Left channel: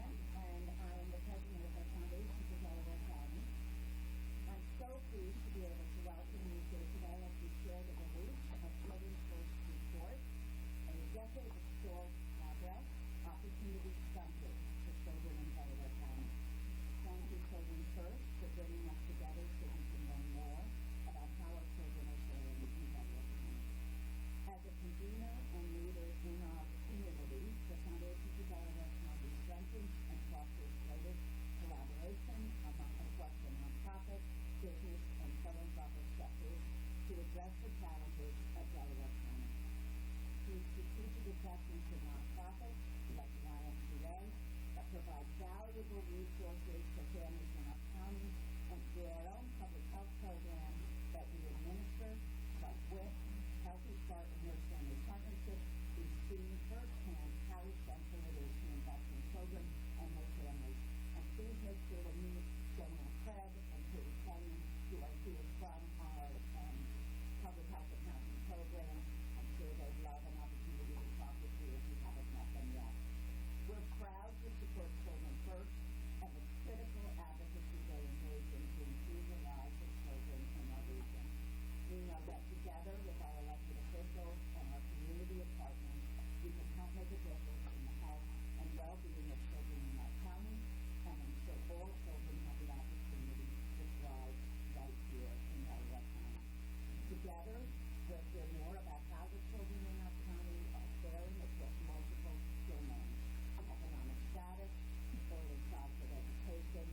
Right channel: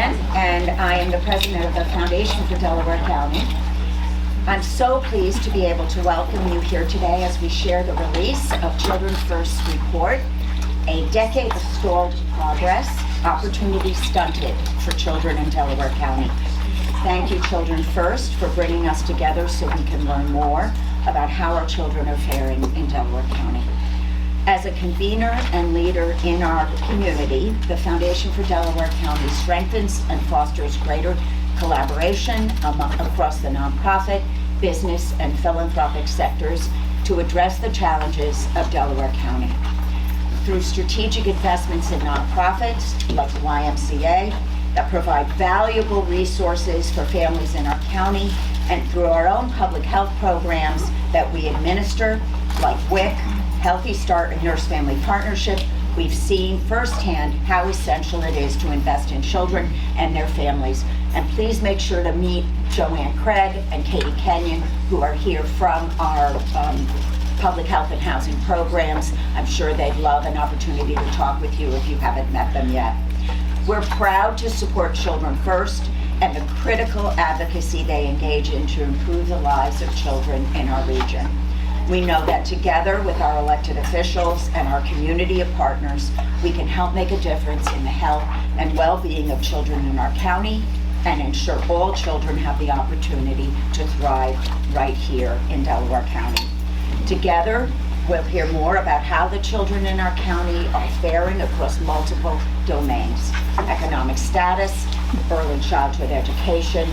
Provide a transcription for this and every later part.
Leanne, and I am the president of the Foundation for Delaware County. I'm so pleased to be able to welcome you here today as we share the release of Children First Report, a decade of stalled progress, opportunity stunted for children in Delaware County. Thank you, Children First, for bringing us together so we can learn more about how our children are faring in Delaware County. As a convener and leader in our community, the Foundation for Delaware County strengthens and fosters greater collaboration across the nonprofit, business, and philanthropic sectors to address the challenges of Delaware County. Through strategic investments in nonprofits like the YMCA that provide valuable resources for families in our county, and through our own public health programs that we administer, like WIC, Healthy Start, and Nurse Family Partnership, we've seen firsthand how essential it is to invest in children and their families. And please make sure to meet Joanne Craig and Katie Kenyon, who are here from our public health and housing programs. I'm sure they'd love an opportunity to talk with you if you haven't met them yet. We're proud to support Children First and the critical advocacy they engage in to improve the lives of children in our region. We know that together with our elected officials and our community of partners, we can help make a difference in the health and well-being of children in our county and ensure all children have the opportunity to thrive right here in Delaware County. Together, we'll hear more about how the children in our county are faring across multiple domains: economic status, early childhood education,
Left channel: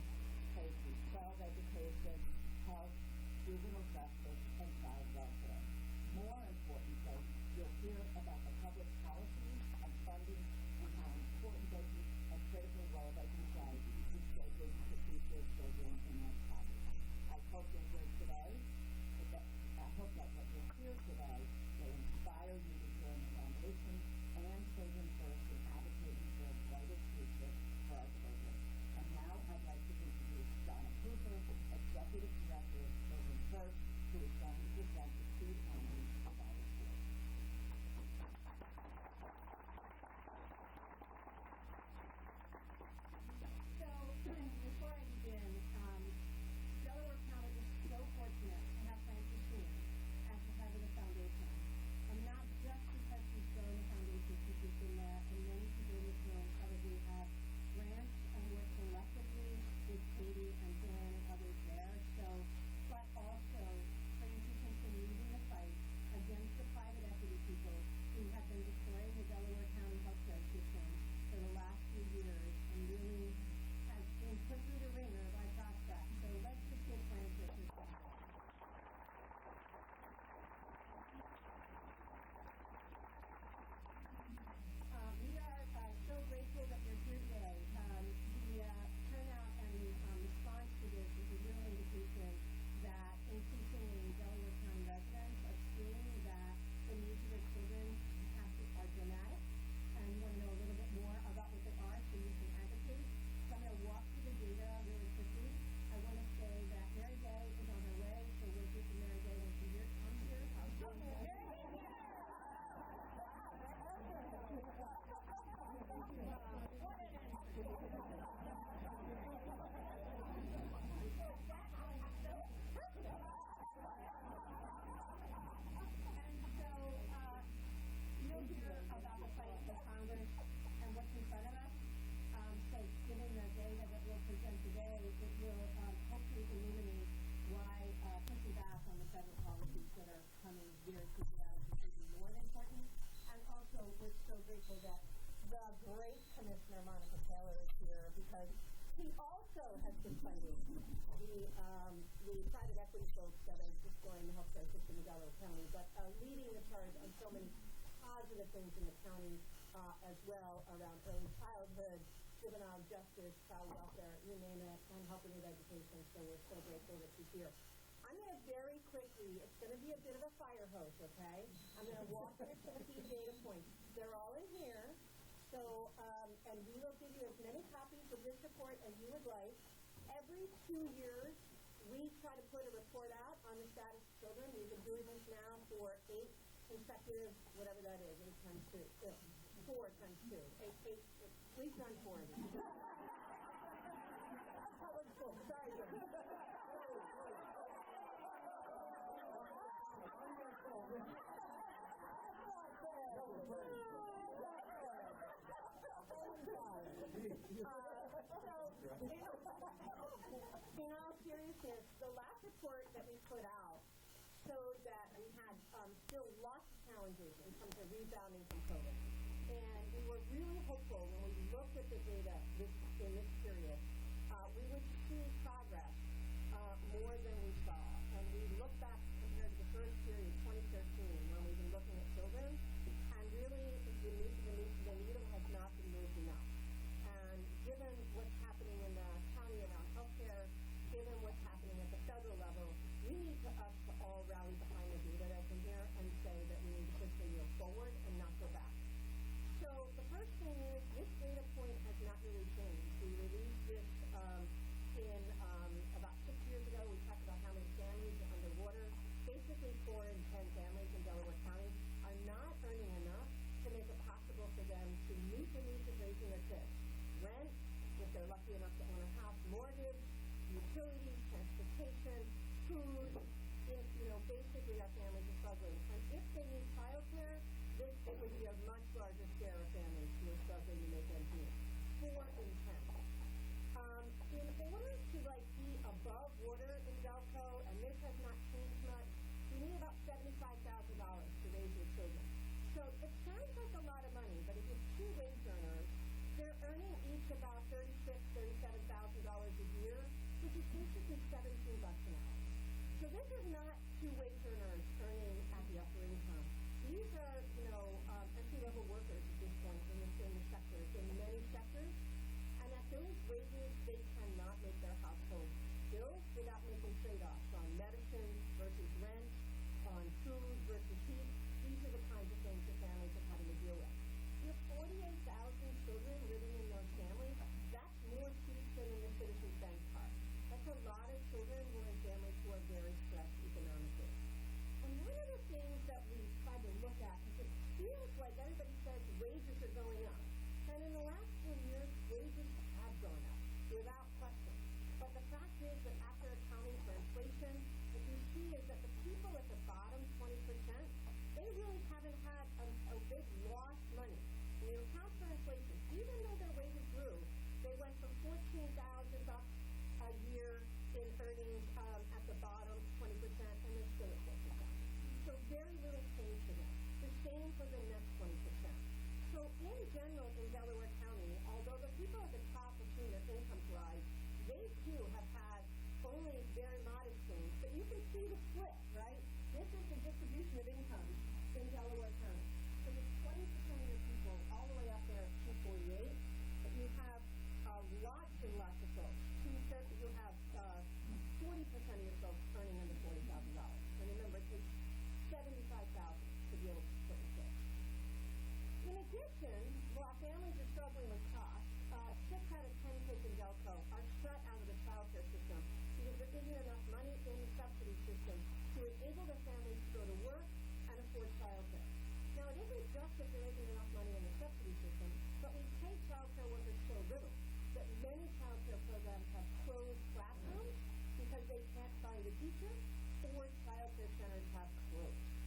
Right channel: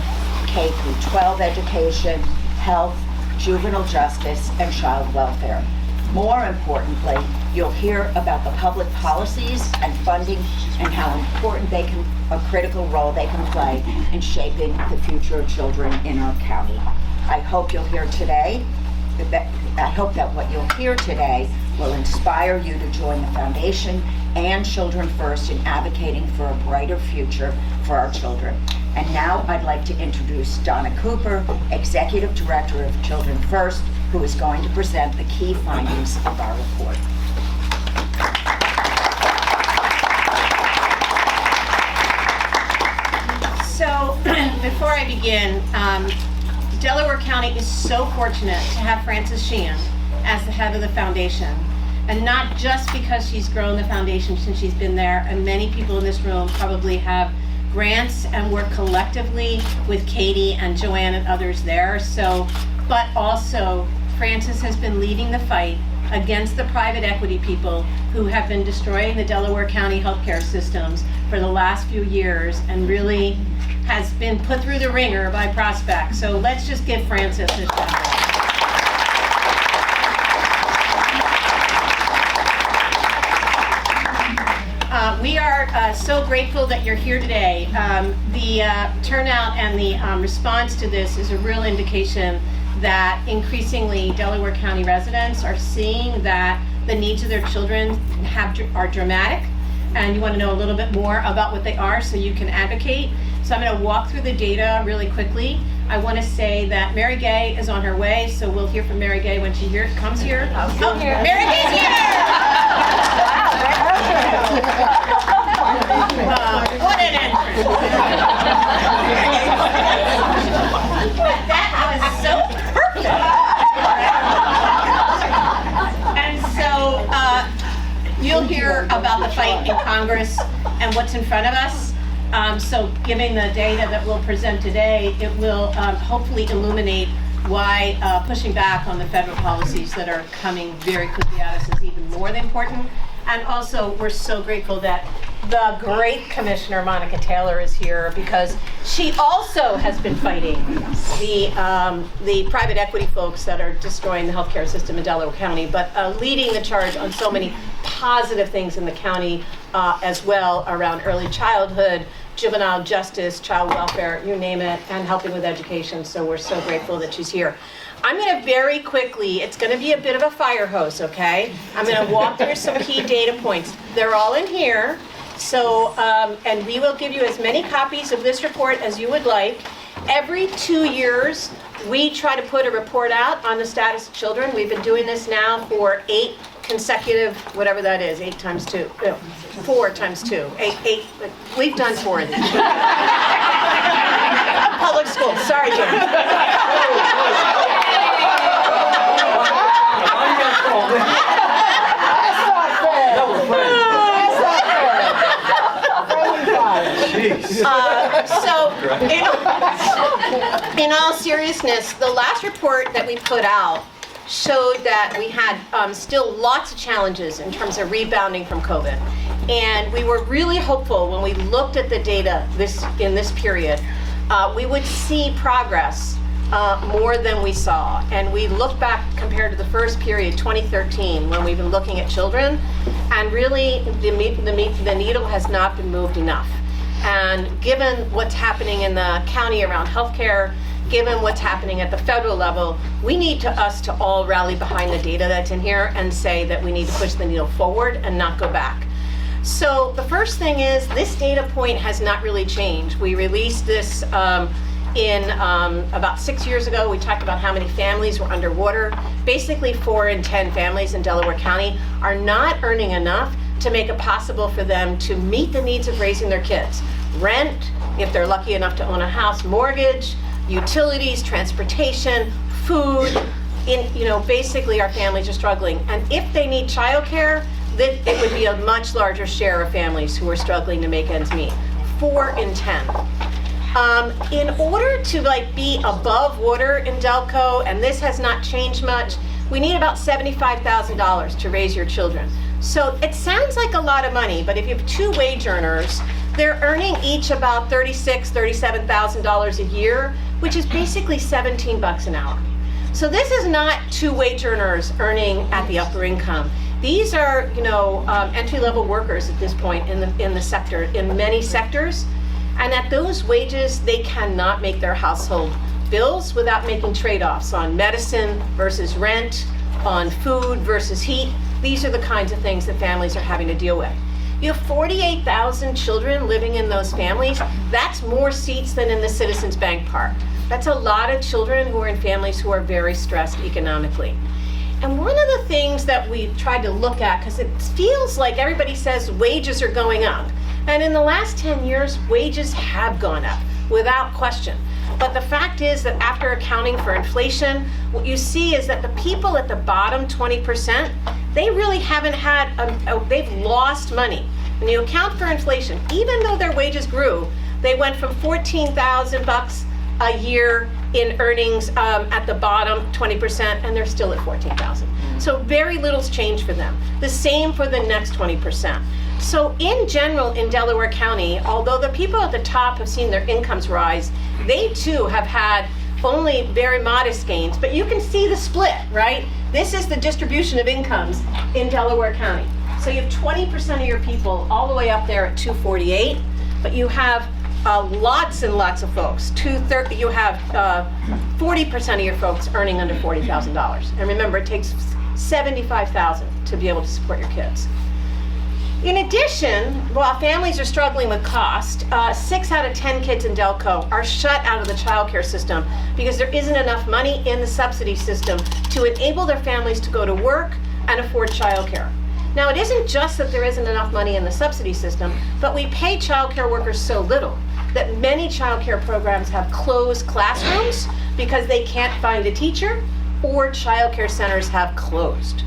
K through 12 education, health, juvenile justice, and child welfare. More importantly, you'll hear about the public policies and funding and how important a critical role they can play in shaping the future of children in our county. I hope that what you'll hear today will inspire you to join the Foundation and Children First in advocating for a brighter future for our children. And now I'd like to introduce Donna Cooper, Executive Director of Children First, who is going to present the key findings of our report. So, before I begin, Delaware County is so fortunate to have Frances Sheehan as the head of the foundation. And not just because she's grown the foundation since she's been there, and many people in this room probably have grants and work collectively with Katie and Joanne and others there. But also, Frances has been leading the fight against the private equity people who have been destroying the Delaware County healthcare systems for the last few years, and really has been put through the ringer by Prospect. So let's just give Frances a shout out. We are so grateful that you're here today. The turnout and the response to this is a real indication that increasingly Delaware County residents are seeing that the needs of their children are dramatic, and you want to know a little bit more about what they are so you can advocate. So I'm going to walk through the data really quickly. I want to say that Mary Gay is on her way, so we'll hear from Mary Gay when she comes here. Oh, Mary Gay's here! What an entrance! That was so perfect! And so you'll hear about the fight in Congress and what's in front of us. So given the data that we'll present today, it will hopefully illuminate why pushing back on the federal policies that are coming very quickly at us is even more than important. And also, we're so grateful that the great Commissioner Monica Taylor is here, because she also has been fighting the private equity folks that are destroying the healthcare system in Delaware County, but leading the charge on so many positive things in the county as well, around early childhood, juvenile justice, child welfare, you name it, and helping with education. So we're so grateful that she's here. I'm going to very quickly, it's going to be a bit of a fire hose, okay? I'm going to walk through some key data points. They're all in here. So, and we will give you as many copies of this report as you would like. Every 2 years, we try to put a report out on the status of children. We've been doing this now for 8 consecutive, whatever that is, 8 times 2, 4 times 2, 8, we've done 4 of these. Public school, sorry, Jim. So, in all seriousness, the last report that we put out showed that we had still lots of challenges in terms of rebounding from COVID. And we were really hopeful when we looked at the data in this period, we would see progress more than we saw. And we looked back compared to the first period, 2013, when we've been looking at children, and really the needle has not been moved enough. And given what's happening in the county around healthcare, given what's happening at the federal level, we need us to all rally behind the data that's in here and say that we need to push the needle forward and not go back. So the first thing is this data point has not really changed. We released this about 6 years ago. We talked about how many families were underwater. Basically 4 in 10 families in Delaware County are not earning enough to make it possible for them to meet the needs of raising their kids. Rent, if they're lucky enough to own a house, mortgage, utilities, transportation, food. Basically our families are struggling. And if they need childcare, then it would be a much larger share of families who are struggling to make ends meet. 4 in 10. In order to be above water in Delco, and this has not changed much, we need about $75,000 to raise your children. So it sounds like a lot of money, but if you have 2 wage earners, they're earning each about $36,000, $37,000 a year, which is basically 17 bucks an hour. So this is not 2 wage earners earning at the upper income. These are, entry-level workers at this point in the sector, in many sectors, and at those wages, they cannot make their household bills without making trade-offs on medicine versus rent, on food versus heat. These are the kinds of things that families are having to deal with. You have 48,000 children living in those families. That's more seats than in the Citizens Bank Park. That's a lot of children who are in families who are very stressed economically. And one of the things that we tried to look at, because it feels like everybody says wages are going up. And in the last 10 years, wages have gone up, without question. But the fact is that after accounting for inflation, what you see is that the people at the bottom 20%, they really haven't had, they've lost money. When you account for inflation, even though their wages grew, they went from 14,000 bucks a year in earnings at the bottom 20%, and they're still at 14,000. So very little's changed for them. The same for the next 20%. So in general, in Delaware County, although the people at the top have seen their incomes rise, they too have had only very modest gains, but you can see the split, right? This is the distribution of incomes in Delaware County. So you have 20% of your people all the way up there at 248, but you have lots and lots of folks. You have 40% of your folks earning under $40,000. And remember, it takes $75,000 to be able to support your kids. In addition, while families are struggling with cost, 6 out of 10 kids in Delco are shut out of the child care system because there isn't enough money in the subsidy system to enable their families to go to work and afford child care. Now, it isn't just that there isn't enough money in the subsidy system, but we pay child care workers so little that many child care programs have closed classrooms because they can't find a teacher, or child care centers have closed.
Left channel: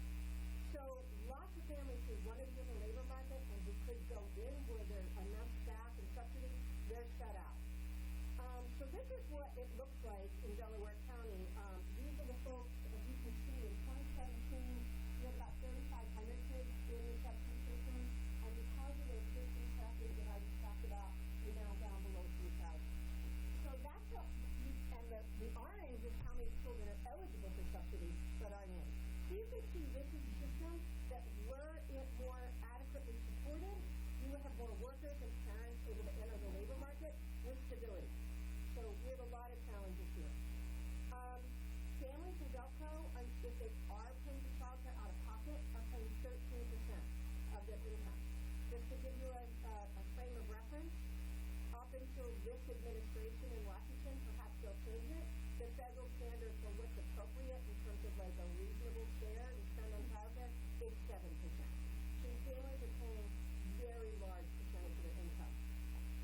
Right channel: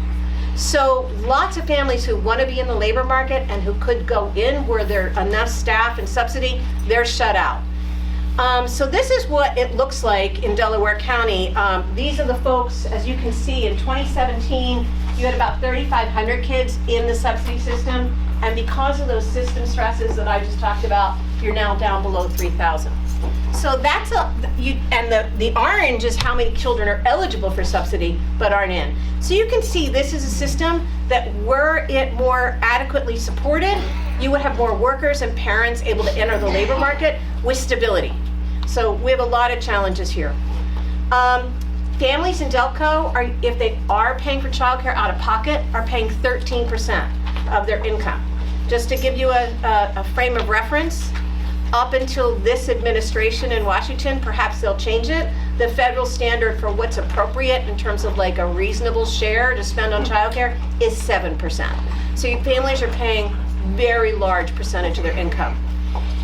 So lots of families who want to be in the labor market and who could go in where there are enough staff and subsidy, they're shut out. So this is what it looks like in Delaware County. These are the folks, as you can see, in 2017, you had about 3,500 kids in the subsidy system. And because of those system stresses that I just talked about, you're now down below 3,000. So that's the orange is how many children are eligible for subsidy but aren't in. So you can see this is a system that were it more adequately supported, you would have more workers and parents able to enter the labor market with stability. So we have a lot of challenges here. Families in Delco, if they are paying for childcare out of pocket, are paying 13% of their income. Just to give you a frame of reference, up until this administration in Washington, perhaps they'll change it, the federal standard for what's appropriate in terms of like a reasonable share to spend on childcare is 7%. So your families are paying very large percentage of their income.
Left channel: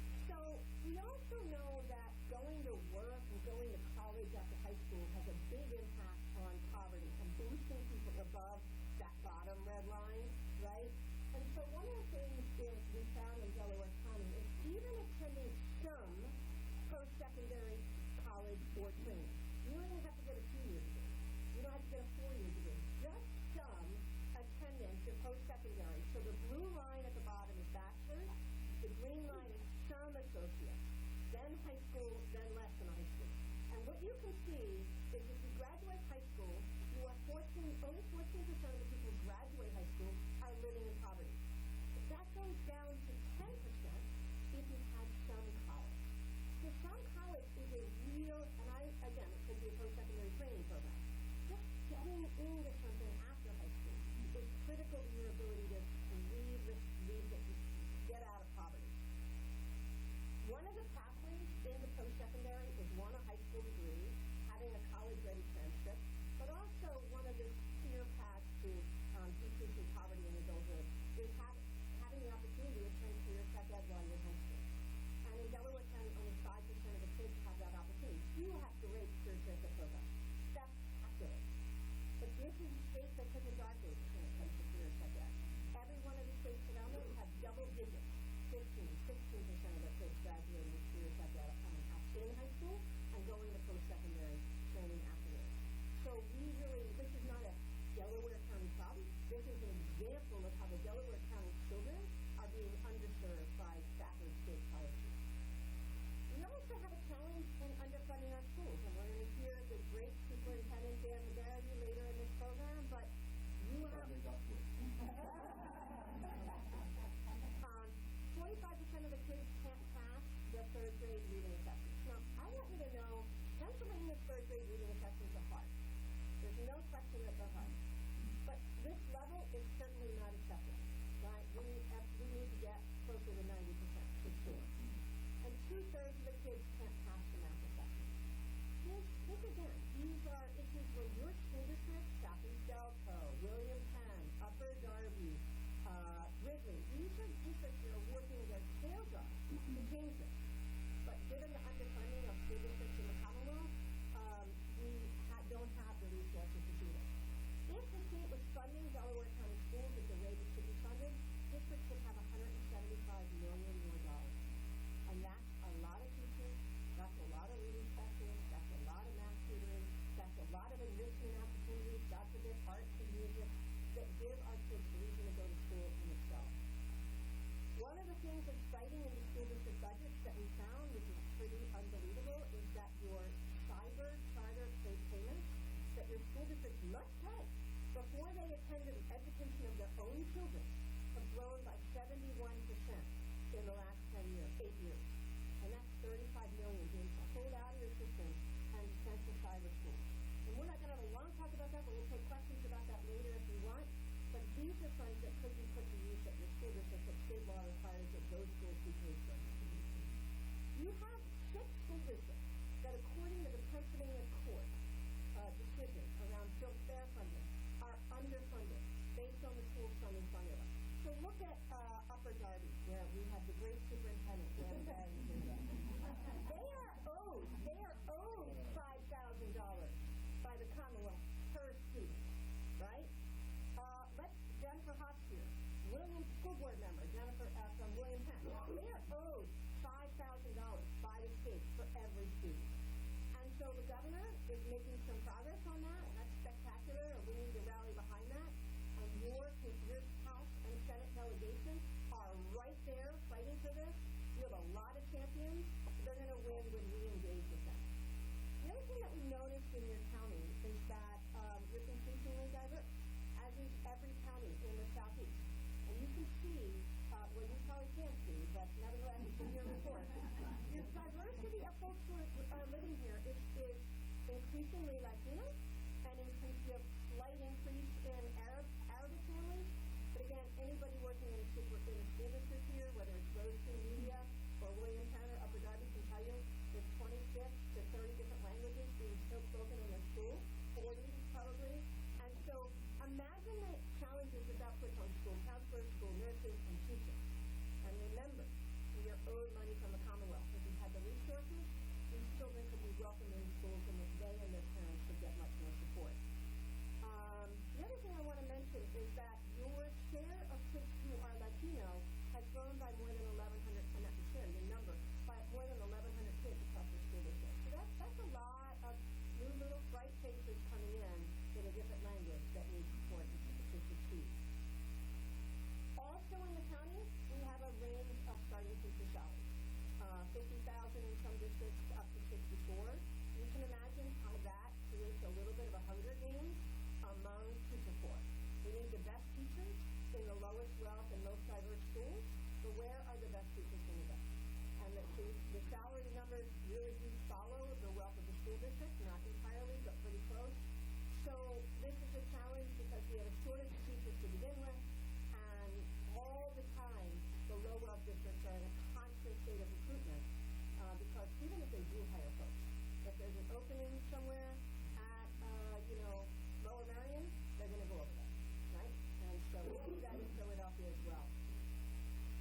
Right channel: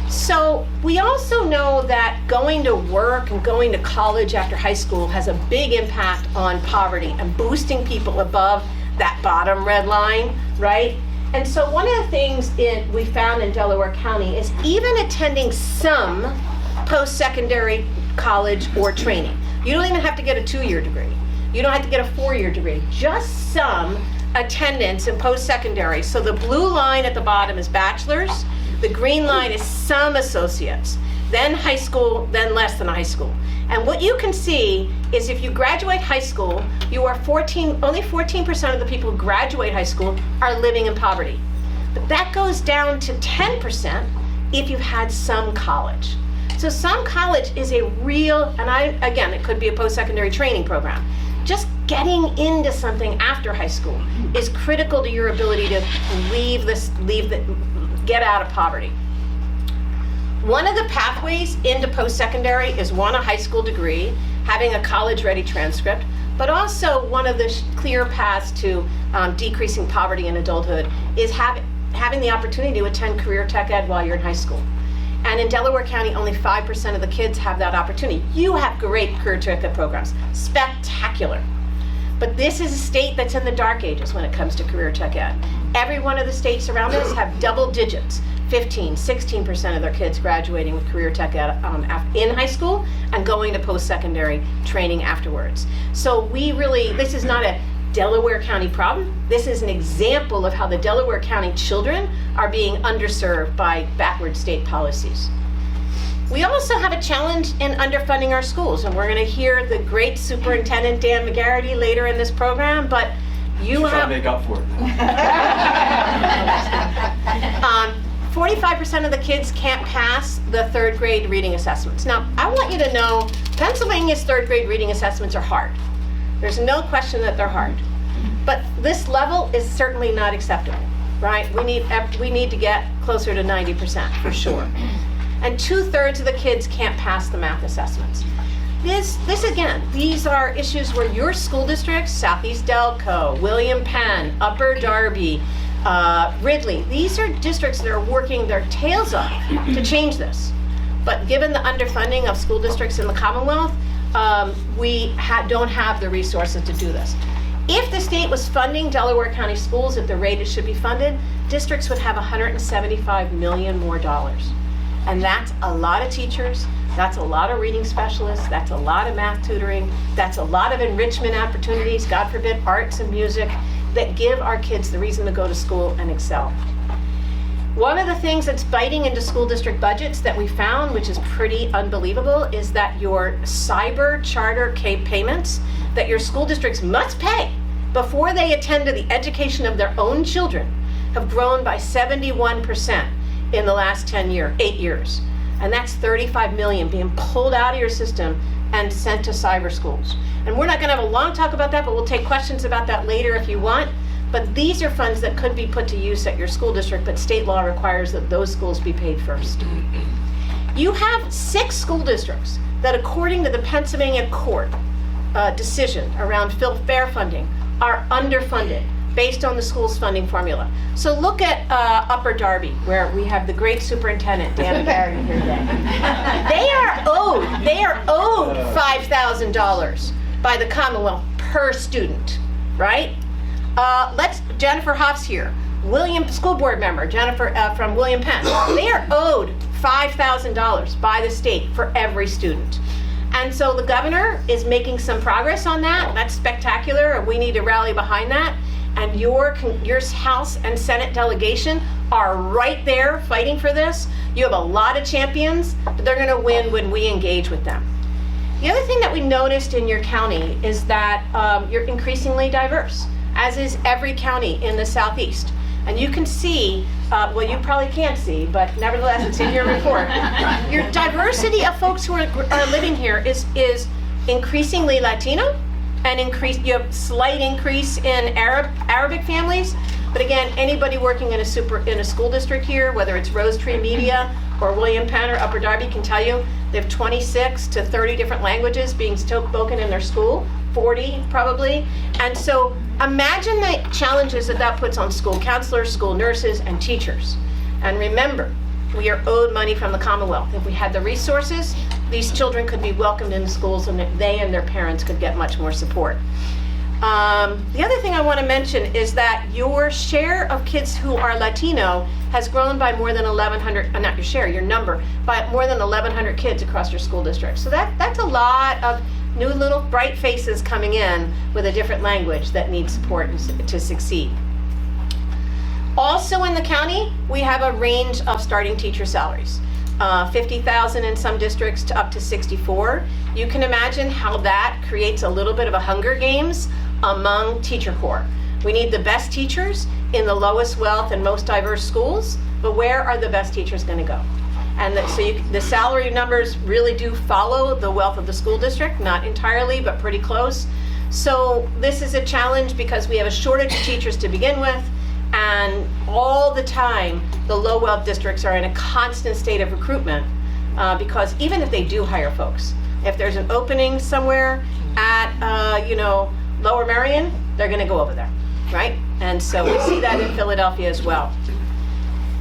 So we also know that going to work and going to college after high school has a big impact on poverty and boosting people above that bottom red line, right? And so one of the things we found in Delaware County is even attending some post-secondary college or training. You don't even have to get a 2-year degree. You don't have to get a 4-year degree. Just some attendance in post-secondary. So the blue line at the bottom is bachelor's. The green line is some associates, then high school, then less than high school. And what you can see is if you graduate high school, you are only 14% of the people who graduate high school are living in poverty. But that goes down to 10% if you've had some college. So some college is a real, and again, it could be a post-secondary training program. Just getting into something after high school is critical to your ability to get out of poverty. One of the pathways into post-secondary is a high school degree, having a college-ready transcript, but also one of the clear paths to decreasing poverty in adulthood is having the opportunity to attend career tech ed while you're in high school. And in Delaware County, only 5% of the kids have that opportunity. You have great career tech ed programs, spectacular. But this is a state that's in the dark ages when it comes to career tech ed. Every one of the states around us have double digits, 15, 16% of their kids graduating with career tech ed in high school and going to post-secondary training afterwards. So this is not a Delaware County problem. This is an example of how the Delaware County children are being underserved by backward state policies. We also have a challenge in underfunding our schools, and we're going to hear the great Superintendent Dan McGarry later in this program, but you have to make up for it. 45% of the kids can't pass the 3rd grade reading assessments. Now, I want you to know Pennsylvania's 3rd grade reading assessments are hard. There's no question that they're hard. But this level is certainly not acceptable, right? We need to get closer to 90% for sure. And 2/3 of the kids can't pass the math assessments. This again, these are issues where your school districts, Southeast Delco, William Penn, Upper Darby, Ridley, these are districts that are working their tails off to change this. But given the underfunding of school districts in the Commonwealth, we don't have the resources to do this. If the state was funding Delaware County schools at the rate it should be funded, districts would have $175 million more dollars. And that's a lot of teachers, that's a lot of reading specialists, that's a lot of math tutoring, that's a lot of enrichment opportunities, God forbid, arts and music, that give our kids the reason to go to school and excel. One of the things that's biting into school district budgets that we found, which is pretty unbelievable, is that your cyber charter payments that your school districts must pay before they attend to the education of their own children have grown by 71% in the last 8 years. And that's $35 million being pulled out of your system and sent to cyber schools. And we're not going to have a long talk about that, but we'll take questions about that later if you want. But these are funds that could be put to use at your school district, but state law requires that those schools be paid first. You have 6 school districts that, according to the Pennsylvania court decision around fair funding, are underfunded based on the school's funding formula. So look at Upper Darby, where we have the great Superintendent Dan McGarry here today. They are owed $5,000 by the Commonwealth per student, right? Jennifer Hoff's here, school board member, Jennifer from William Penn. They are owed $5,000 by the state for every student. And so the governor is making some progress on that. That's spectacular, and we need to rally behind that. And your House and Senate delegation are right there fighting for this. You have a lot of champions, but they're going to win when we engage with them. The other thing that we noticed in your county is that you're increasingly diverse, as is every county in the Southeast. And you can see, well, you probably can't see, but nevertheless, it's in your report. Your diversity of folks who are living here is increasingly Latino, and you have slight increase in Arabic families. But again, anybody working in a school district here, whether it's Rose Tree Media or William Penn or Upper Darby, can tell you They have 26 to 30 different languages being spoken in their school, 40 probably. And so imagine the challenges that that puts on school counselors, school nurses, and teachers. And remember, we are owed money from the Commonwealth. If we had the resources, these children could be welcomed into schools and they and their parents could get much more support. The other thing I want to mention is that your share of kids who are Latino has grown by more than 1,100, not your share, your number, by more than 1,100 kids across your school district. So that's a lot of new little bright faces coming in with a different language that need support to succeed. Also in the county, we have a range of starting teacher salaries. 50,000 in some districts to up to 64. You can imagine how that creates a little bit of a Hunger Games among teacher corps. We need the best teachers in the lowest wealth and most diverse schools, but where are the best teachers going to go? And the salary numbers really do follow the wealth of the school district, not entirely, but pretty close. So this is a challenge because we have a shortage of teachers to begin with, and all the time the low wealth districts are in a constant state of recruitment because even if they do hire folks, if there's an opening somewhere at Lower Merion, they're going to go over there, right? And so we see that in Philadelphia as well.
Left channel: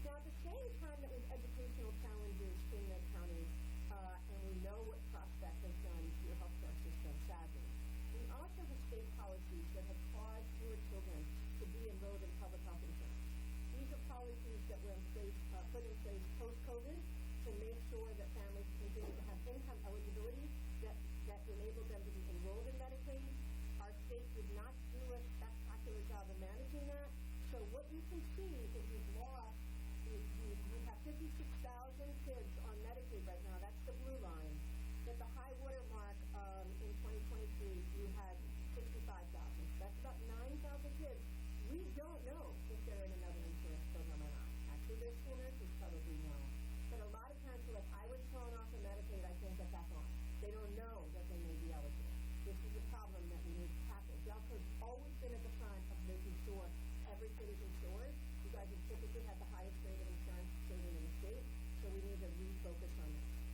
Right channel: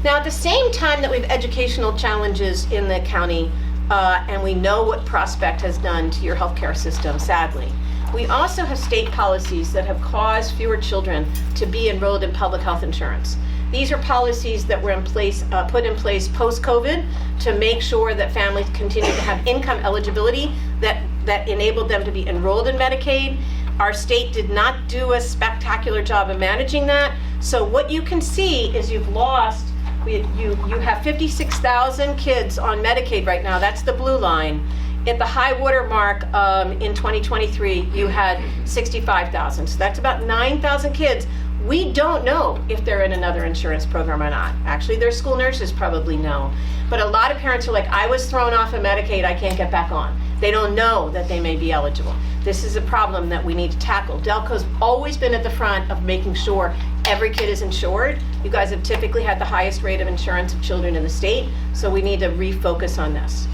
Now, at the same time that we have educational challenges in the county, and we know what Prospect has done to your healthcare system, sadly, we also have state policies that have caused fewer children to be enrolled in public health insurance. These are policies that were put in place post-COVID to make sure that families continue to have income eligibility that enabled them to be enrolled in Medicaid. Our state did not do a spectacular job of managing that. So what you can see is you have 56,000 kids on Medicaid right now. That's the blue line. At the high water mark in 2023, you had 65,000. So that's about 9,000 kids. We don't know if they're in another insurance program or not. Actually, their school nurses probably know. But a lot of parents are like, I was thrown off of Medicaid, I can't get back on. They don't know that they may be eligible. This is a problem that we need to tackle. Delco's always been at the front of making sure every kid is insured. You guys have typically had the highest rate of insurance of children in the state, so we need to refocus on this.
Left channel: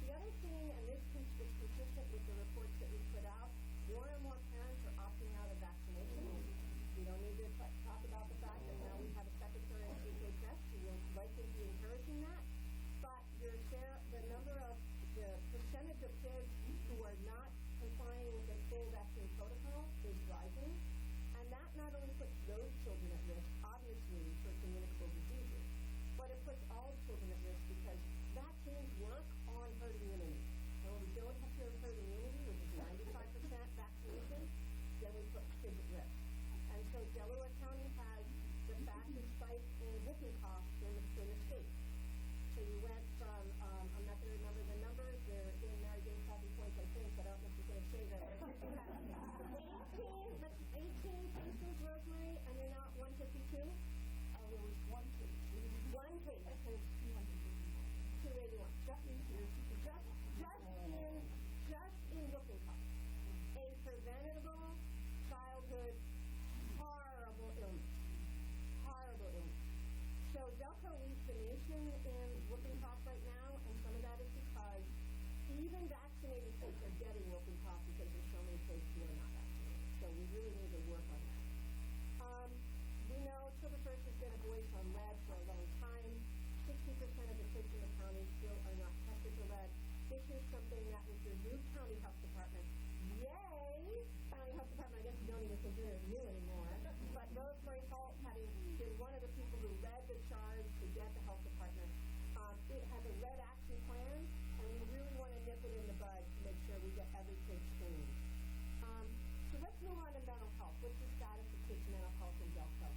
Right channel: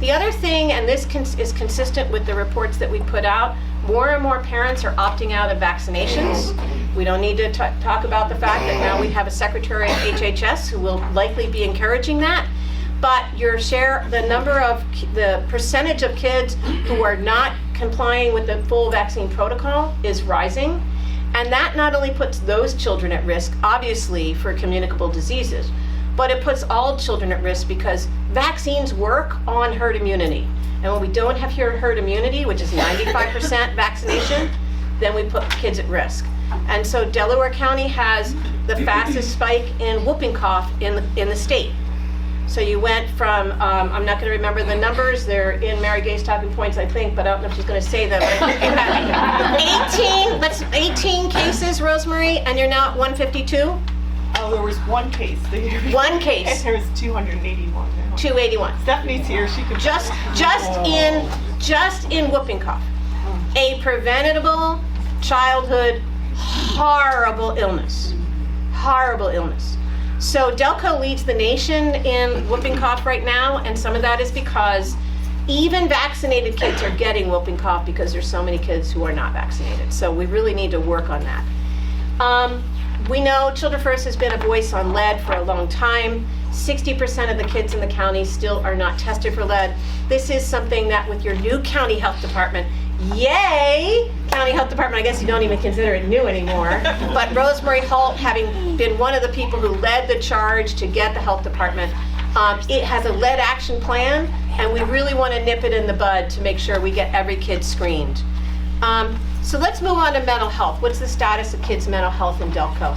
The other thing, and this is consistent with the reports that we put out, more and more parents are opting out of vaccinations. We don't need to talk about the fact that now we have a secretary of HHS who will likely be encouraging that. But the percentage of kids who are not complying with the full vaccine protocol is rising. And that not only puts those children at risk, obviously, for communicable diseases, but it puts all children at risk because vaccines work on herd immunity. And when we don't have herd immunity, which is 95% vaccination, then we put kids at risk. And so Delaware County has the fastest spike in whooping cough in the state. So you went from, I'm not going to remember the numbers, they're in Mary Gay's talking points, I think, but I don't know if she's going to say them. You had 18 cases, Rosemary, and you're now at 152? Oh, there was one case. One case. And there was 281 now. 281. Stephanie's here, she could... Just in whooping cough. A preventable childhood horrible illness. Horrible illness. So Delco leads the nation in whooping cough right now, and some of that is because even vaccinated kids are getting whooping cough because there's so many kids who are not vaccinated. So we really need to work on that. We know Children First has been a voice on lead for a long time. 60% of the kids in the county still are not tested for lead. This is something that with your new county health department, yay, county health department, I guess you don't even consider it new anymore, but Rosemary Holt, having been one of the people who led the charge to get the health department, it has a lead action plan, and we really want to nip it in the bud to make sure we get every kid screened. So let's move on to mental health. What's the status of kids' mental health in Delco?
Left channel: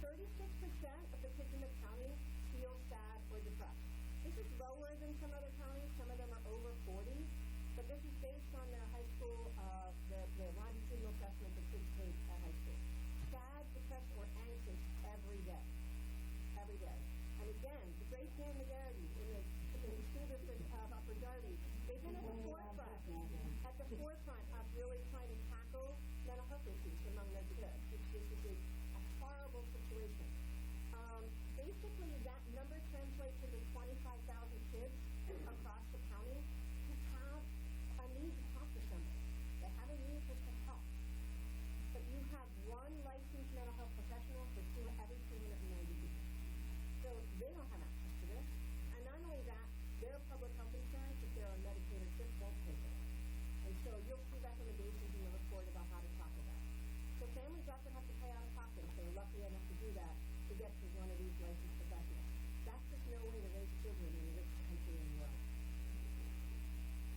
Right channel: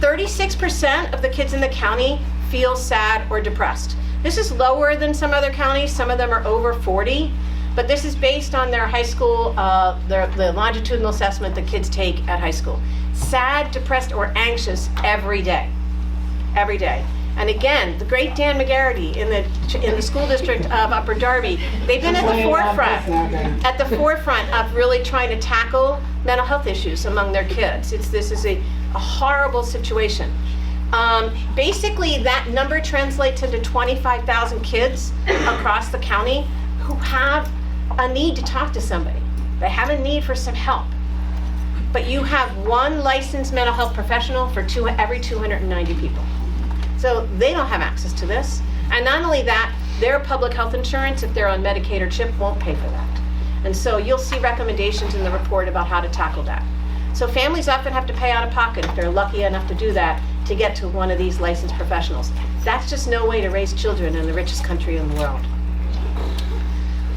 36% of the kids in the county feel sad or depressed. This is lower than some other counties. Some of them are over 40. But this is based on their high school, the longitudinal assessment that kids take at high school. Sad, depressed, or anxious every day. Every day. And again, the great Dan McGarry in the school district of Upper Darby, they've been at the forefront of really trying to tackle mental health issues among their kids. This is a horrible situation. Basically, that number translates into 25,000 kids across the county who have a need to talk to somebody. They have a need for some help. But you have one licensed mental health professional for every 290 people. So they don't have access to this. And not only that, their public health insurance, if they're on Medicaid or CHIP, won't pay for that. And so you'll see recommendations in the report about how to tackle that. So families often have to pay out of pocket if they're lucky enough to do that to get to one of these licensed professionals. That's just no way to raise children in the richest country in the world.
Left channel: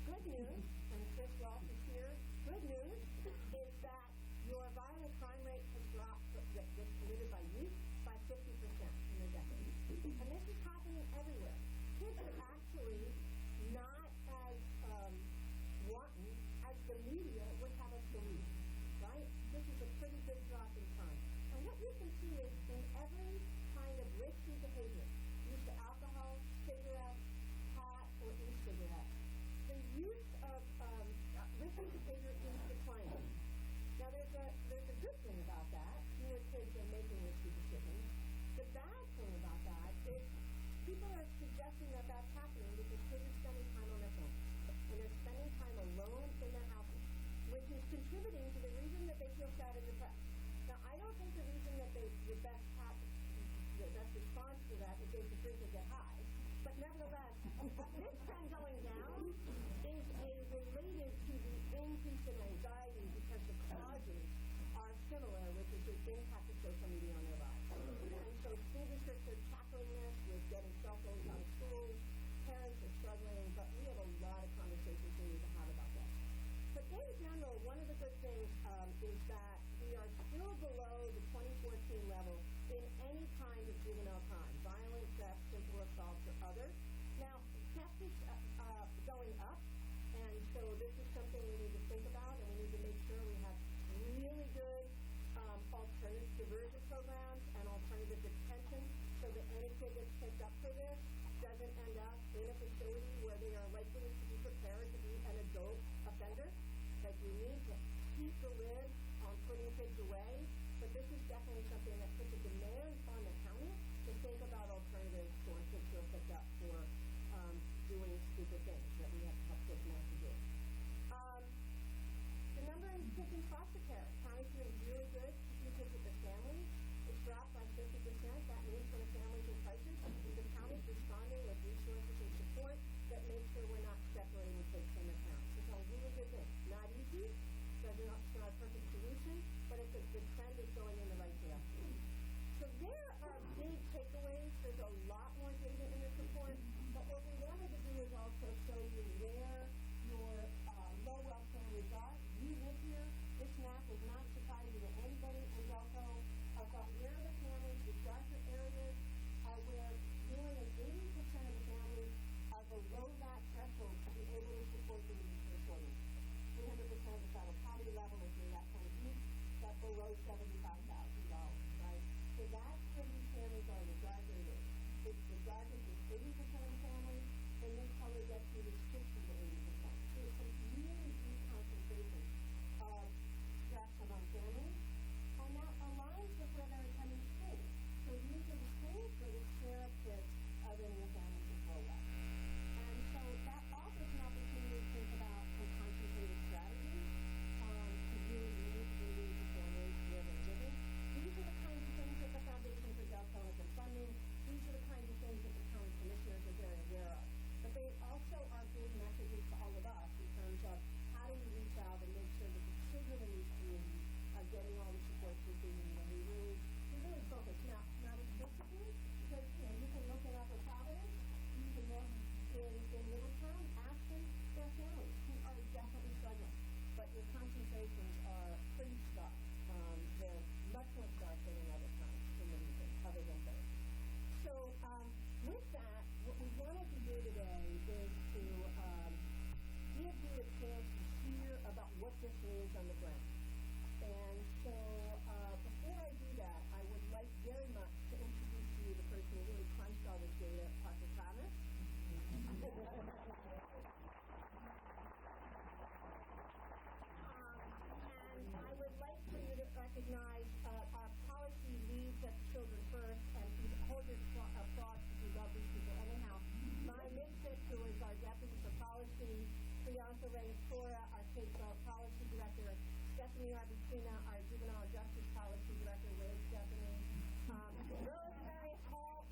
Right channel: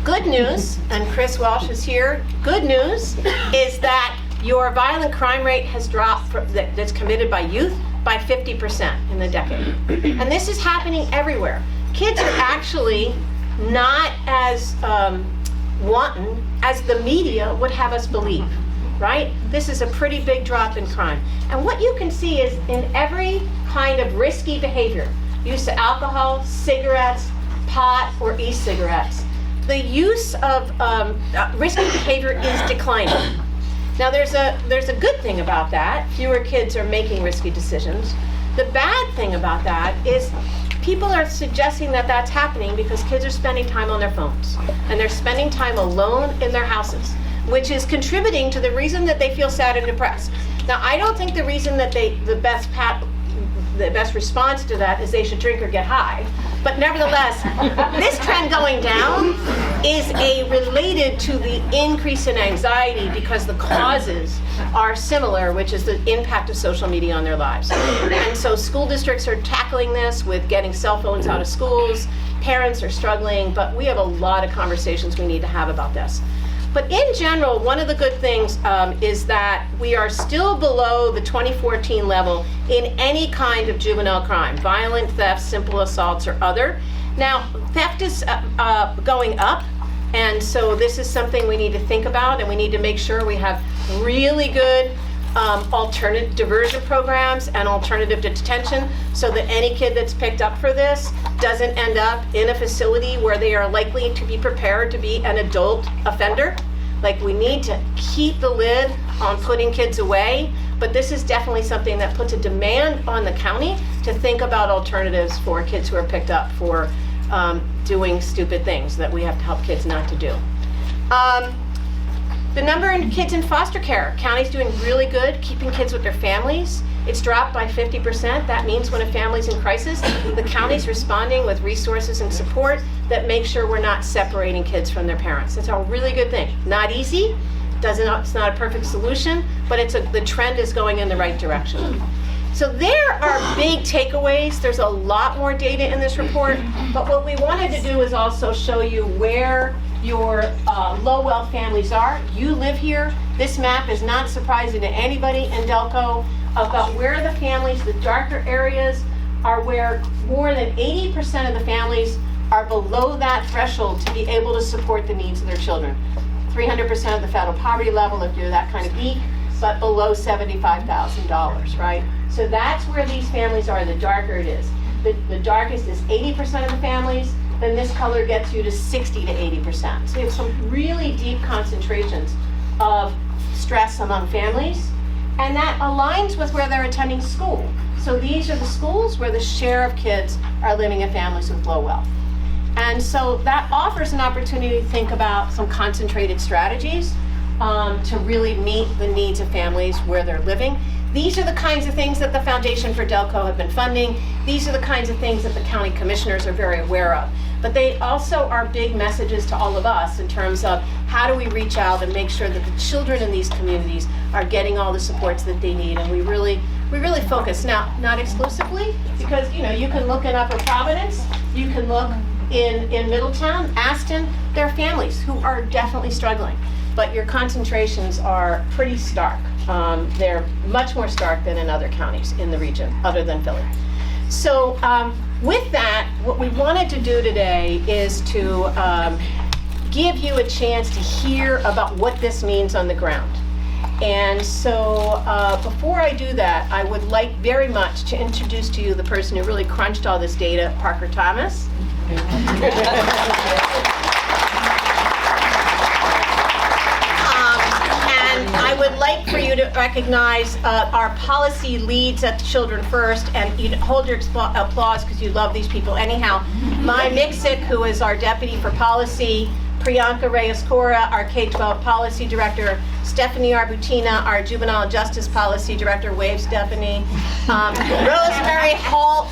Good news, and Chris Walsh is here, good news is that your violent crime rate has dropped that's committed by youth by 50% in the decade. And this is happening everywhere. Kids are actually not as wanton as the media would have us believe, right? This is a pretty big drop in crime. And what you can see is in every kind of risky behavior, use of alcohol, cigarettes, pot, or e-cigarettes, the use of risky behavior is declining. Now there's a good thing about that. Fewer kids are making risky decisions. The bad thing about that is people are suggesting that that's happening because kids are spending time on their phones and they're spending time alone in their houses, which is contributing to the reason that they feel sad and depressed. Now I don't think the reason that the best response to that is they should drink or get high. But nevertheless, this trend going down is related to the increase in anxiety because the causes are similar, which is the impact of social media on their lives. And so school districts are tackling this with getting cell phones out of schools. Parents are struggling, but we have a lot of conversations we need to have about this. But in general, one of the good things is that we are still below the 2014 level in any kind of juvenile crime, violent theft, simple assaults, or other. Now, theft is going up, and so this is something we need to think about, and we need to make sure we have really good alternative diversion programs and alternative detention so that any kid that's picked up for this doesn't end up in a facility where they are likely to be prepared to be an adult offender. Like, we need to keep the lid on putting kids away, but this is definitely something that puts a demand on the county to think about alternatives for kids who are picked up for doing stupid things that we have to help kids not to do. The number of kids in foster care, county's doing really good keeping kids with their families. It's dropped by 50%. That means when a family's in crisis, the county's responding with resources and support that make sure we're not separating kids from their parents. That's a really good thing. Not easy, it's not a perfect solution, but the trend is going in the right direction. So there are big takeaways. There's a lot more data in this report, but what we wanted to do is also show you where your low-wealth families are. You live here. This map is not surprising to anybody in Delco about where the families, the darker areas, are where more than 80% of the families are below that threshold to be able to support the needs of their children. 300% of the federal poverty level if you're that kind of geek, but below $75,000, right? So that's where these families are, the darker it is. The darkest is 80% of the families, then this color gets you to 60 to 80%. So you have some really deep concentrations of stress among families, and that aligns with where they're attending school. So these are the schools where the share of kids are living in families with low wealth. And so that offers an opportunity to think about some concentrated strategies to really meet the needs of families where they're living. These are the kinds of things that the Foundation for Delco have been funding. These are the kinds of things that the county commissioners are very aware of. But they also are big messages to all of us in terms of how do we reach out and make sure that the children in these communities are getting all the supports that they need. And we really focus. Now, not exclusively, because you can look in Upper Providence, you can look in Middletown, Aston. There are families who are definitely struggling, but your concentrations are pretty stark. They're much more stark than in other counties in the region, other than Philly. So with that, what we wanted to do today is to give you a chance to hear about what this means on the ground. And so before I do that, I would like very much to introduce to you the person who really crunched all this data, Parker Thomas. And I would like for you to recognize our policy leads at Children First, and you hold your applause because you love these people. Anyhow, Mai Miksik, who is our deputy for policy, Priyanka Reyes-Cora, our K-12 policy director, Stephanie Arbutina, our juvenile justice policy director, wave Stephanie, Rosemary Hall,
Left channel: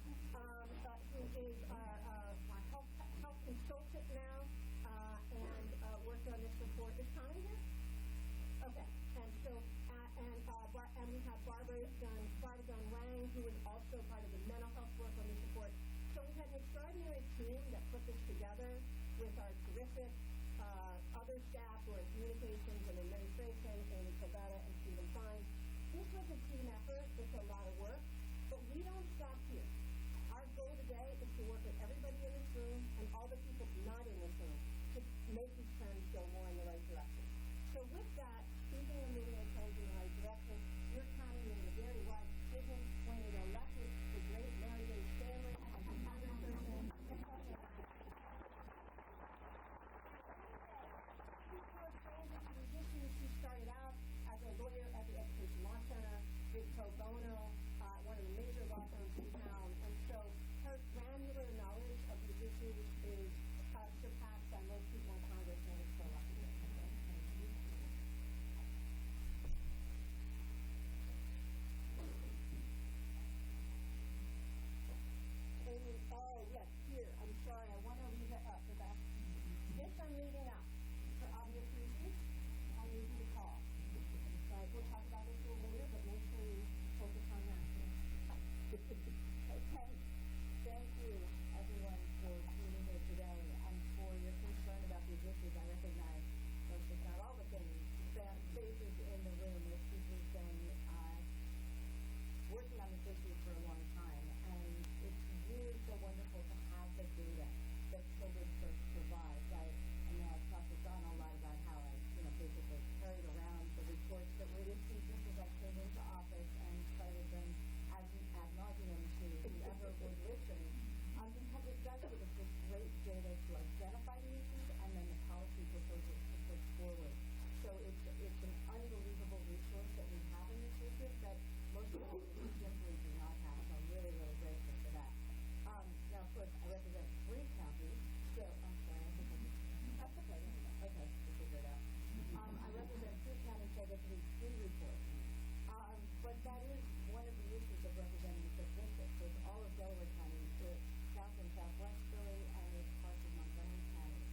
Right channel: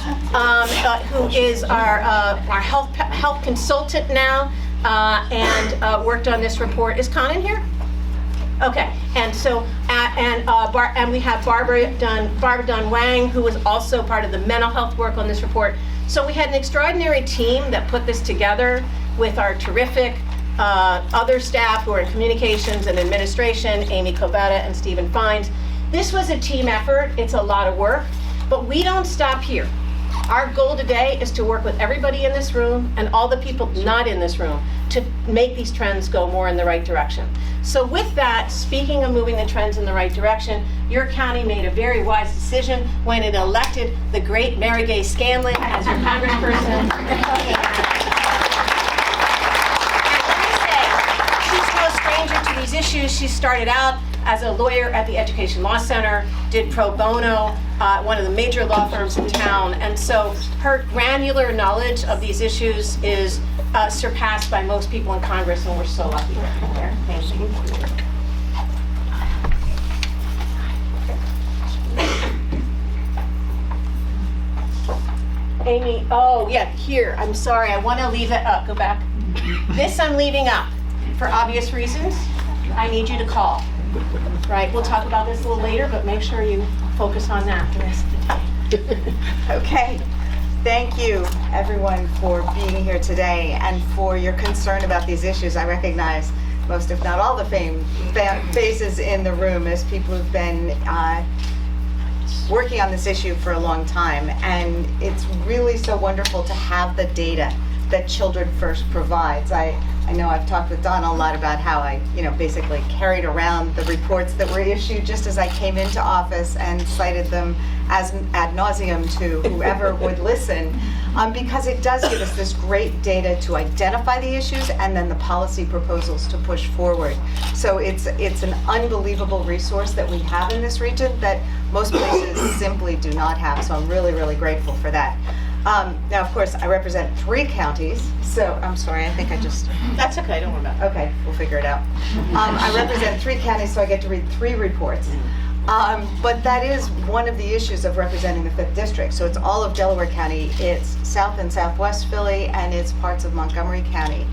who is our health consultant now, and worked on this report. Is Conan here? Okay, and so, and we have Barbara Dunn Wang, who was also part of the mental health work on this report. So we had an extraordinary team that put this together with our terrific other staff who are in communications and administration, Amy Covetta and Stephen Fines. This was a team effort. It's a lot of work, but we don't stop here. Our goal today is to work with everybody in this room and all the people not in this room to make these trends go more in the right direction. So with that, speaking of moving the trends in the right direction, your county made a very wise decision when it elected the great Mary Gay Scanlon as your congressperson. To these issues. She started out as a lawyer at the Education Law Center, did pro bono, one of the major law firms in town, and so her granular knowledge of these issues is surpassed by most people in Congress, and we're so lucky to have her. Thank you. Amy, oh yeah, here, I'm sorry, I want to leave it up, go back. This I'm leaving up. For obvious reasons, I need you to call. Right, we'll talk about this a little later, but make sure you focus on that the rest of the day. Okay, thank you everyone for being here today and for your concern about these issues. I recognize most, if not all, the faces in the room as people who've been working on this issue for a long time, and it's really so wonderful to have the data that Children First provides. I know I've talked with Donna a lot about how I, basically carried around the reports that were issued just as I came into office and cited them as ad nauseum to whoever would listen, because it does give us this great data to identify the issues and then the policy proposals to push forward. So it's an unbelievable resource that we have in this region that most places simply do not have. So I'm really, really grateful for that. Now, of course, I represent 3 counties, so I'm sorry, I think I just... That's okay, don't worry about it. Okay, we'll figure it out. I represent 3 counties, so I get to read 3 reports. But that is one of the issues of representing the 5th district. So it's all of Delaware County, it's South and Southwest Philly, and it's parts of Montgomery County.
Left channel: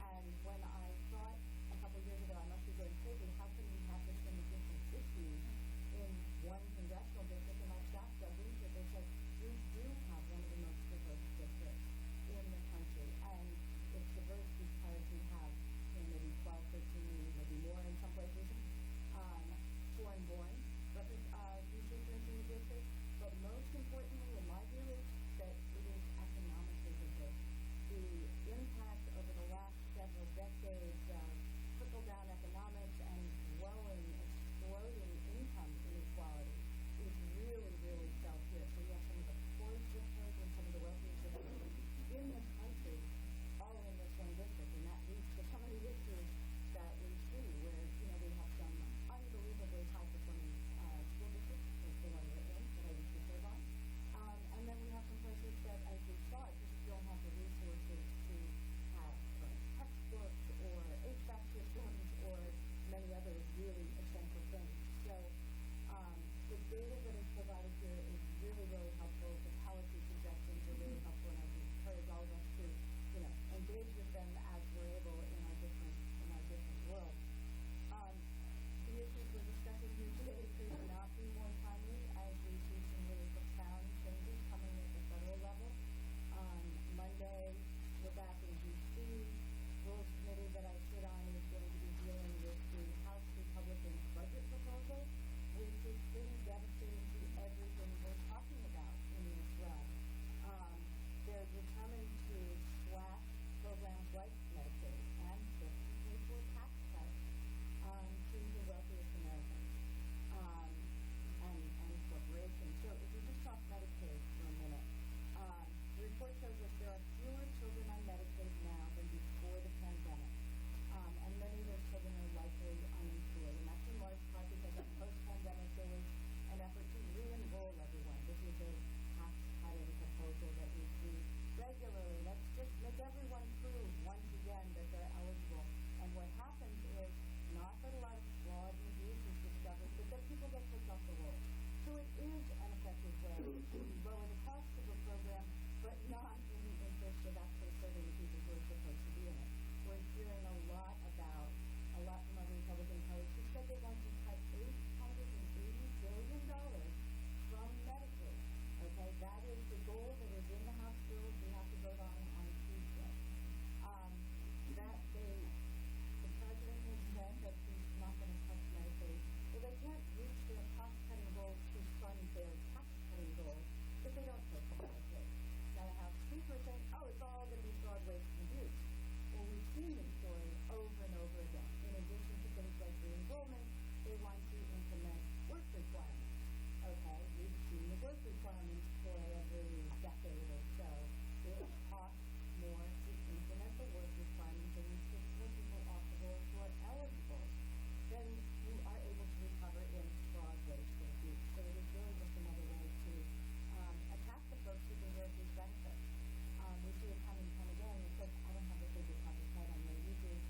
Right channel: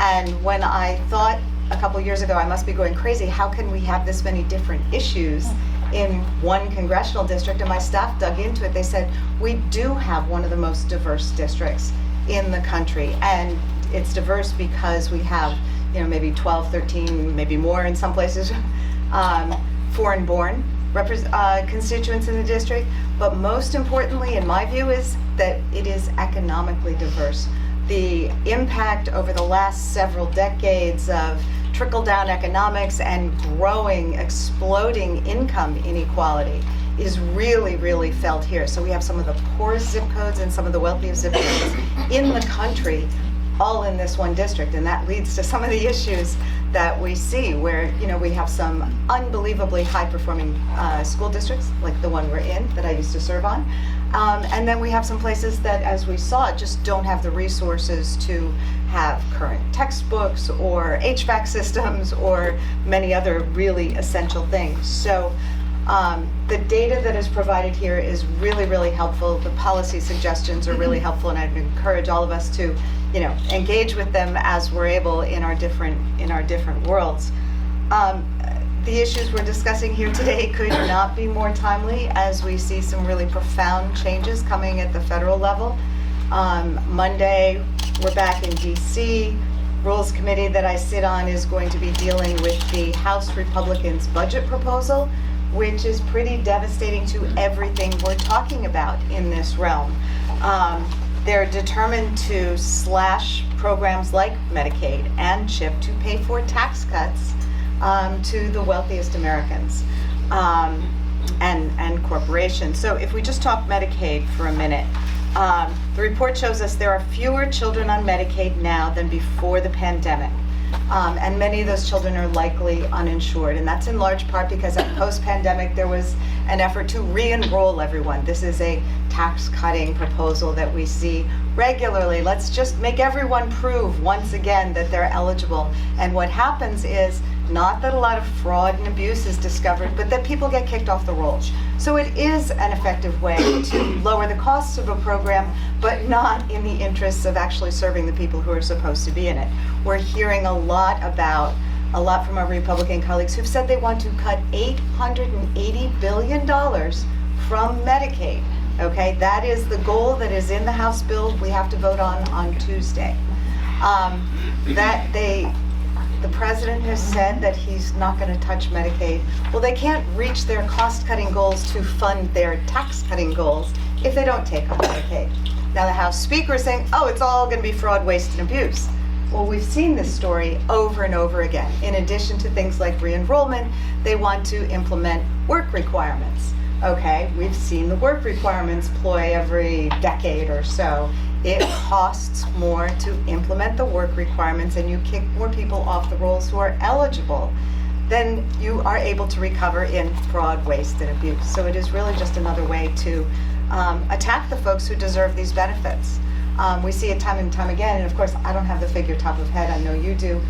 And when I thought a couple years ago I must be going crazy, how can we have this many different issues in one congressional district, and my staff dug into it, they said, we do have one of the most diverse districts in the country. And it's diverse because we have, maybe 12, 13, maybe more in some places, foreign-born constituents in the district. But most importantly, in my view, is that it is economically diverse. The impact over the last several decades of trickle-down economics and growing, exploding income inequality is really, really felt here. So we have some of the poorest zip codes and some of the wealthiest zip codes in the country, all in this one district. And that leads to some of the issues that we see where, we have some unbelievably high-performing school districts, like the one we're in, that I used to serve on. And then we have some places that, as we saw, just don't have the resources to have current textbooks or HVAC systems or many other really essential things. So the data that is provided here is really, really helpful. The policy suggestions are really helpful, and I'd encourage all of us to, engage with them as we're able in our different worlds. The issues we're discussing here today could not be more timely as we see some really profound changes coming at the federal level. Monday, we're back in DC. Rules Committee that I sit on is going to be dealing with the House Republicans' budget proposal, which is pretty devastating to everything we're talking about in this realm. They're determined to slash programs like Medicaid and CHIP to pay for tax cuts to the wealthiest Americans and corporations. So if we just talk Medicaid for a minute, the report shows us there are fewer children on Medicaid now than before the pandemic. And many of those children are likely uninsured. And that's in large part because post-pandemic, there was an effort to re-enroll everyone. This is a tax-cutting proposal that we see regularly. Let's just make everyone prove once again that they're eligible. And what happens is not that a lot of fraud and abuse is discovered, but that people get kicked off the rolls. So it is an effective way to lower the costs of a program, but not in the interests of actually serving the people who are supposed to be in it. We're hearing a lot from our Republican colleagues who've said they want to cut $880 billion from Medicaid. Okay, that is the goal that is in the House bill we have to vote on Tuesday. The president has said that he's not going to touch Medicaid. Well, they can't reach their cost-cutting goals to fund their tax-cutting goals if they don't take on Medicaid. Now, the House Speaker is saying, oh, it's all going to be fraud, waste, and abuse. Well, we've seen this story over and over again. In addition to things like re-enrollment, they want to implement work requirements. Okay, we've seen the work requirements ploy every decade or so. It costs more to implement the work requirements, and you kick more people off the rolls who are eligible than you are able to recover in fraud, waste, and abuse. So it is really just another way to attack the folks who deserve these benefits. We see it time and time again, and of course, I don't have the figure top of head, I know you do.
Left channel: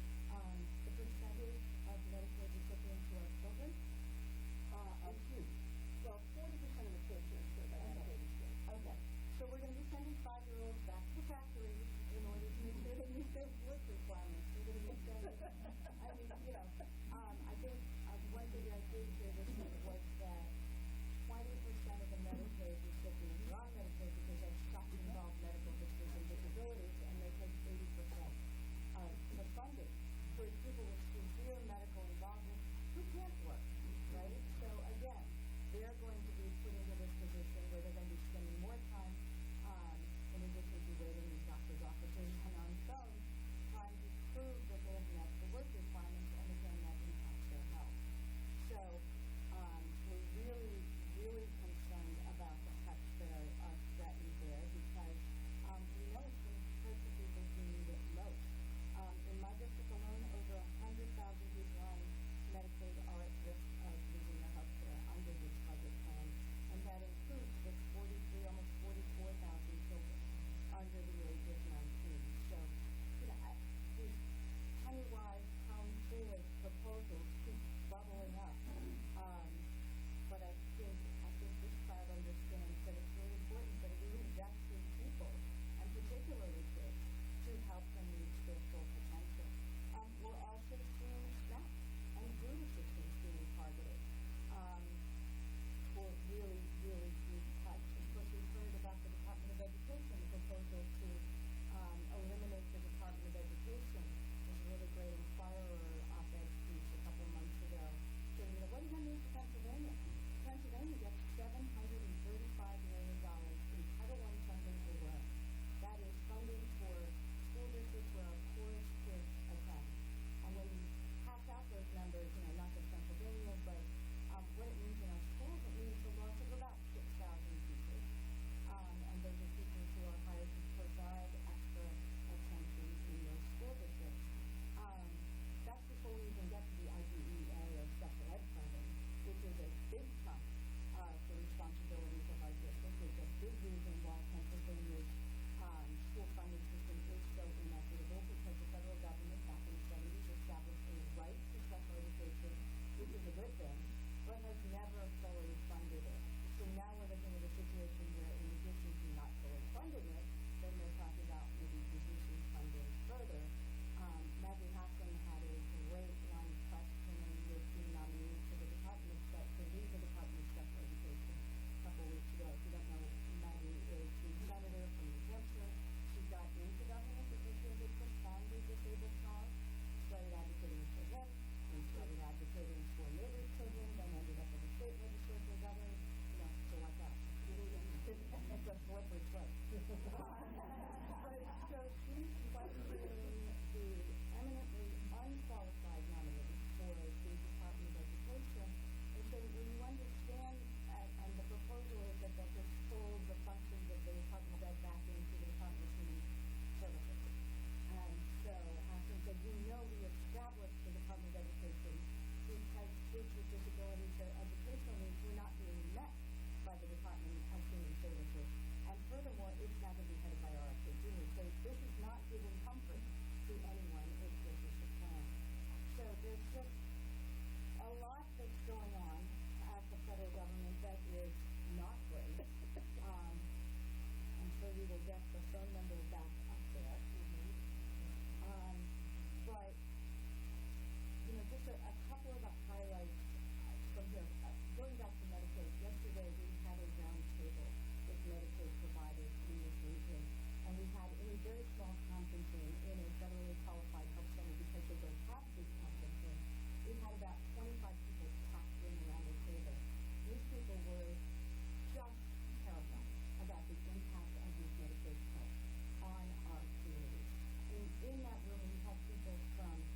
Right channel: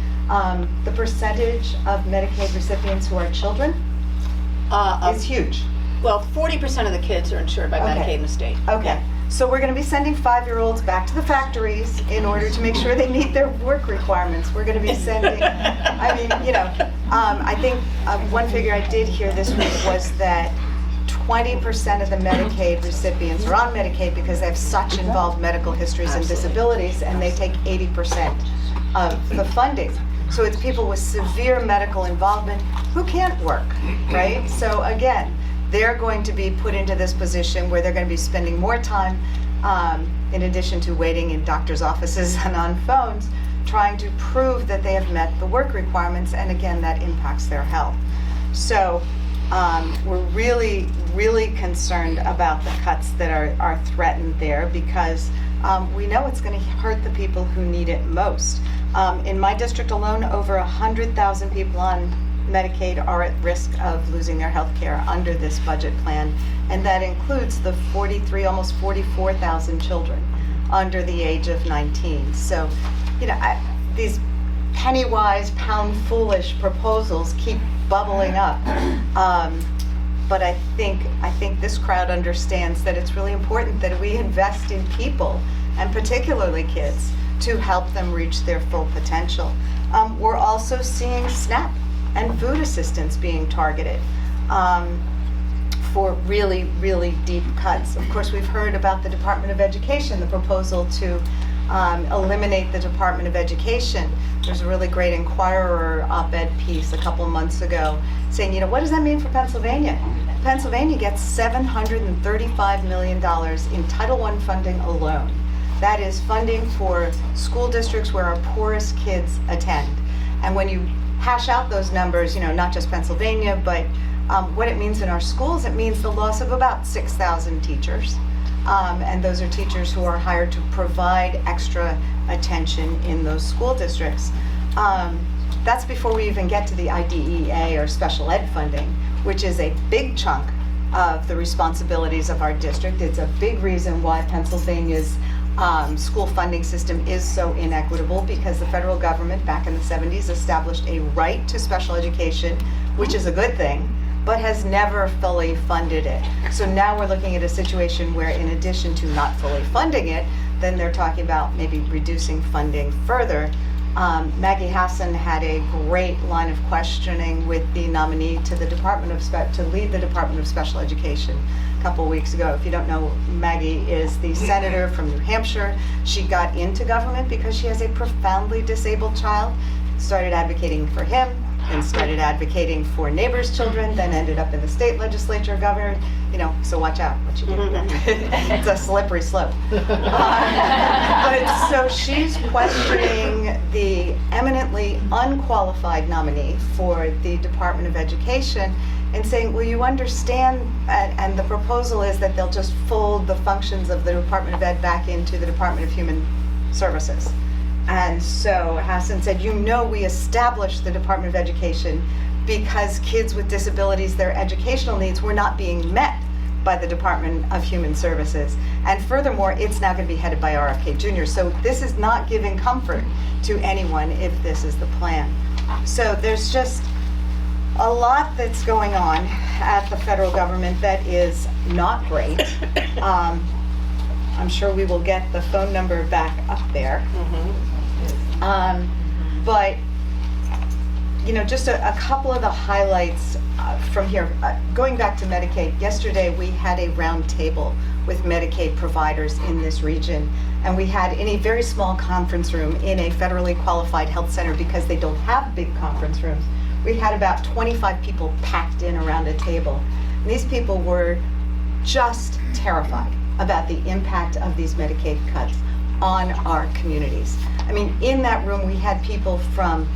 The percentage of Medicaid recipients who are children is huge. Well, 40% of the kids are insured by Medicaid in the state. Okay. So we're going to be sending 5-year-olds back to the factories in order to make sure they meet their work requirements. We're going to be sending, I think one figure I did hear this week was that 20% of the Medicaid recipients are on Medicaid because they have such involved medical histories and disabilities, and they take 80% of the funding. So it's people with severe medical involvement who can't work, right? So again, they're going to be put into this position where they're going to be spending more time, in addition to waiting in doctors' offices and on phones, trying to prove that they have met the work requirements, and again, that impacts their health. So we're really, really concerned about the cuts that are threatened there, because we know it's going to hurt the people who need it most. In my district alone, over 100,000 people on Medicaid are at risk of losing their health care under this budget plan, and that includes the almost 44,000 children under the age of 19. So, these penny-wise, pound-foolish proposals keep bubbling up. But I think this crowd understands that it's really important that we invest in people, and particularly kids, to help them reach their full potential. We're also seeing SNAP and food assistance being targeted for really, really deep cuts. Of course, we've heard about the Department of Education, the proposal to eliminate the Department of Education. There's a really great Inquirer op-ed piece a couple months ago saying, what does that mean for Pennsylvania? Pennsylvania gets $735 million in Title I funding alone. That is funding for school districts where our poorest kids attend. And when you hash out those numbers, not just Pennsylvania, but what it means in our schools, it means the loss of about 6,000 teachers. And those are teachers who are hired to provide extra attention in those school districts. That's before we even get to the IDEA or special ed funding, which is a big chunk of the responsibilities of our district. It's a big reason why Pennsylvania's school funding system is so inequitable, because the federal government back in the 70s established a right to special education, which is a good thing, but has never fully funded it. So now we're looking at a situation where, in addition to not fully funding it, then they're talking about maybe reducing funding further. Maggie Hassan had a great line of questioning with the nominee to the to lead the Department of Special Education a couple weeks ago. If you don't know, Maggie is the senator from New Hampshire. She got into government because she has a profoundly disabled child, started advocating for him, and started advocating for neighbors' children, then ended up in the state legislature, governor, so watch out what you do. It's a slippery slope. But so she's questioning the eminently unqualified nominee for the Department of Education and saying, well, you understand, and the proposal is that they'll just fold the functions of the Department of Ed back into the Department of Human Services. And so Hassan said, we established the Department of Education because kids with disabilities, their educational needs were not being met by the Department of Human Services. And furthermore, it's now going to be headed by RFK Jr. So this is not giving comfort to anyone if this is the plan. So there's just a lot that's going on at the federal government that is not great. I'm sure we will get the phone number back up there. But, just a couple of the highlights from here. Going back to Medicaid, yesterday we had a round table with Medicaid providers in this region. And we had in a very small conference room in a federally qualified health center because they don't have big conference rooms. We had about 25 people packed in around a table. And these people were just terrified about the impact of these Medicaid cuts on our communities. I mean, in that room, we had people from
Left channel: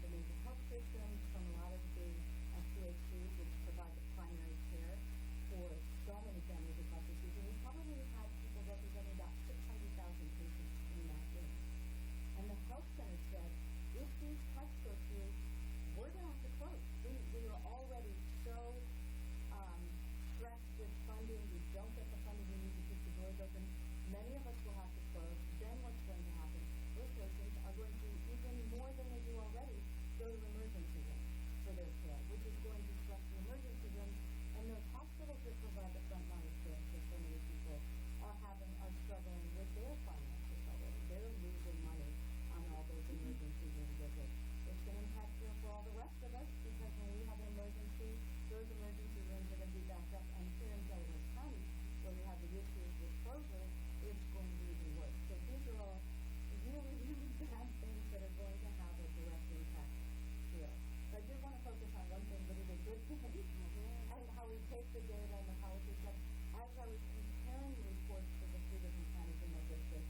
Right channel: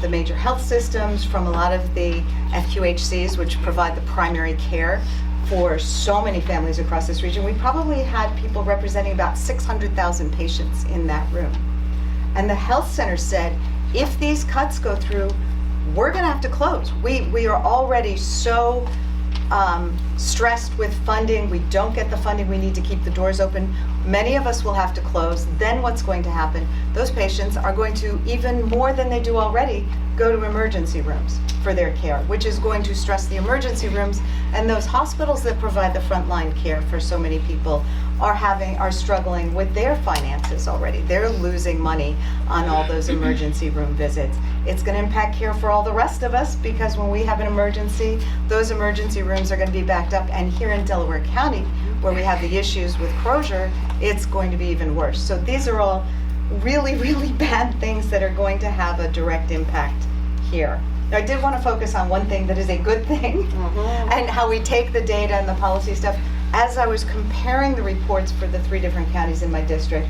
the major health systems, from a lot of the FQHCs, which provide the primary care for so many families across this region. We probably had people representing about 600,000 patients in that room. And the health center said, if these cuts go through, we're going to have to close. We are already so stressed with funding. We don't get the funding. We need to keep the doors open. Many of us will have to close. Then what's going to happen? Those patients are going to, even more than they do already, go to emergency rooms for their care, which is going to stress the emergency rooms. And those hospitals that provide the frontline care for so many people are struggling with their finances already. They're losing money on all those emergency room visits. It's going to impact care for all the rest of us because when we have an emergency, those emergency rooms are going to be backed up. And here in Delaware County, where we have the issues with Krueger, it's going to be even worse. So these are all really, really bad things that are going to have a direct impact here. Now, I did want to focus on one thing that is a good thing and how we take the data and the policy stuff. As I was comparing the reports for the 3 different counties in my district,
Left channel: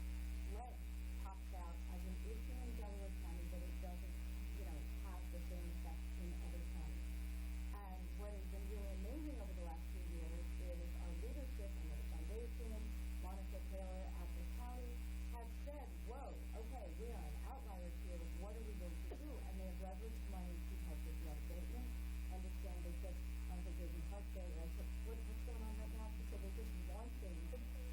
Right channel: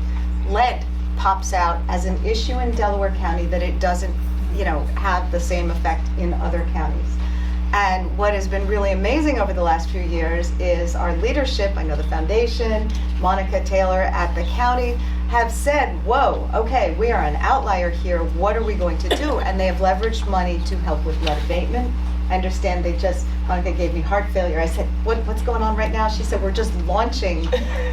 lead pops out as an issue in Delaware County that it doesn't, have the same effect in other counties. And what has been really amazing over the last few years is our leadership, I know the foundation, Monica Taylor at the county, have said, whoa, okay, we are an outlier here, what are we going to do? And they have leveraged money to help with lead abatement. I understand Monica gave me heart failure. I said, what's going on right now? She said, we're just launching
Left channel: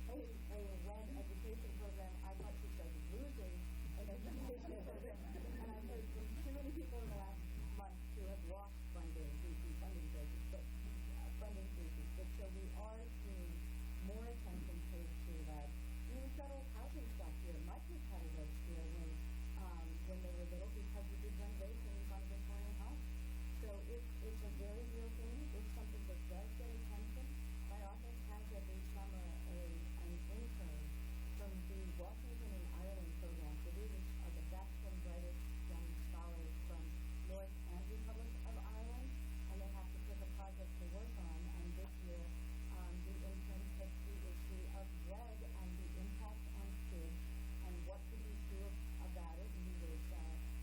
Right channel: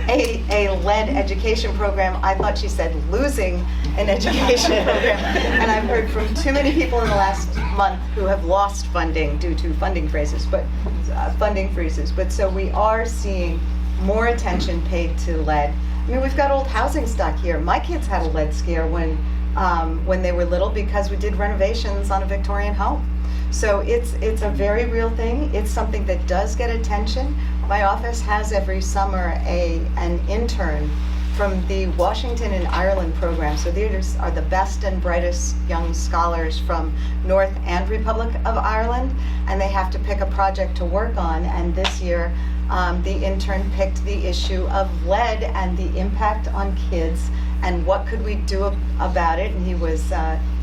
a lead education program. I thought she said losing an education program. And I've heard from too many people in the last month who have lost funding due to funding freezes. But so we are seeing more attention paid to lead. I mean, we've got old housing stock here. My kids had a lead scare when they were little because we did renovations on a Victorian home. So it's a very real thing. It's something that does get attention. My office has every summer an intern from the Washington and Ireland program. So these are the best and brightest young scholars from North and Republic of Ireland, and they have to pick a project to work on. And this year, the intern picked the issue of lead and the impact on kids and what could we do about it. And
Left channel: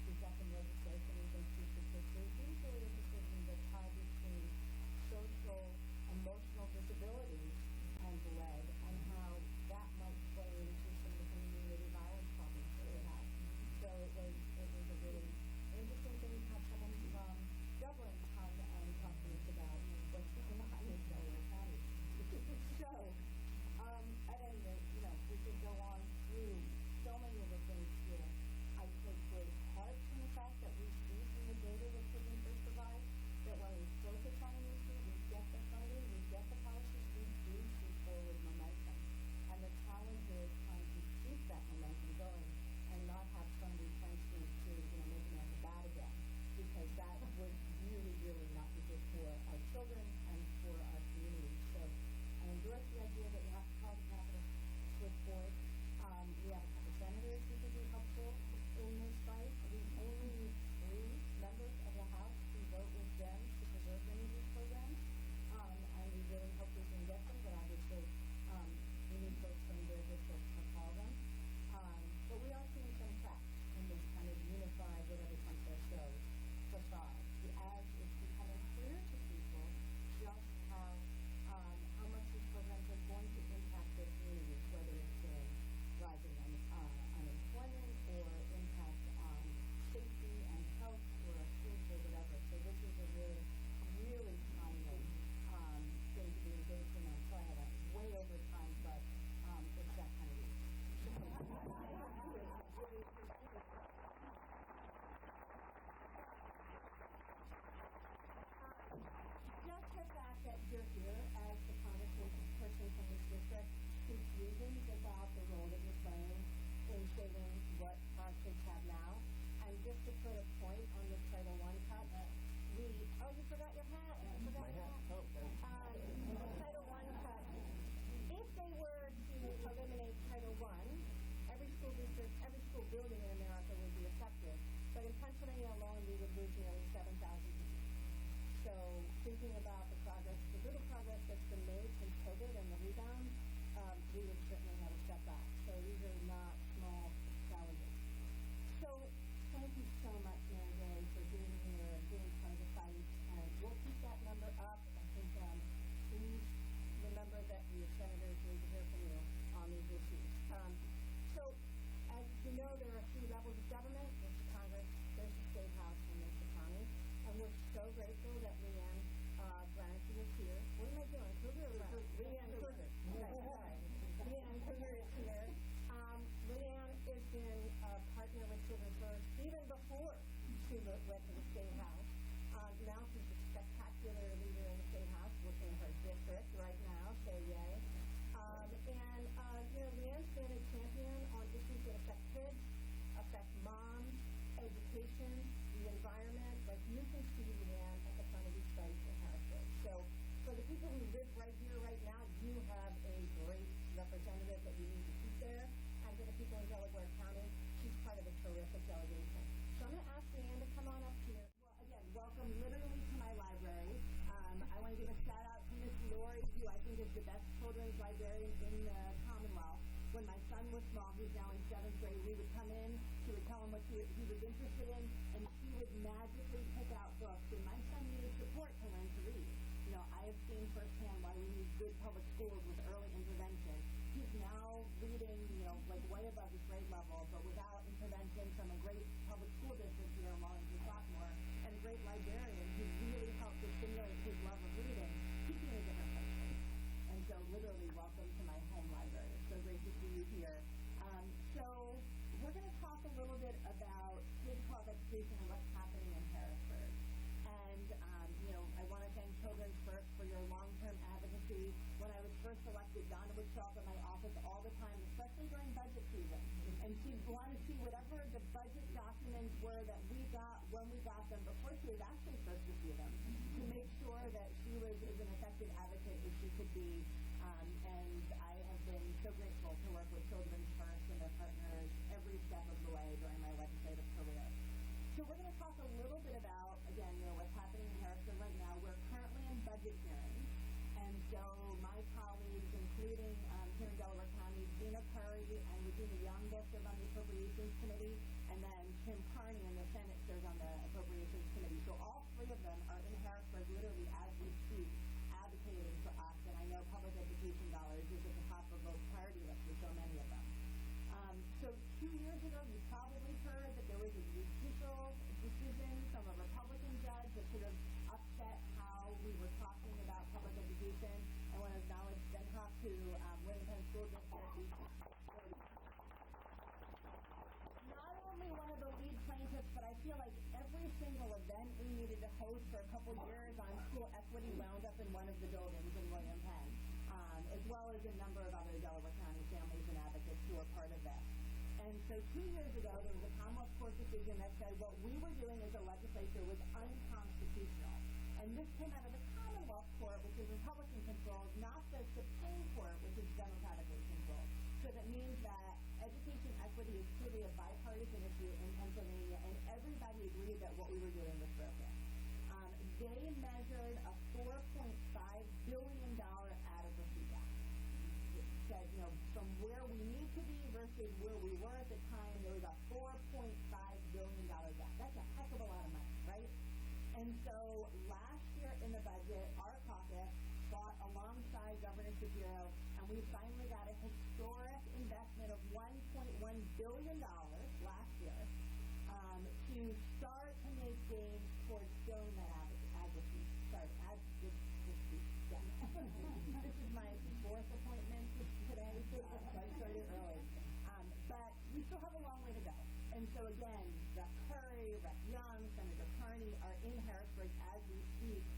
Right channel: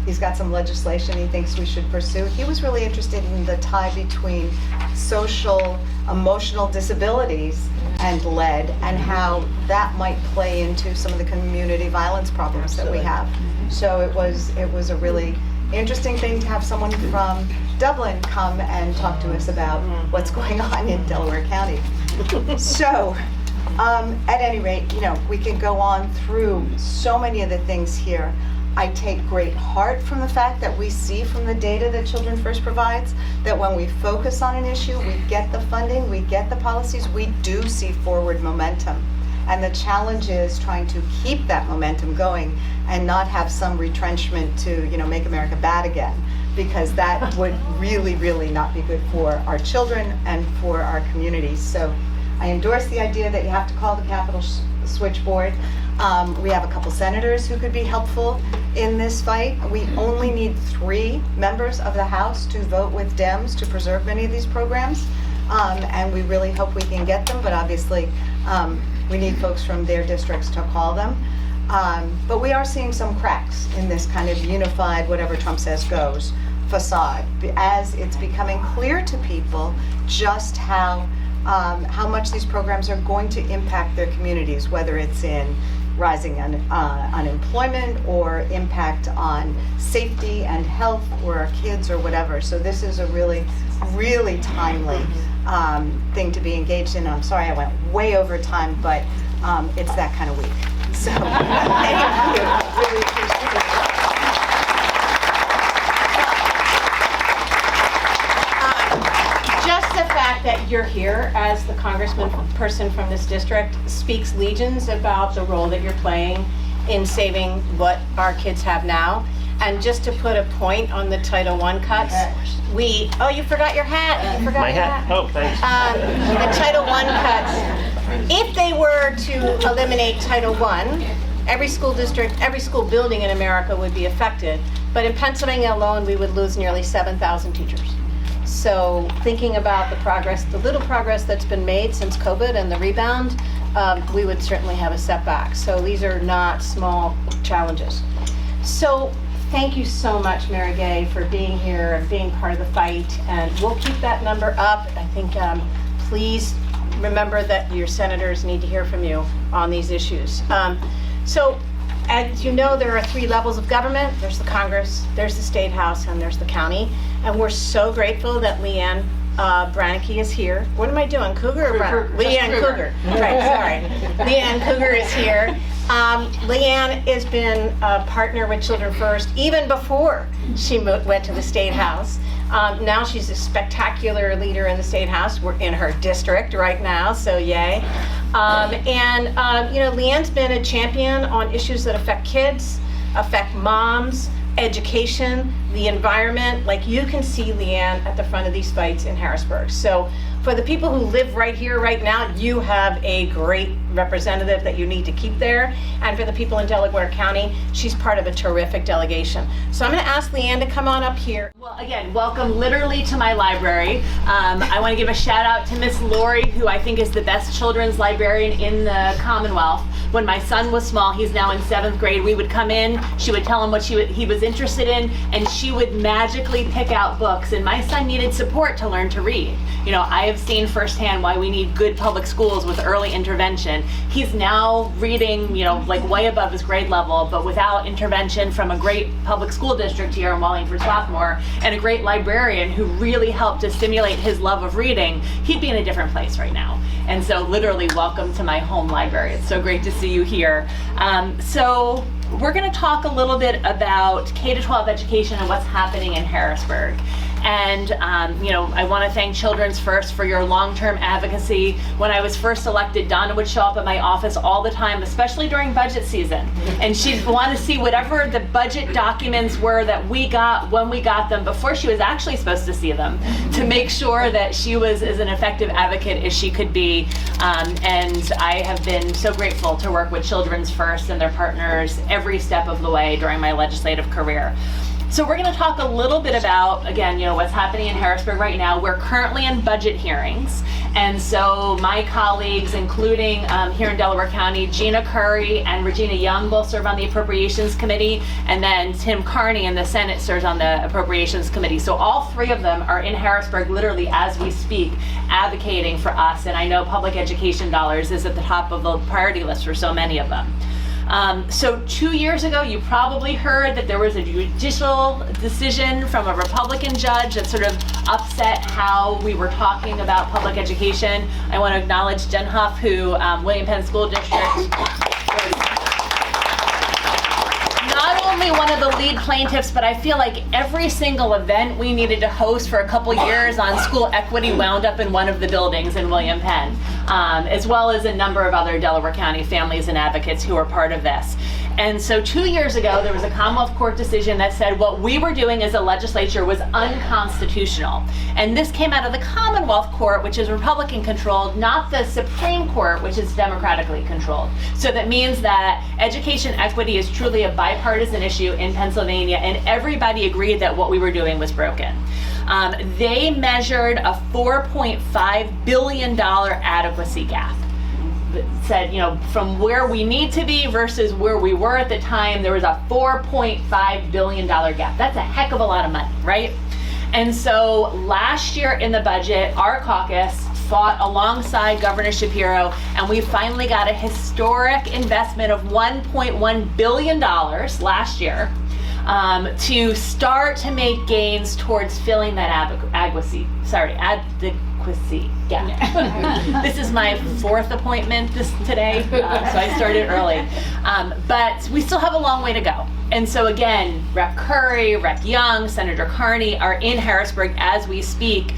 he's got some legislation he thinks we should pursue. He was really interested in the tie between social, emotional disabilities and lead and how that might play into some of the community violence problems that we have. So it was a really interesting thing to have someone from Dublin come and talk to us about what's going on in Delaware County. So at any rate, we can go on through so many of the things here. I take great heart from the fact that we see from the data that Children First provides that when we focus on an issue, we get the funding, we get the policies, we do see forward momentum. And the challenge is trying to keep that momentum going and not have some retrenchment to, make America bad again, because that would really, really not be good for our children and for our communities. So I endorse the idea that you have to call the Capitol switchboard. We have a couple senators who could be helpful in this fight. We only need 3 members of the House to vote with Dems to preserve many of these programs. And we really hope we can get them, but obviously we need folks from their districts to call them. But we are seeing some cracks in this kind of unified, whatever Trump says goes, facade, as it's becoming clear to people just how how much these programs are going to impact their communities, whether it's in rising unemployment or impact on safety and health or our kids or whatever. So this is a really, really timely thing to be engaged in. I'm sorry I went way over time, but it's that kind of week. So thank you. Really appreciate it. Just the fact that you're here as the person from this district speaks legions about the role that you're playing in saving what our kids have now. And just to put a point on the Title I cuts, you forgot your hat. You forgot My your hat. Oh, thanks. The Title I cuts, if they were to eliminate Title I, every school district, every school building in America would be affected. But in Pennsylvania alone, we would lose nearly 7,000 teachers. So thinking about the progress, the little progress that's been made since COVID and the rebound, we would certainly have a setback. So these are not small challenges. So thank you so much, Mary Gay, for being here and being part of the fight. And we'll keep that number up. I think please remember that your senators need to hear from you on these issues. So as you know, there are 3 levels of government. There's the Congress, there's the State House, and there's the county. And we're so grateful that Leanne Branke is here. What am I doing, Krueger or Branke? Leanne Krueger. Right, sorry. Leanne Krueger is here. Leanne has been a partner with Children First even before she went to the State House. Now she's a spectacular leader in the State House. We're in her district right now, so yay. Leanne's been a champion on issues that affect kids, affect moms, education, the environment. Like, you can see Leanne at the front of these fights in Harrisburg. So for the people who live right here, right now, you have a great representative that you need to keep there. And for the people in Delaware County, she's part of a terrific delegation. So I'm going to ask Leanne to come on up here. Well, again, welcome literally to my library. I want to give a shout out to Miss Lori, who I think is the best children's librarian in the Commonwealth. When my son was small, he's now in 7th grade, we would come in, she would tell him what he was interested in, and she would magically pick out books. And my son needed support to learn to read. You know, I have seen firsthand why we need good public schools with early intervention. He's now reading, like way above his grade level, but without intervention from a great public school district here in Wallingford Swarthmore and a great librarian who really helped to stimulate his love of reading, he'd be in a different place right now. And so literally, welcome to my home library. It's so great to see you here. So we're going to talk a little bit about K-12 education and what's happening in Harrisburg. And, I want to thank Children's First for your long-term advocacy. When I was first elected, Donna would show up at my office all the time, especially during budget season. And she'd want to see whatever the budget documents were that we got when we got them before she was actually supposed to see them, to make sure that she was as an effective advocate as she could be. And I have been so grateful to work with Children's First and their partners every step of the way during my legislative career. So we're going to talk a little bit about, again, what's happening in Harrisburg right now. We're currently in budget hearings. And so my colleagues, including here in Delaware County, Gina Curry and Regina Young both serve on the Appropriations Committee. And then Tim Carney in the Senate serves on the Appropriations Committee. So all 3 of them are in Harrisburg literally as we speak, advocating for us. And I know public education dollars is at the top of the priority list for so many of them. So 2 years ago, you probably heard that there was a judicial decision from a Republican judge that sort of upset how we were talking about public education. I want to acknowledge Jen Huff, who William Penn School District was not only one of the lead plaintiffs, but I feel like every single event we needed to host for a couple years on school equity wound up in one of the buildings in William Penn, as well as a number of other Delaware County families and advocates who are part of this. And so 2 years ago, there was a Commonwealth Court decision that said what we were doing as a legislature was unconstitutional. And this came out of the Commonwealth Court, which is Republican controlled, not the Supreme Court, which is democratically controlled. So that means that education equity is truly a bipartisan issue in Pennsylvania, and everybody agreed that what we were doing was broken. They measured a $4.5 billion adequacy gap. Said, from where we need to be versus where we were at the time, there was a $4.5 billion gap. That's a heck of a lot of money, right? And so last year in the budget, our caucus fought alongside Governor Shapiro, and we finally got a historic investment of $1.1 billion last year to start to make gains towards filling that adequacy gap. This is my 4th appointment today, so I started early. But we still have a long way to go. And so again, Rep. Curry, Rep. Young, Senator Carney are in Harrisburg as we speak,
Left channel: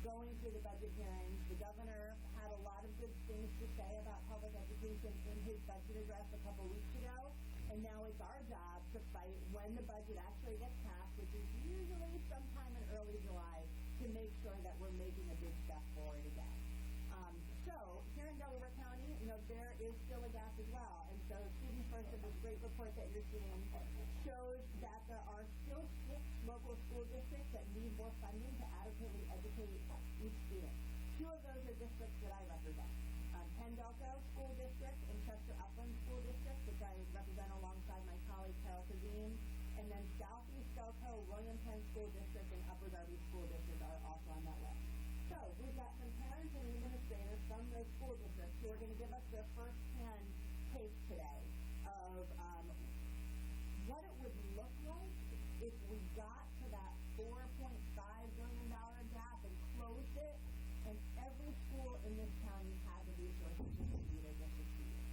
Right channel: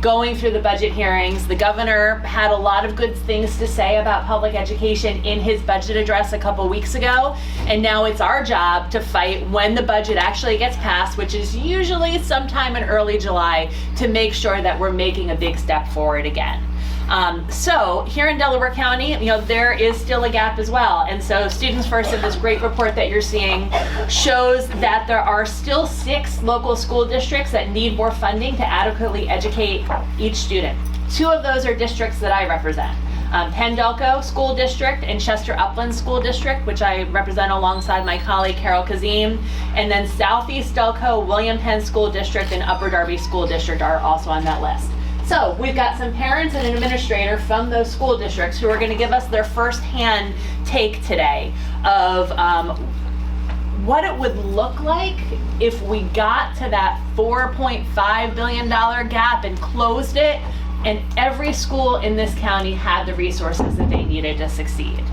going through the budget hearings. The governor had a lot of good things to say about public education in his budget address a couple weeks ago, and now it's our job to fight when the budget actually gets passed, which is usually sometime in early July, to make sure that we're making a big step forward again. So here in Delaware County, there is still a gap as well. And so Students First, in this great report that you're seeing, shows that there are still 6 local school districts that need more funding to adequately educate each student. 2 of those are districts that I represent. Penn-Delco School District and Chester Upland School District, which I represent alongside my colleague Carol Kazim, and then Southeast Delco, William Penn School District, and Upper Darby School District are also on that list. So we've got some parents and an administrator from those school districts who are going to give us their firsthand take today of what it would look like if we got to that $4.5 billion gap and closed it, and every school in this county had the resources that they needed to succeed.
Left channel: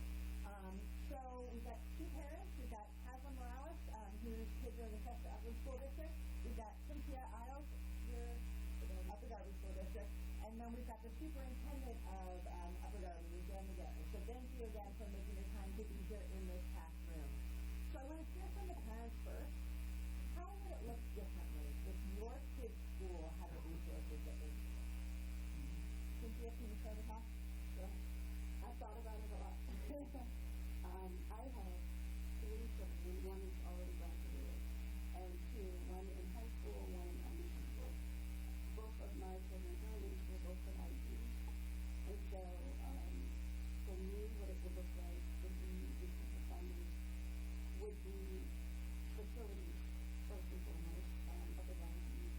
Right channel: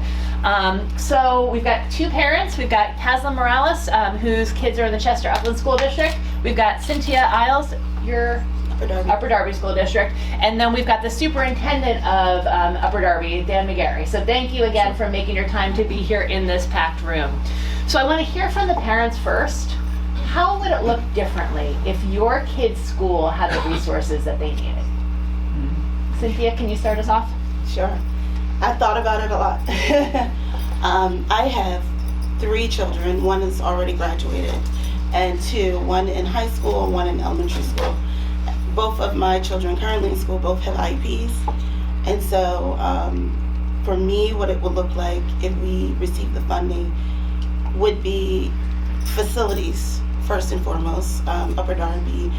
So we've got 2 parents. We've got Tasliym Morales, whose kids are in the Chester Upland School District. We've got Cintia Isles, your Upper Darby School District, and then we've got the superintendent of Upper Darby, Dan McGarry. So thank you again for making your time to be here in this packed room. So I want to hear from the parents first. How would it look differently if your kid's school had the resources that they needed? Cynthia, can you start us off? Sure. I thought about it a lot. I have 3 children. 1 is already graduated, and 2, 1 in high school and 1 in elementary school. Both of my children currently in school both have IEPs, and so for me, what it would look like if we received the funding would be facilities first and foremost. Upper Darby,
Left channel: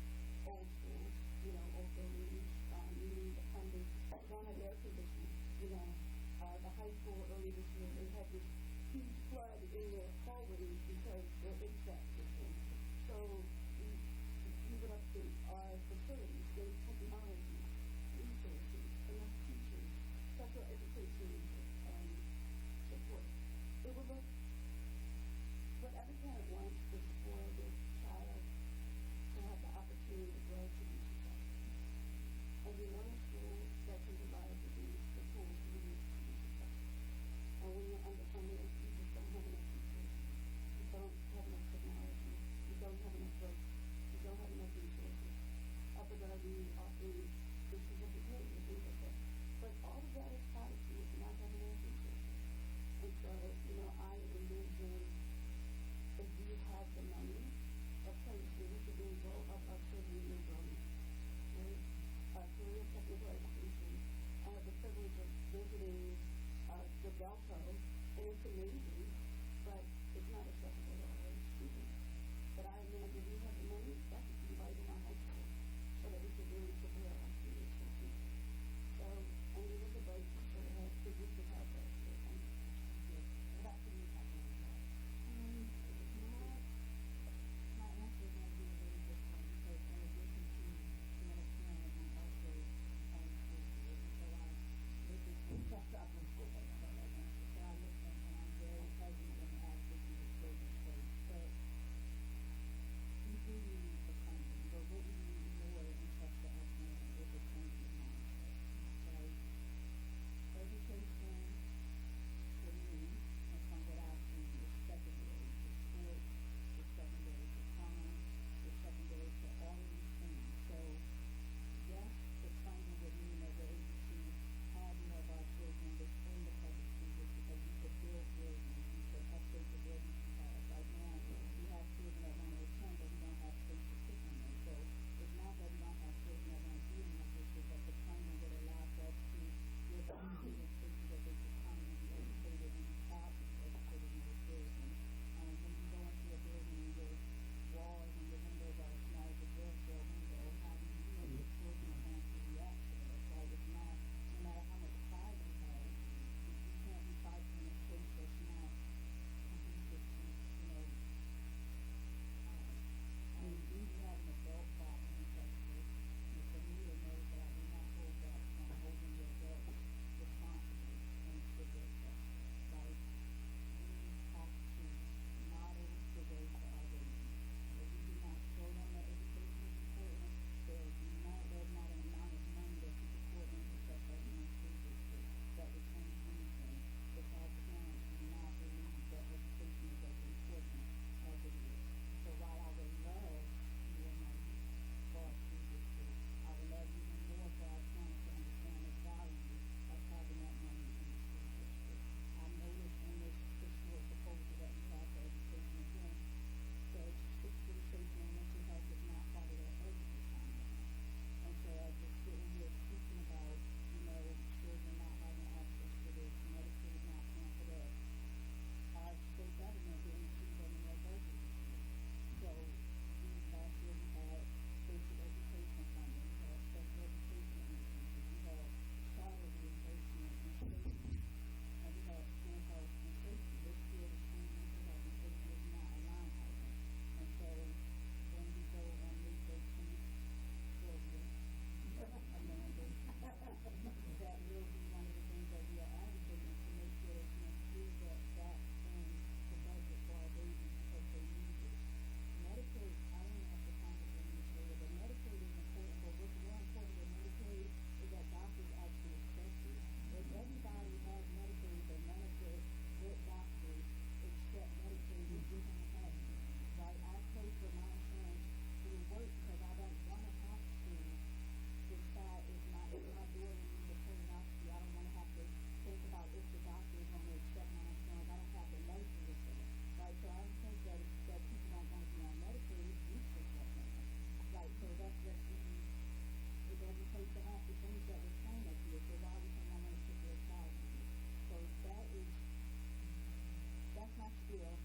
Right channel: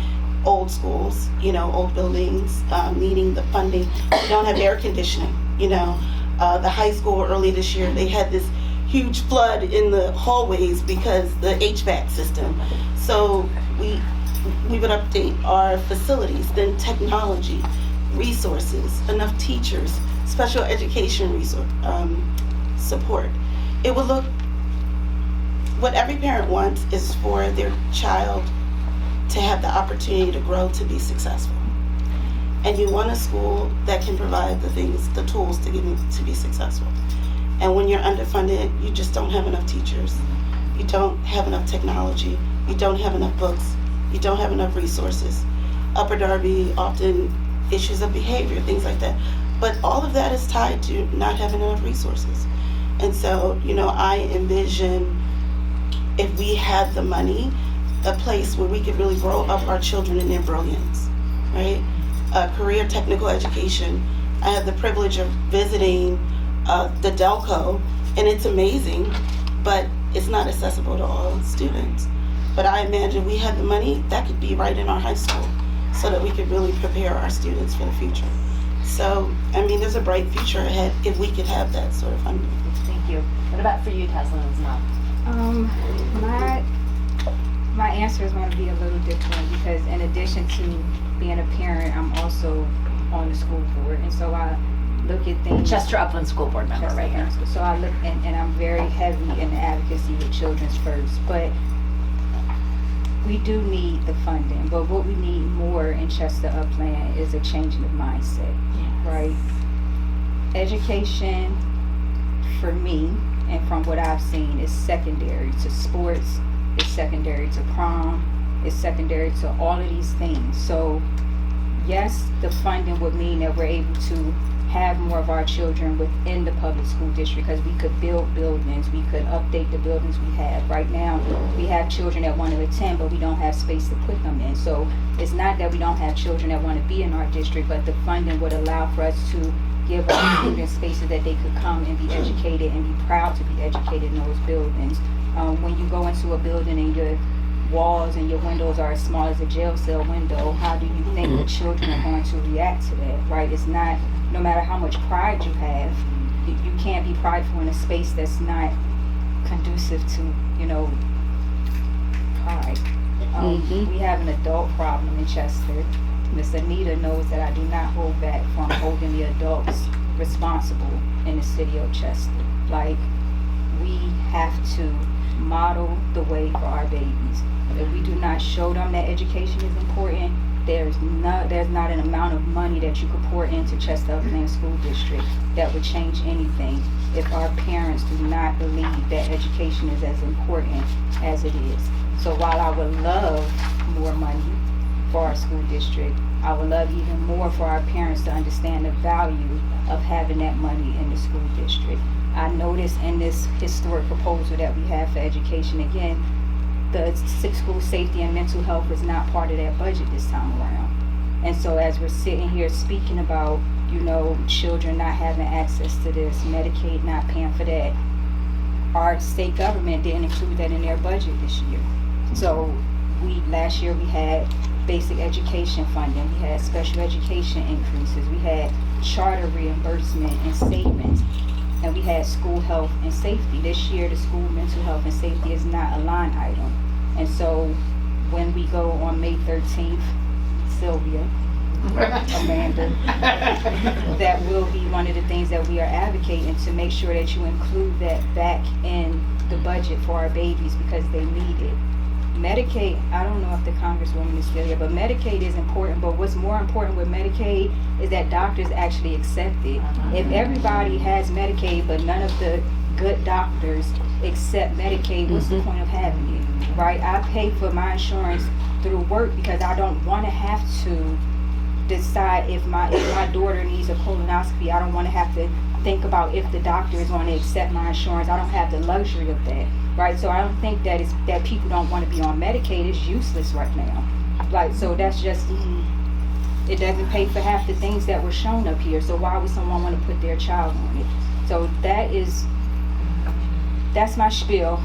old schools, old buildings, needing the funding. We don't have air conditioning. The high school early this year, they had this huge flood in the hallways because the HVAC system. So we would update our facilities, then technology, resources, enough teachers, special education support. It would look, what every parent wants is for their child to have the opportunity to grow to be successful. And you want a school that can provide the tools to get them to be successful. And when you're underfunded, you just don't have enough teachers. You don't have enough technology. You don't have enough books. You don't have enough resources. Upper Darby, often issues of behavior, things like that. But all of that is tied to not having enough resources. And so, I envision, if we had the money, a place where we could really grow up our children in their brilliance, right? Career technical education. I have the privilege of visiting the Delco, and it's amazing, but it's not accessible to all students. But I imagine we had the money, that could be right in our high school, so that we could really prepare our students for the future. So, there's a bright future ahead if we could have that sort of funding. Thank you. What about for you, Tasliym, as well? My answer is going to be a little different because in addition to being a parent, I'm also on the school board, and so I look at things. Chester Upland School Board member right here. So I look, and I'm very heavy in the advocacy with Children's First, but we do need the funding, but what we need more in Chester Upland is a changing of mindset, right? Education, for me, and from what I've seen, is secondary to sports, it's secondary to prom, it's secondary to all of these things. So yes, the funding would mean that we're able to have more of our children within the public school district because we could build buildings, we could update the buildings we have. Right now, we have children that want to attend, but we don't have space to put them in. So it's not that we don't have children that want to be in our district, but the funding would allow for us to give our students spaces that they could come and be educated and be proud to be educated in those buildings. When you go into a building and walls and your windows are as small as a jail cell window, how do you think the children are going to react to that, right? It's not, no matter how much pride you have, you can't be prideful in a space that's not conducive to, you know, pride. We have an adult problem in Chester. Miss Anita knows that I do not hold back from holding the adults responsible in the city of Chester. Like, we have to model the way for our babies. If we do not show them that education is important, there's not an amount of money that you could pour into Chester Upland School District that would change anything if our parents do not believe that education is as important as it is. So while I would love more money for our school district, I would love even more for our parents to understand the value of having that money in the school district. I noticed in this historic proposal that we have for education, again, the school safety and mental health is not part of that budget this time around. And so as we're sitting here speaking about, you know, children not having access to this, Medicaid not paying for that, our state government didn't include that in their budget this year. So last year we had basic education funding, we had special education increases, we had charter reimbursement and statements, and we had school health and safety. This year the school mental health and safety is not a line item. And so when we go on May 13th, Sylvia, Amanda, that will be one of the things that we are advocating, to make sure that you include that back in the budget for our babies, because they need it. Medicaid, I don't know if the Congresswoman is still here, but Medicaid is important, but what's more important with Medicaid is that doctors actually accept it. If everybody has Medicaid, but none of the good doctors accept Medicaid, what's the point of having it, right? I pay for my insurance through work because I don't want to have to decide if my daughter needs a colonoscopy. I don't want to have to think about if the doctor is going to accept my insurance. I don't have the luxury of that. Right, so I don't think that it's that people don't want to be on Medicaid. It's useless right now. Like, so that's just, it doesn't pay for half the things that were shown up here. So why would someone want to put their child on it? So that's my spiel.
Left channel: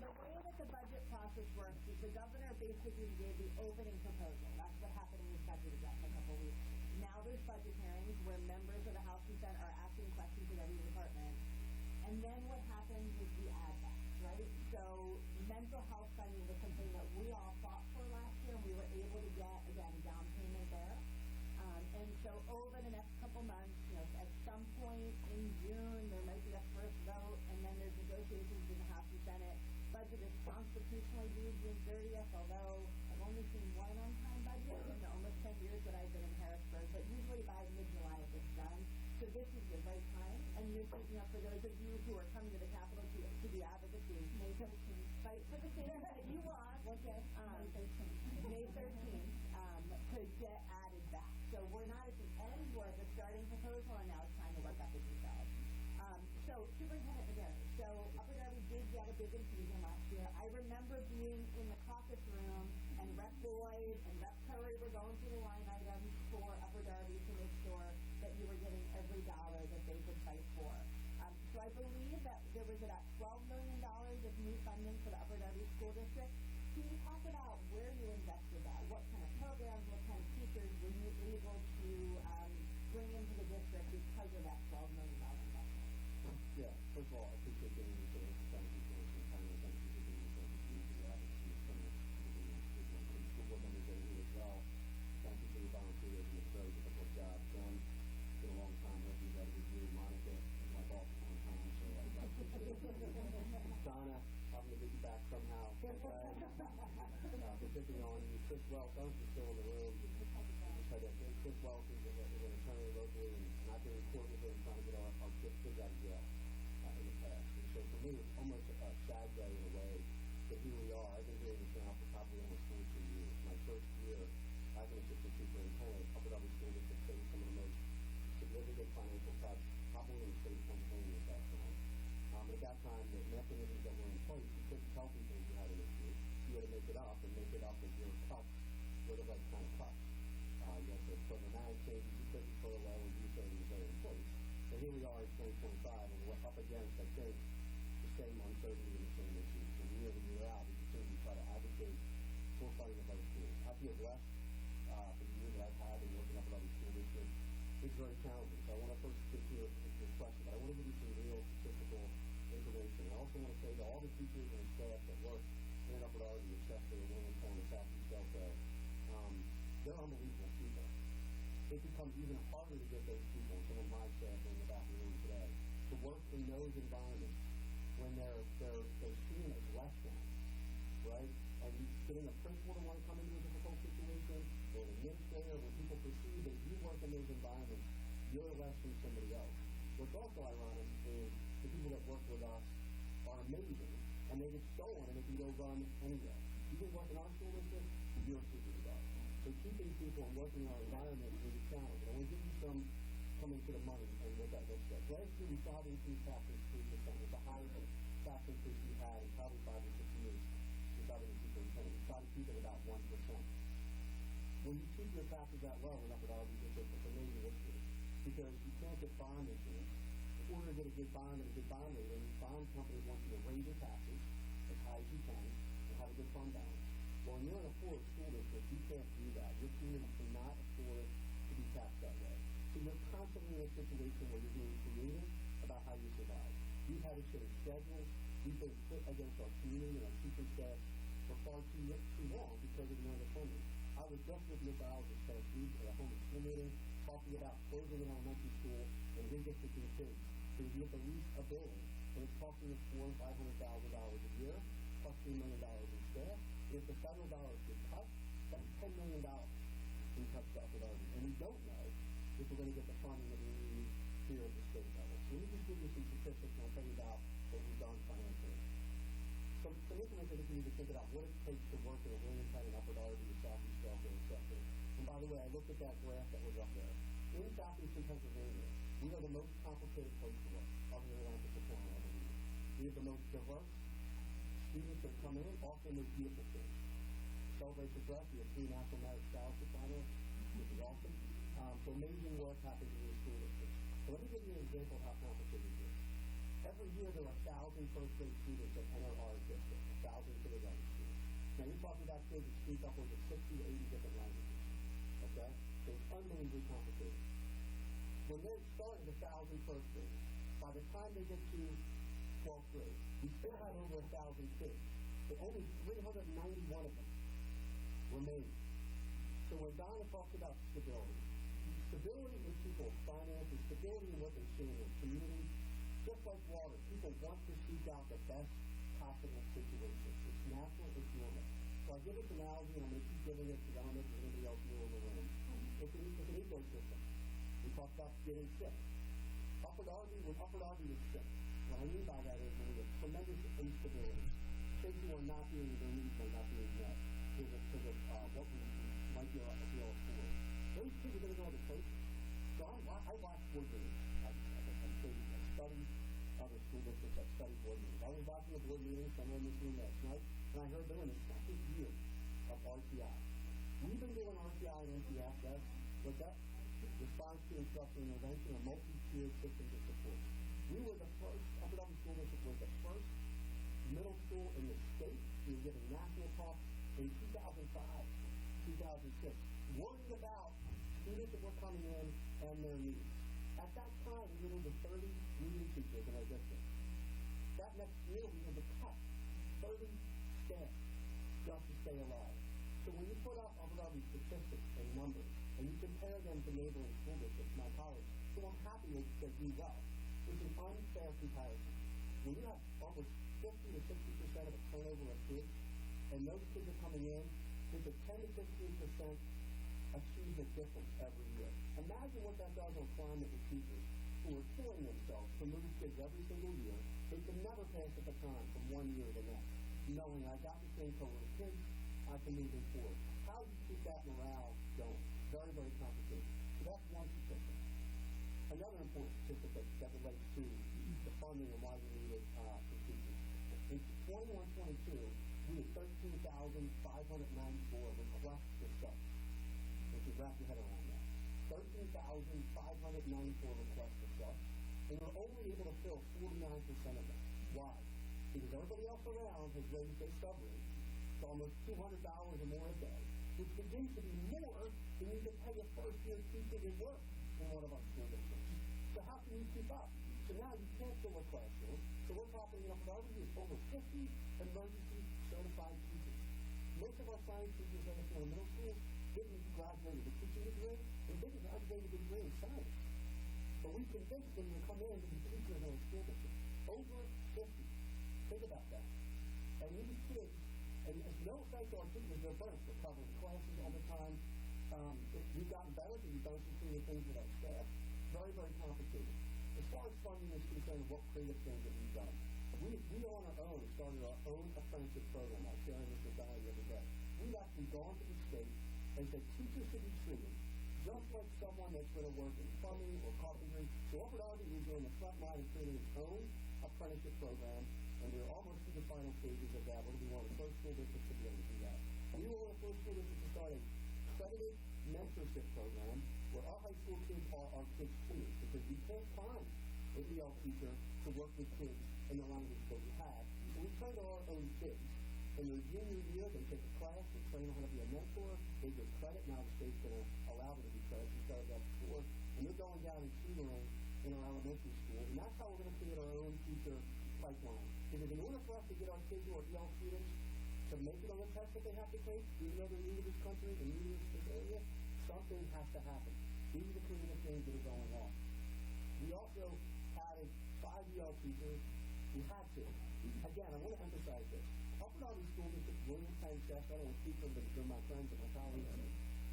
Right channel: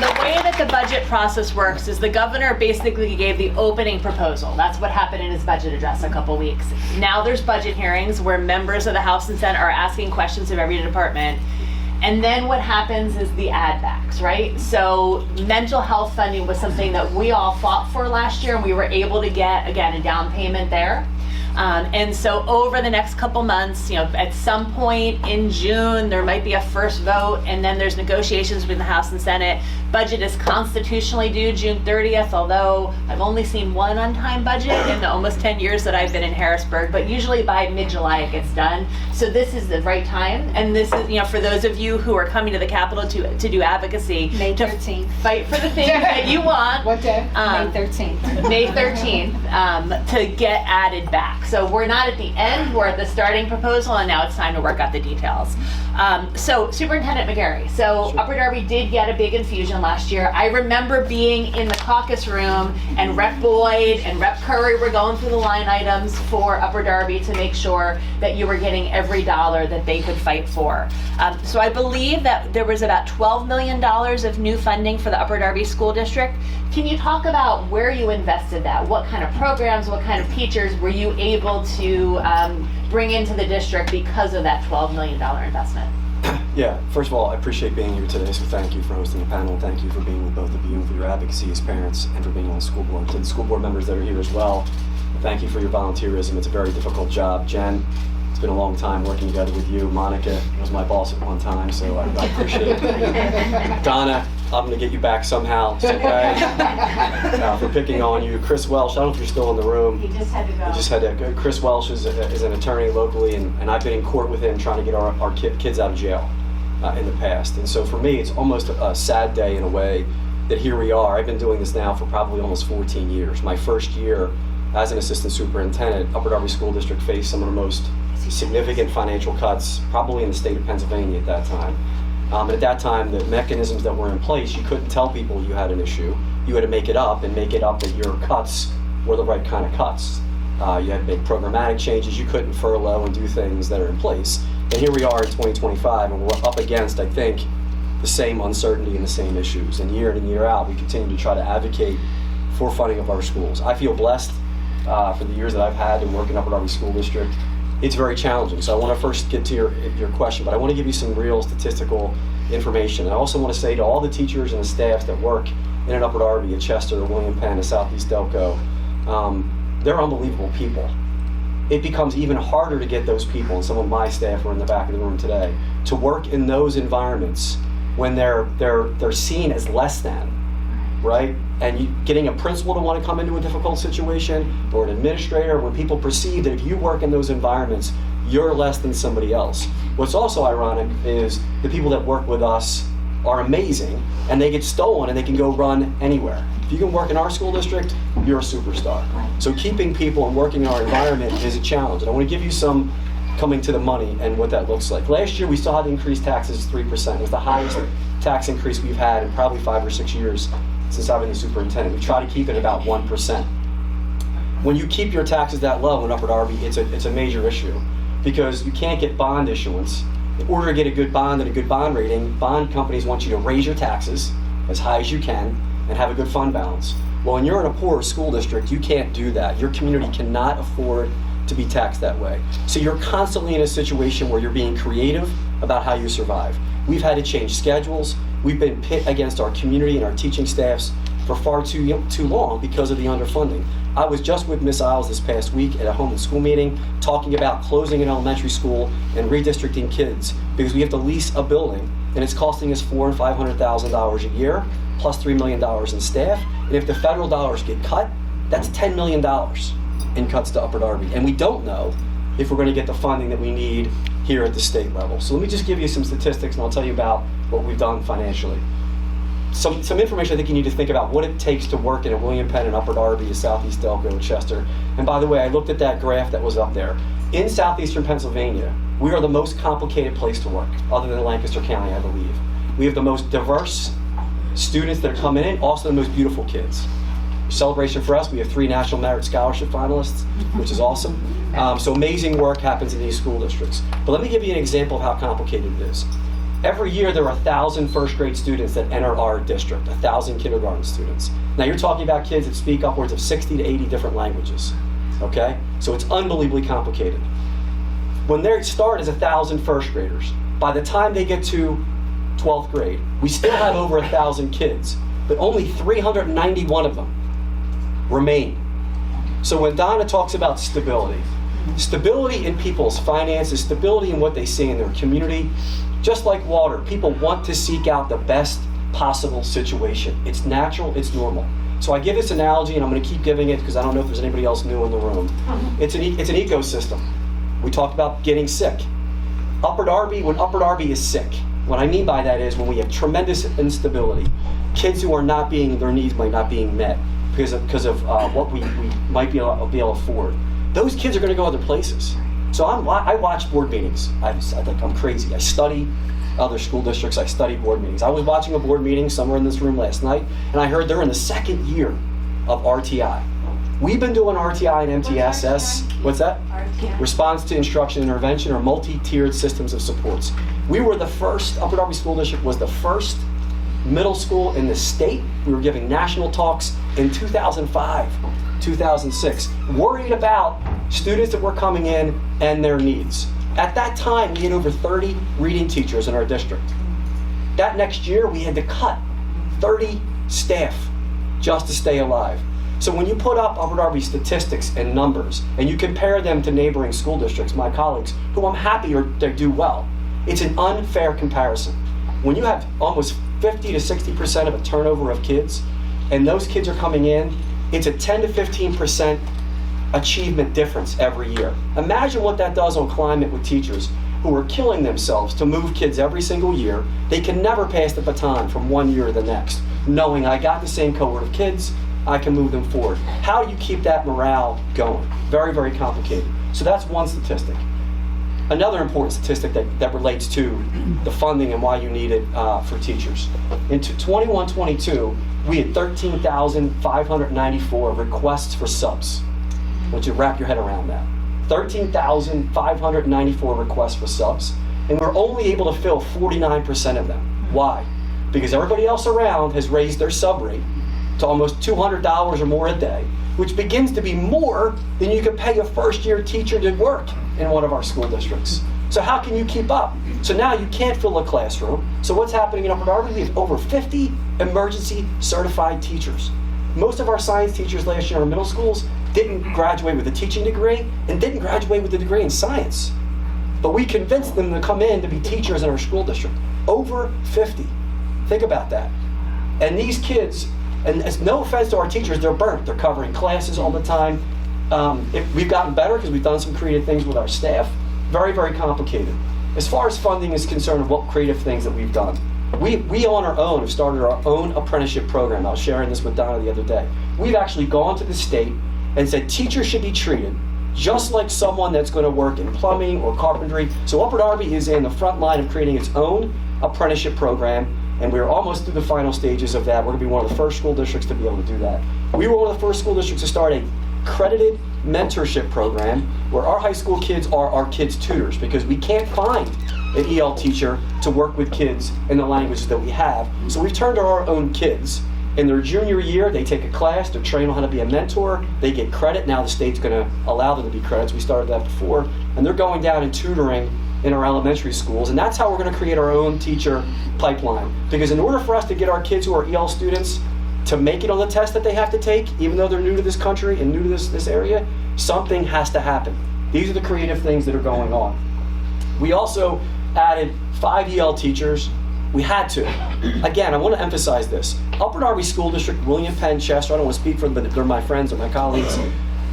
The way that the budget process works is the governor basically gave the opening proposal. That's what happened in his budget address a couple weeks. Now there's budget hearings where members of the House and Senate are asking questions of every department. And then what happens is the add backs, right? So mental health funding was something that we all fought for last year, and we were able to get, again, a down payment there. And so over the next couple months, you know, at some point in June, there might be a first vote, and then there's negotiations between the House and Senate. Budget is constitutionally due June 30th, although I've only seen one on-time budget in the almost 10 years that I've been in Harrisburg, but usually by mid-July it gets done. So this is the right time, and this is, you know, for those of you who are coming to the Capitol to do advocacy, May to 13th. fight for the things that you want. What day? May 13th. May 13th, to get added back. So we're not at the end, we're at the starting proposal, and now it's time to work out the details. So Superintendent McGarry, so Upper Darby did get a big infusion last year. I remember being in the caucus room, and Rep. Boyd and Rep. Curry were going through the line items for Upper Darby to make sure that you were getting every dollar that they could fight for. So I believe that there was about $12 million of new funding for the Upper Darby School District. Can you talk about where you invested that? What kind of programs, what kind of teachers were you able to bring into the district because of that $12 million investment? Yeah, first of all, I appreciate being here today, so thank you for hosting the panel. Thank you for being with both of you and for your advocacy as parents and for being on the school board. To the school board members that are here as well, thank you for your volunteerism. It's a very difficult job. Jen, it's been a long time working together with you. Monica was my boss at one time, so I appreciate it. Donna, I'm going to get you back somehow, okay? For picking on you. Chris Welsh, I don't know if you're still in the room. He just had to go. He just had to. Chris Welsh is an attorney locally, and I've been in court with him trying to get our kids out of jail in the past. And so for me, it's almost a sad day in a way that here we are. I've been doing this now for probably almost 14 years. My first year as an assistant superintendent, Upper Darby School District faced some of the most significant financial cuts probably in the state of Pennsylvania at that time. And at that time, the mechanisms that were in place, you couldn't tell people you had an issue. You had to make it up that your cuts were the right kind of cuts. You had to make programmatic changes. You couldn't furlough and do things that are in place. And here we are in 2025, and we're up against, I think, the same uncertainty and the same issues. And year in and year out, we continue to try to advocate for funding of our schools. I feel blessed for the years that I've had to work in Upper Darby School District. It's very challenging. So I want to first get to your question, but I want to give you some real statistical information. And I also want to say to all the teachers and the staffs that work in an Upper Darby, at Chester, William Penn, at Southeast Delco, they're unbelievable people. It becomes even harder to get those people, and some of my staff are in the back of the room today, to work in those environments when they're seen as less than, right? And getting a principal to want to come into a difficult situation, or an administrator, when people perceive that if you work in those environments, you're less than somebody else. What's also ironic is the people that work with us are amazing, and they get stolen and they can go run anywhere. If you can work in our school district, you're a superstar. So keeping people and working in our environment is a challenge. And I want to give you some coming to the money and what that looks like. Last year, we still had to increase taxes 3%. It was the highest tax increase we've had in probably 5 or 6 years since I've been the superintendent. We try to keep it about 1%. When you keep your taxes that low in Upper Darby, it's a major issue, because you can't get bond issuance. In order to get a good bond and a good bond rating, bond companies want you to raise your taxes as high as you can and have a good fund balance. Well, when you're in a poor school district, you can't do that. Your community cannot afford to be taxed that way. So you're constantly in a situation where you're being creative about how you survive. We've had to change schedules. We've been pit against our community and our teaching staffs for far too long because of the underfunding. I was just with Ms. Isles this past week at a home and school meeting talking about closing an elementary school and redistricting kids because we have to lease a building, and it's costing us $400,000 and $500,000 a year plus $3 million in staff. And if the federal dollars get cut, that's $10 million in cuts to Upper Darby. And we don't know if we're going to get the funding that we need here at the state level. So let me just give you some statistics, and I'll tell you about what we've done financially. Some information I think you need to think about what it takes to work in a William Penn and Upper Darby, a Southeast Delco and Chester. And by the way, I looked at that graph that was up there. In southeastern Pennsylvania, we are the most complicated place to work, other than Lancaster County, I believe. We have the most diverse students that are coming in, also the most beautiful kids. Celebration for us, we have 3 National Merit Scholarship finalists, which is awesome. So amazing work happens in these school districts. But let me give you an example of how complicated it is. Every year there are 1,000 first grade students that enter our district, 1,000 kindergarten students. Now you're talking about kids that speak upwards of 60 to 80 different languages, okay? So it's unbelievably complicated. When they start as 1,000 first graders, by the time they get to 12th grade, we still have over 1,000 kids, but only 391 of them remain. So when Donna talks about stability in people's finances, stability in what they see in their community, just like water, people want to seek out the best possible situation. It's natural, it's normal. So I give this analogy, and I'm going to keep giving it because I don't know if there's anybody else new in the room. It's an ecosystem. We talked about getting sick. When Upper Darby is sick, what I mean by that is when we have tremendous instability, kids who are not being, their needs might not being met because of what we might be able to afford. Those kids are going to go other places. So I watch board meetings. I think I'm crazy. I study other school districts. I study board meetings. I was watching a board meeting somewhere in this room last night, and I heard they're in the 2nd year of RTI. We've been doing RTI and MTSS. What's that? RTI. Response to Instruction Intervention, or multi-tiered systems of supports. We were the first, Upper Darby School District was the first middle school in the state. We were giving national talks in 2005, 2006, worried about students that were coming in and their needs. At that time, we had over 30 reading teachers in our district. That next year, we had to cut 30 staff just to stay alive. So when you put up Upper Darby statistics and numbers, and you compare them to neighboring school districts, my colleagues, who I'm happy they do well, it's an unfair comparison. When you have almost 50 to 60% of a turnover of kids, and those kids are coming in, it's a 10 to 15% achievement difference every year. Imagine what that does on climate with teachers who are killing themselves to move kids every single year. They can never pass the baton from one year to the next, knowing I got the same cohort of kids, I can move them forward. How do you keep that morale going? Very, very complicated. So that's one statistic. Another important statistic that relates to the funding and why you need it for teachers. In 21-22, we had 13,594 requests for subs. I want you to wrap your head around that. 13,594 requests for subs, and we're only able to fill 49% of them. Why? Because everybody else around has raised their sub rate to almost $200 or more a day, which begins to be more than you could pay a first-year teacher to work in one of our school districts. So how can you keep up? So now you can't fill a classroom. So what's happening in Upper Darby? We have over 50 emergency certified teachers. Most of our science teachers last year in our middle schools didn't graduate with a teaching degree and didn't graduate with a degree in science. But we convinced them to come in to be teachers in our school district. Over 50. Think about that. And these kids, and it's no offense to our teachers, they're burnt. They're covering classes all the time. We've gotten better because we've done some creative things with our staff. Very, very complicated. As far as funding is concerned, what creative things that we've done. We on our own have started our own apprenticeship program. I was sharing this with Donna the other day. We've actually gone to the state and said teachers should be treated just like someone that's going to work in plumbing or carpentry. So Upper Darby is in the front line of creating its own apprenticeship program, and we're almost through the final stages of that. We're going to be one of the first school districts to be able to do that. We were one of the first school districts to start a accredited mentorship program where our high school kids are our kids' tutors, because we can't find an EL teacher to work with kids in the languages that we have. So we've turned to our own kids. In their junior year, they take a class, they're trained on how to be a mentor, they get credit. Now the state's going to allow them to be credits. We started that before. And they're going down and tutoring in our elementary schools. And that's how we're going to create our own teacher pipeline. Because in order for us to get our kids who are EL students to make it on the test that they have to take, even though they're new to this country and new to this area, something has to happen. These are the creative things that are going on. We also added 5 EL teachers. We had to. Again, I want to emphasize this. Upper Darby School District, William Penn, Chester, I don't want to speak for them, but they're my friends or my colleagues.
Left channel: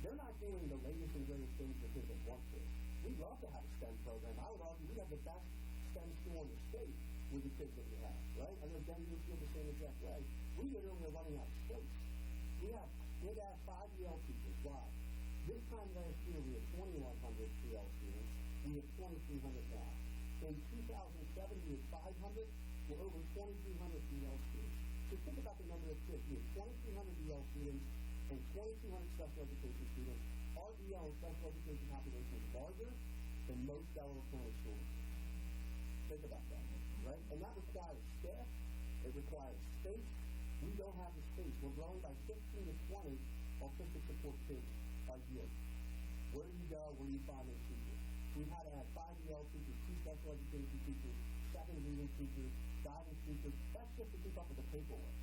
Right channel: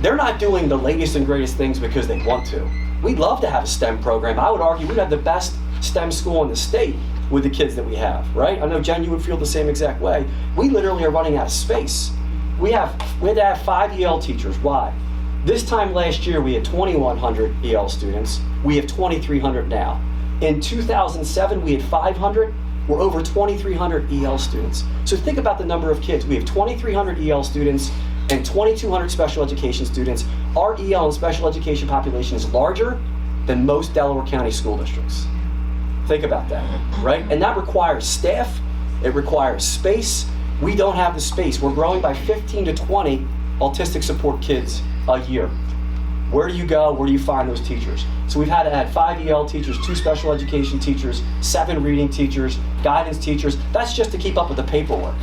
They're not doing the latest and greatest things because they want to. We'd love to have a STEM program. I would argue we'd have the best STEM school in the state with the kids that we have, right? I know, Jen, you would feel the same exact way. We literally are running out of space. We had to have 5 EL teachers. Why? This time last year, we had 2,100 EL students. We have 2,300 now. In 2007, we had 500. We're over 2,300 EL students. So think about the number of kids. We have 2,300 EL students and 2,200 special education students. Our EL and special education population is larger than most Delaware County school districts. Think about that, right? And that requires staff. It requires space. We don't have the space. We're growing by 15 to 20 autistic support kids a year. Where do you go? Where do you find those teachers? So we've had to add 5 EL teachers, 2 special education teachers, 7 reading teachers, guidance teachers. That's just to keep up with the paperwork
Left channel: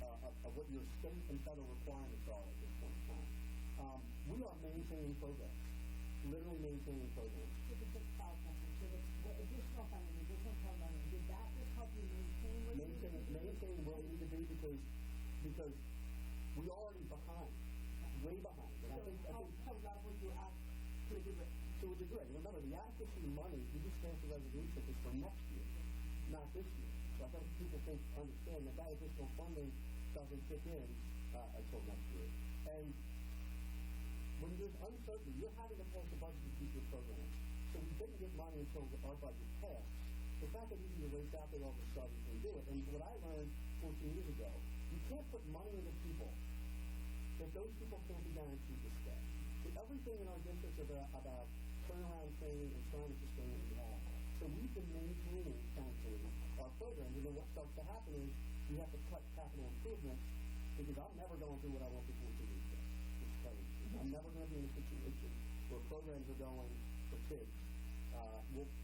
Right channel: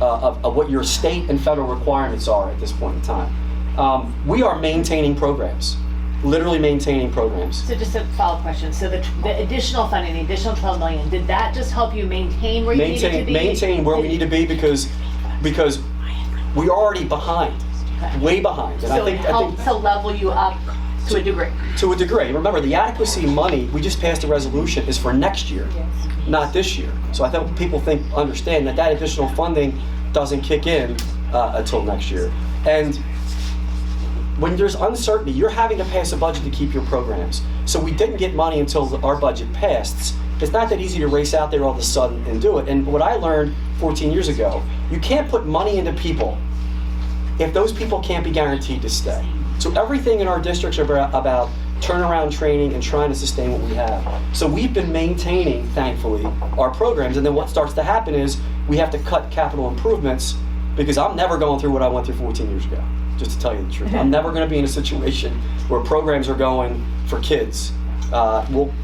of what your state and federal requirements are at this point in time. We are maintaining programs, literally maintaining programs. So just a follow-up question. So the additional funding, the additional $12 million, did that just help you maintain where you needed to be? Maintain where we need to be because we're already behind, way behind. And So it helped to level you up to a degree. To a degree. Remember, the adequacy money, we just passed a resolution, is for next year, not this year. So I think people understand that additional funding doesn't kick in until next year. And when there's uncertainty, you're having to pass a budget to keep your programs. So we didn't get money until our budget passed. It's not that easy to race out there all of a sudden and do it. And what I learned 14 years ago, you can't put money into people if those people can't be guaranteed to stay. So everything in our districts are about turnaround training and trying to sustain what we have. So we've been maintaining, thankfully, our programs. And then what starts to happen is we have to cut capital improvements, because I'm never going through what I went through 14 years ago, just to tell you the truth. I'm never going to be in a situation where programs are going for kids.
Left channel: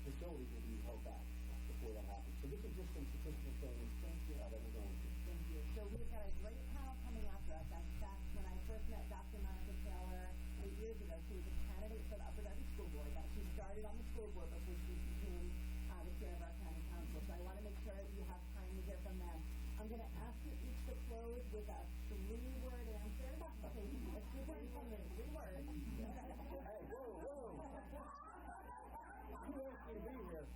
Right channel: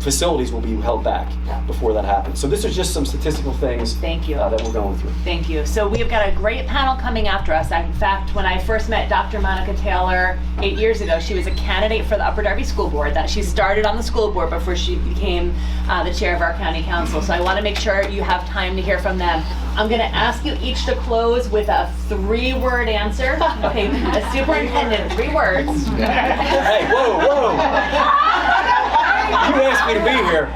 Facilities will be held back before that happens. So this is just some statistical things Thank you. That we're going through. Thank you. So we've got a great panel coming after us. In fact, when I first met Dr. Monica Taylor 8 years ago, she was a candidate for the Upper Darby School Board. That she started on the school board before she became the chair of our county council. So I want to make sure you have time to hear from them. I'm going to ask you each to close with a 3-word answer. Okay, a superintendent, 3 words. Hey, whoa! You asked me to be here.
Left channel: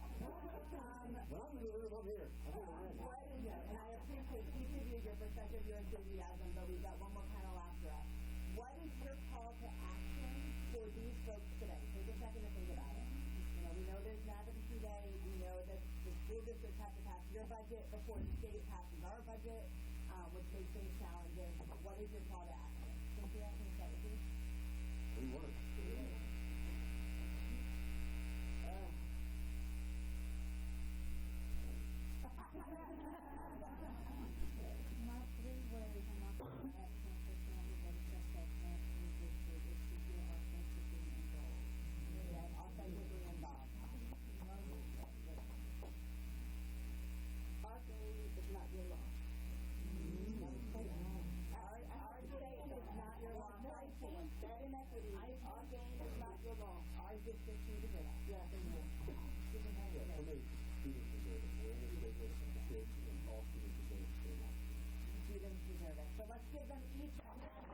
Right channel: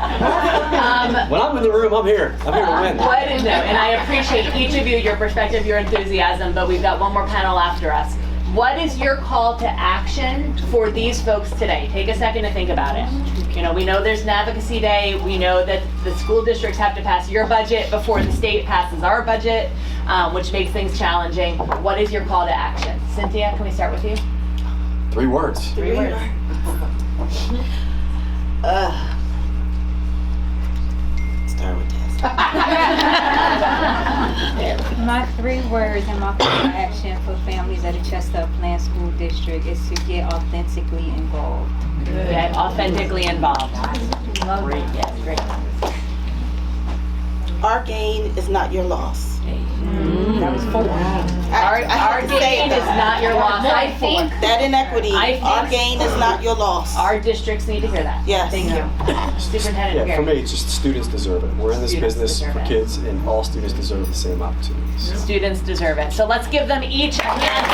When I'm in the room, I'm here. I'm here to win. And I appreciate each of you, your perspective, your enthusiasm, but we've got one more panel after us. What is your call to action for these folks today? Take a second to think about it. You know, we know there's an advocacy day. We know that the school districts have to pass your budget before the state passes our budget, which makes things challenging. What is your call to action? Cynthia, can we start with you? 3 words. 3 words. Start with this. My 3 words and my call to action for families at the Chester Upland School District is to get authentically involved. Get authentically involved. Love Great, it. yes, great. Our gain is not your loss. That was 4. Our gain is not your loss. I think That inequity, I think- our gain is not your loss. our districts need to hear that. Yes. Thank you. Superintendent Yeah, for McGarry. me, it's just students deserve it. We're in this Students business deserve for it. kids, and all students deserve the same opportunities. Students deserve it. So let's give them each a hand.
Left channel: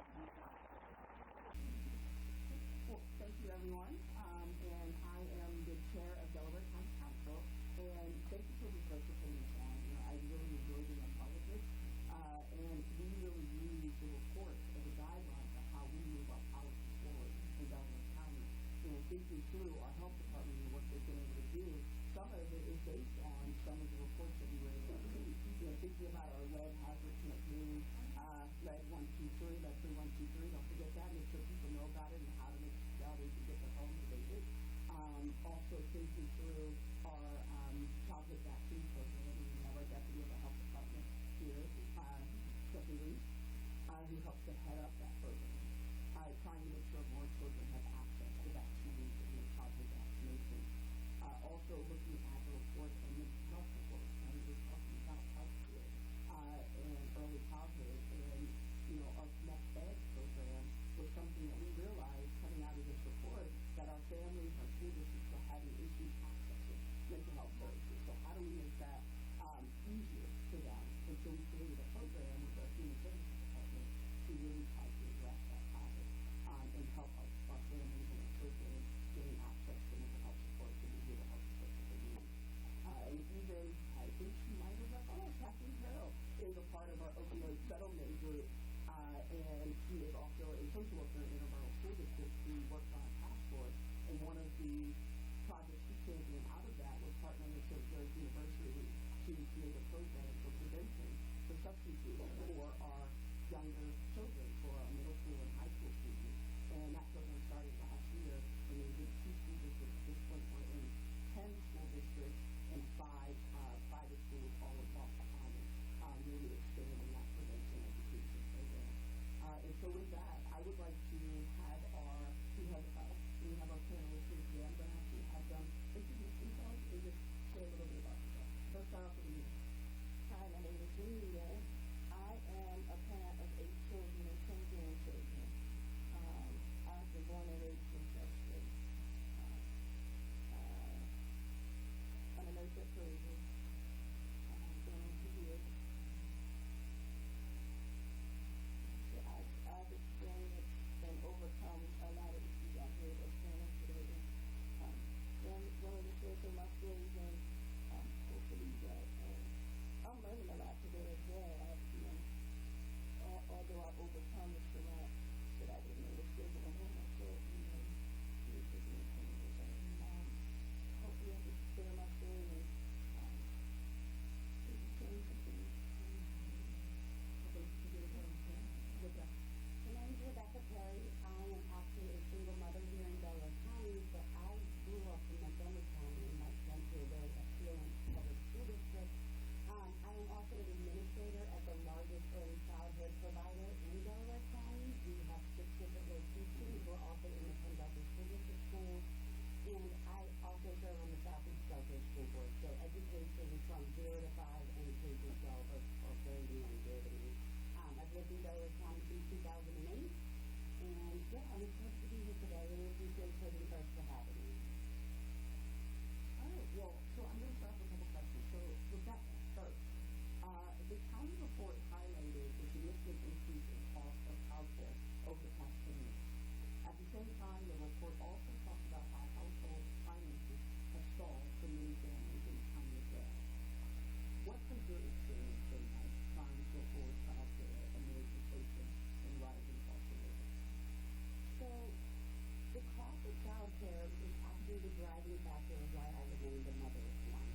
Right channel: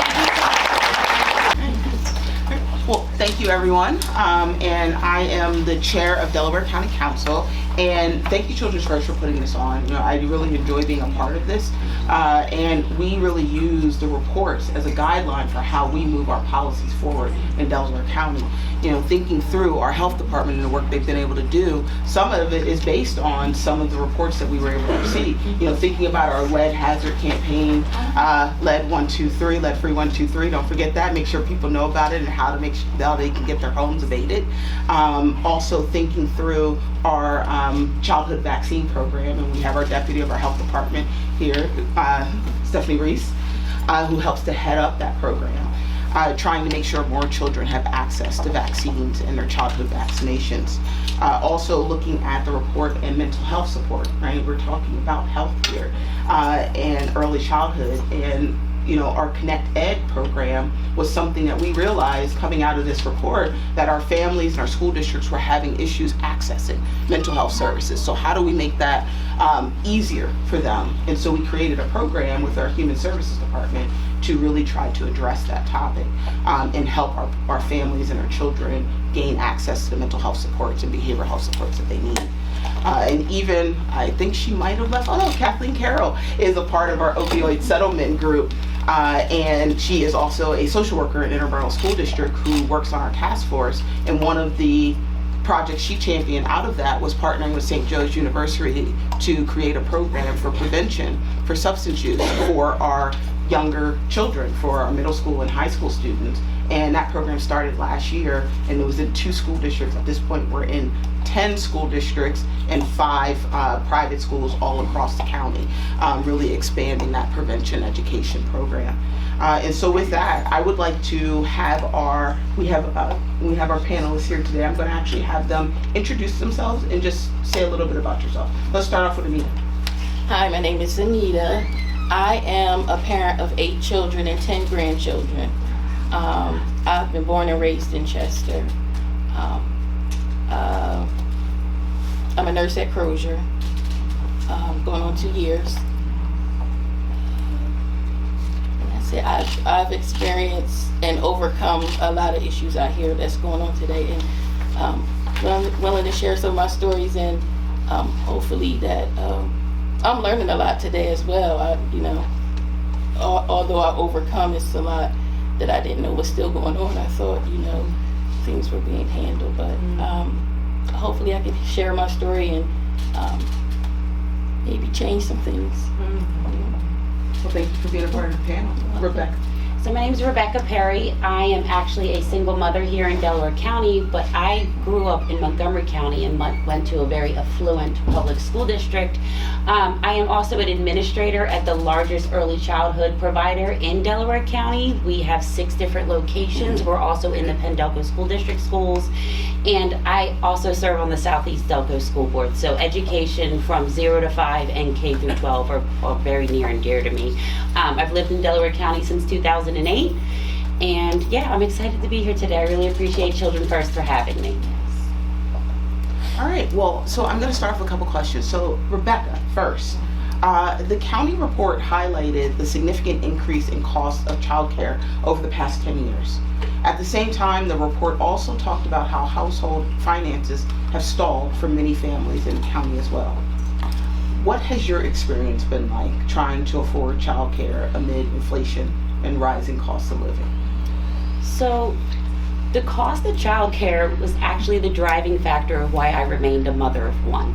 Thank you. Well, thank you, everyone. And I am the chair of Delaware County Council. And thank you, Children's First, for putting this on. You know, I really enjoy being a part of this. And we really use the reports as a guideline for how we move our policies forward in Delaware County. You know, thinking through our health department and the work they've been able to do, some of it is based on some of the reports that we were able to see. You know, thinking about our lead hazard campaign, lead 123, lead free 123. Don't forget that. Make sure people know about it and how to make sure that they can get their homes abated. Also thinking through our childhood vaccine program, and we have our deputy of our health department here, Stephanie Reese, who helps to head up that program. Trying to make sure more children have access to vaccines and their childhood vaccinations. Also looking at the report and mental health support, right? We're talking about health here and early childhood, and you know, our Connect Ed program was something that we realized coming out of this report that our families and our school districts were having issues accessing mental health services. So how do we make that easier for them? And so we created a program with our Human Services Department to really try to address that topic and help our families and our children gain access to the mental health supports and behavioral health supports that they need. And even, I think she might have left, oh no, Kathleen Carroll is a part of our opioid settlement group. And she is also a social worker in Interborough School District who works on our task force. And one of the projects she championed out of that was partnering with St. Joe's University to create a program for prevention for substance use for our younger children, for our middle school and high school students. And that program started last year, and it was in 2 school districts. At this point, we're in 10 school districts and 5 private schools all across the county, really expanding that prevention education program. And so with that, I would like to have we have our panelists here today. I'm going to actually have them introduce themselves and just say a little bit about yourself. Let's start off with Anita. Hi, my name is Anita. I am a parent of 8 children and 10 grandchildren. I've been born and raised in Chester. I'm a nurse at Krueger, going on 2 years. And that's it. I've experienced and overcome a lot of issues out here that's going on today, and I'm willing to share some of my stories, and hopefully that I'm learning a lot today as well. Although I overcome, it's a lot that I didn't know was still going on. I thought, things were being handled, but hopefully I can share my story and maybe change some things. Well, thank you for being a part of the panel. Rebecca. So my name is Rebecca Perry. I am actually a single mother here in Delaware County, but I grew up in Montgomery County and went to a very affluent public school district. I am also an administrator at the largest early childhood provider in Delaware County. We have 6 different locations. We're also in the Pendelco School District schools. And I also serve on the Southeast Delco School Board. So education from 0 to 5 and K through 12 are very near and dear to me. I've lived in Delaware County since 2008. And yeah, I'm excited to be here today. I really appreciate Children First for having me. All right, well, so I'm going to start off with a couple questions. So, Rebecca, first, the county report highlighted the significant increase in cost of childcare over the past 10 years. At the same time, the report also talked about how household finances have stalled for many families in the county as well. What has your experience been like trying to afford childcare amid inflation and rising costs of living? So, the cost of childcare was actually the driving factor of why I remained a mother of 1.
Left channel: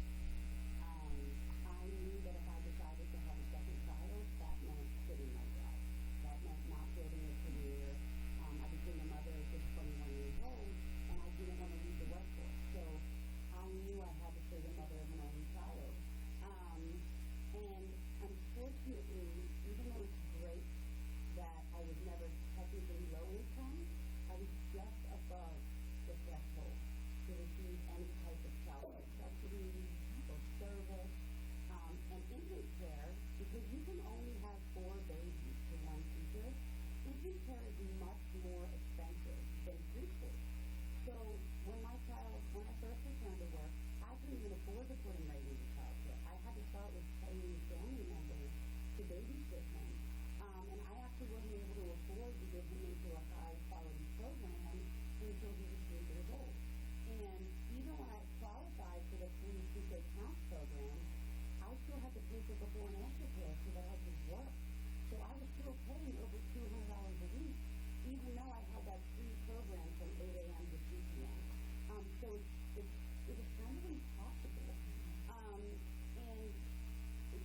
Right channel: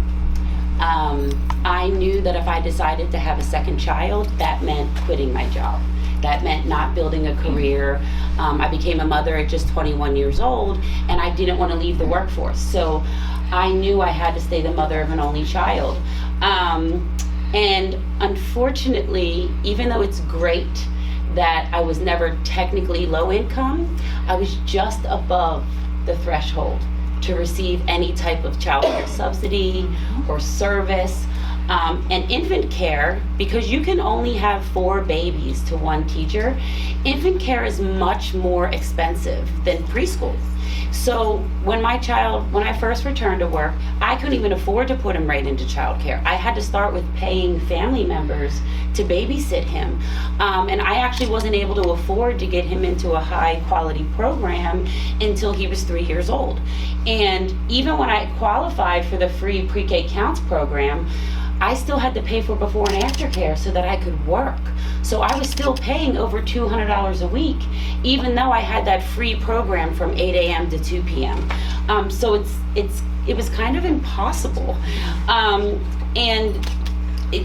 I knew that if I decided to have a second child, that meant quitting my job. That meant not building a career. I became a mother at just 21 years old, and I didn't want to leave the workforce. So I knew I had to stay the mother of an only child. And unfortunately, even though it's great that I was never technically low income, I was just above the threshold to receive any type of child care subsidy or service. And infant care, because you can only have 4 babies to 1 teacher, infant care is much more expensive than preschool. So when I first returned to work, I couldn't even afford to put him right into childcare. I had to start with paying family members to babysit him. And I actually wasn't able to afford to get him into a high quality program until he was 3 years old. And even when I qualified for the free pre-K counts program, I still had to pay for before and after care so that I could work. So I was still paying over $200 a week, even though I had that free program from 8 a.m. to 2 p.m. So it was kind of impossible. And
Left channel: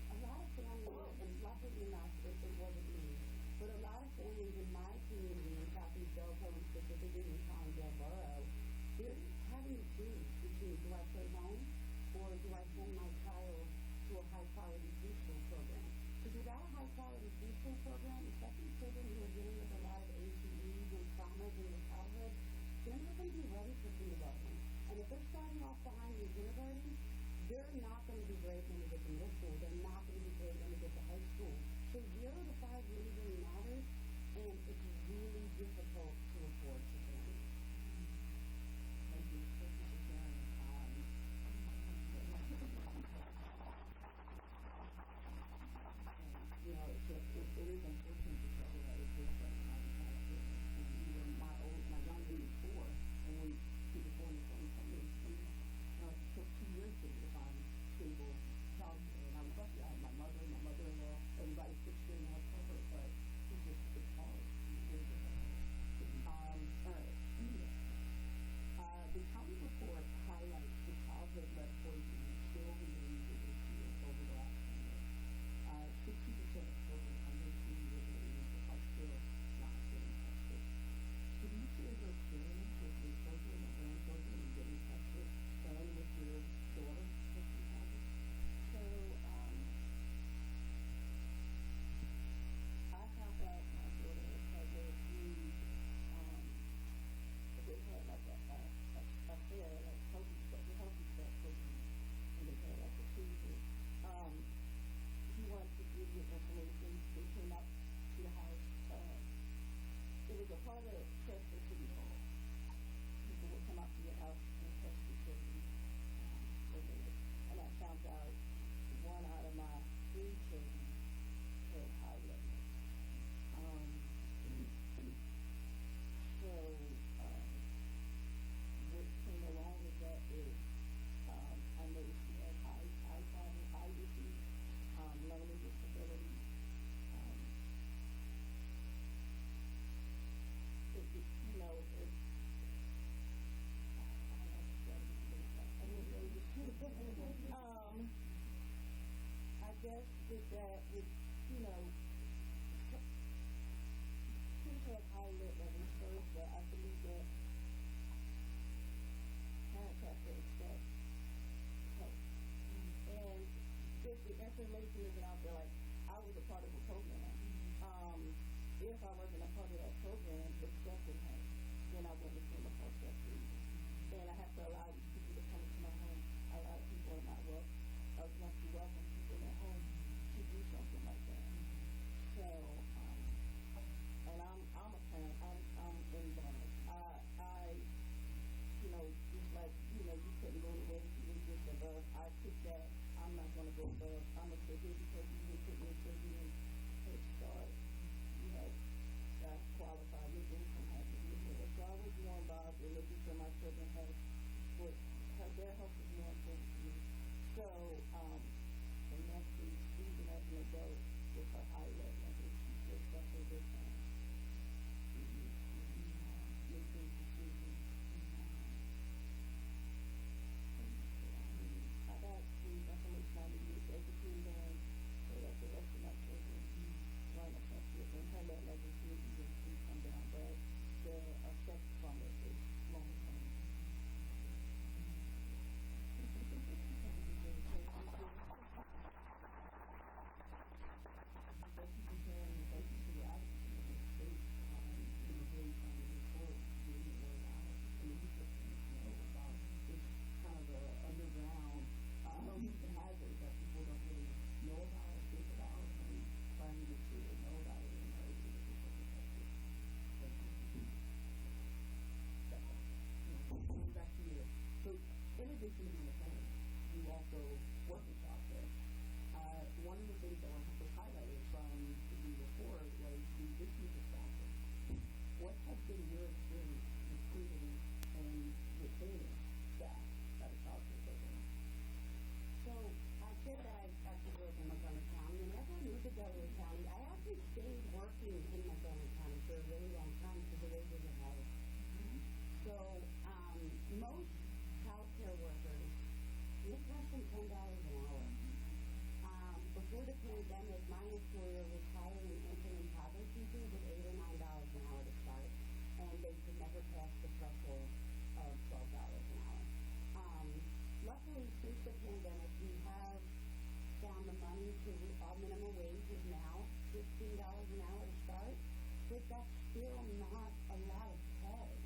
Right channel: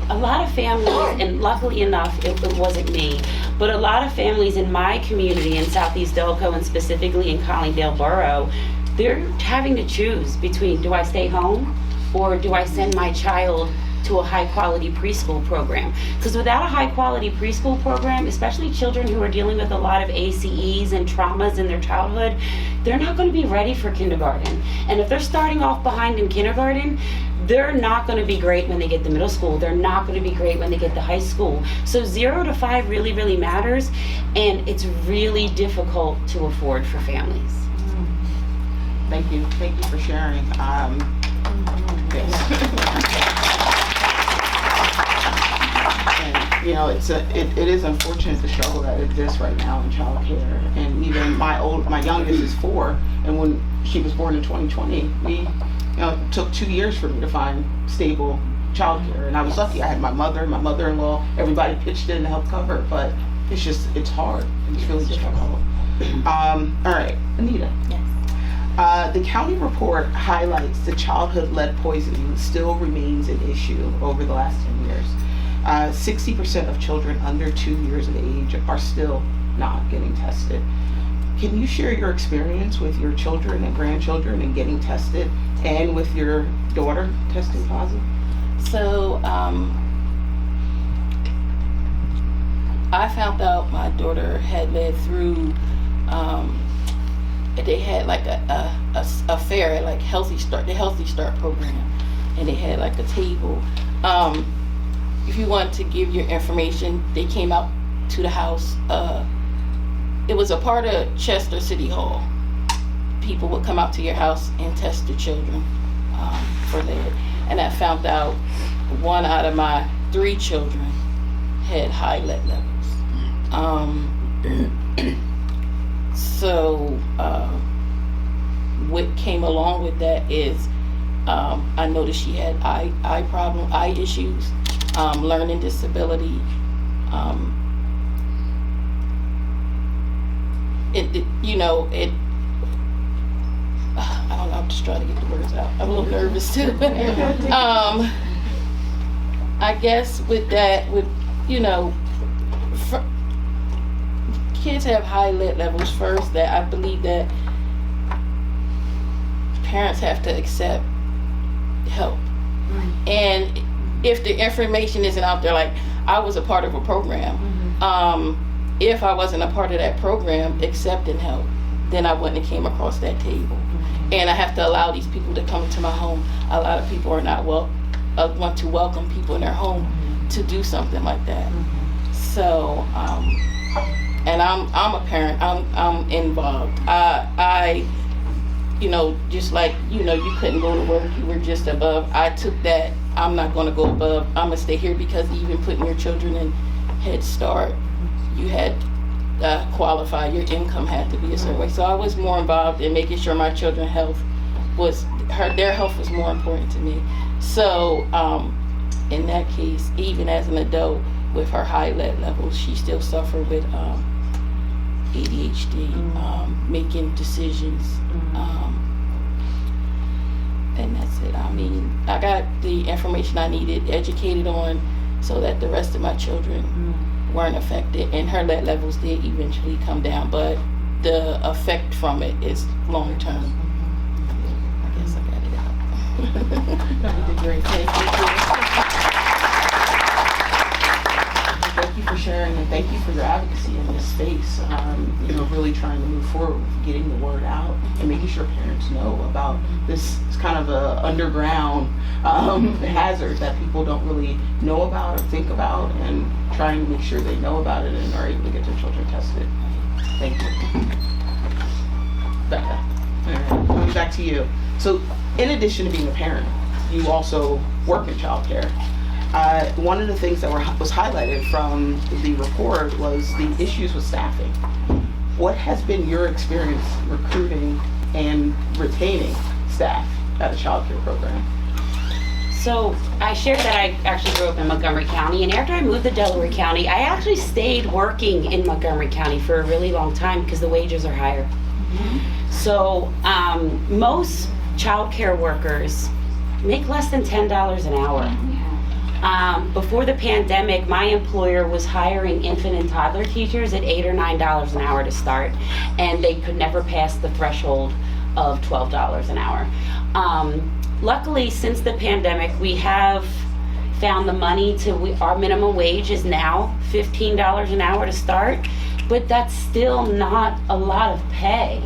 a lot of families, and luckily enough, it wasn't me, but a lot of families in my community in Southeast Delco, and specifically in Collingdale Borough, they're having to choose between, do I stay home or do I send my child to a high quality preschool program? Because without a high quality preschool program, especially children who are dealing with a lot of ACEs and traumas in their childhood, they're not going to be ready for kindergarten. And if they're starting off behind in kindergarten, they're not going to be great when they get to middle school. They're not going to be great when they get to high school. So 0 to 5 really, really matters, and it's really difficult to afford for families. Thank you for sharing. And, you know, it is unfortunate the struggle that exists right now in childcare. And even my youngest is 4, and when she was born in 2020, it took 2 years for me to find stable childcare. And I was lucky. I had my mother, my mother-in-law, everybody pitched in to help cover it, but it's hard. It's really difficult. All right, Anita. Yes. The county report highlights the childhood lead poisoning still remains an issue over the last 10 years. 60% of children under 2 years of age are still not getting tested. Can you share your experience with your children and grandchildren in getting tested, and with your daughter testing positive? So, I found out my daughter had led through, they had like a fair, like the Healthy Start program, and they had like a table. If you want to give your information, they came out to the house. It was a part of Chester City Hall. People would come out to your house and test the children for lead. And I found out 1 out of my 3 children had high lead levels. So what came along with that is I noticed she had eye issues, learning disability. I don't know, I'm just trying to get the words out. I'm a little nervous too. I guess with that, kids have high lead levels first, that I believe that parents have to accept help. And if the information isn't out there, like I was a part of a program, if I wasn't a part of that program accepting help, then I wouldn't have came across that table. And I have to allow these people to come to my home. A lot of people are not want to welcome people in their home to do something like that. So, and I'm a parent. I'm involved. I just like you couldn't go to work. You were just above. I took that. I'm not going to go above. I'm gonna stay here, because even putting your children in Head Start, you had qualify. Your income had to be a certain way. So I was more involved in making sure my children's health their health was more important to me. So in that case, even as an adult with her high lead levels, she still suffered with ADHD, making decisions. And that's it. I mean, I got the information I needed, educated on, so that the rest of my children weren't affected, and her lead levels did eventually come down, but the effect from it is long term. I guess I got it out. You did great. Thank you for sharing, and thank you for your advocacy in this space. Really trying to move forward with getting the word out and making sure parents know about this kind of a underground hazard that people don't really know about or think about, and trying to make sure they know about it and are able to get their children tested. Thank you. Becca, all right, coming back to you. So, in addition to being a parent, you also work in childcare. One of the things that was highlighted from the report was the issues with staffing. What has been your experience recruiting and retaining staff at a childcare program? So I shared that I actually grew up in Montgomery County, and after I moved to Delaware County, I actually stayed working in Montgomery County for a really long time because the wages are higher. So most childcare workers make less than $10 an hour. Before the pandemic, my employer was hiring infant and toddler teachers at $8 or $9 an hour to start, and they could never pass the threshold of $12 an hour. Luckily, since the pandemic, we have found the money our minimum wage is now $15 an hour to start, but that's still not a lot of pay.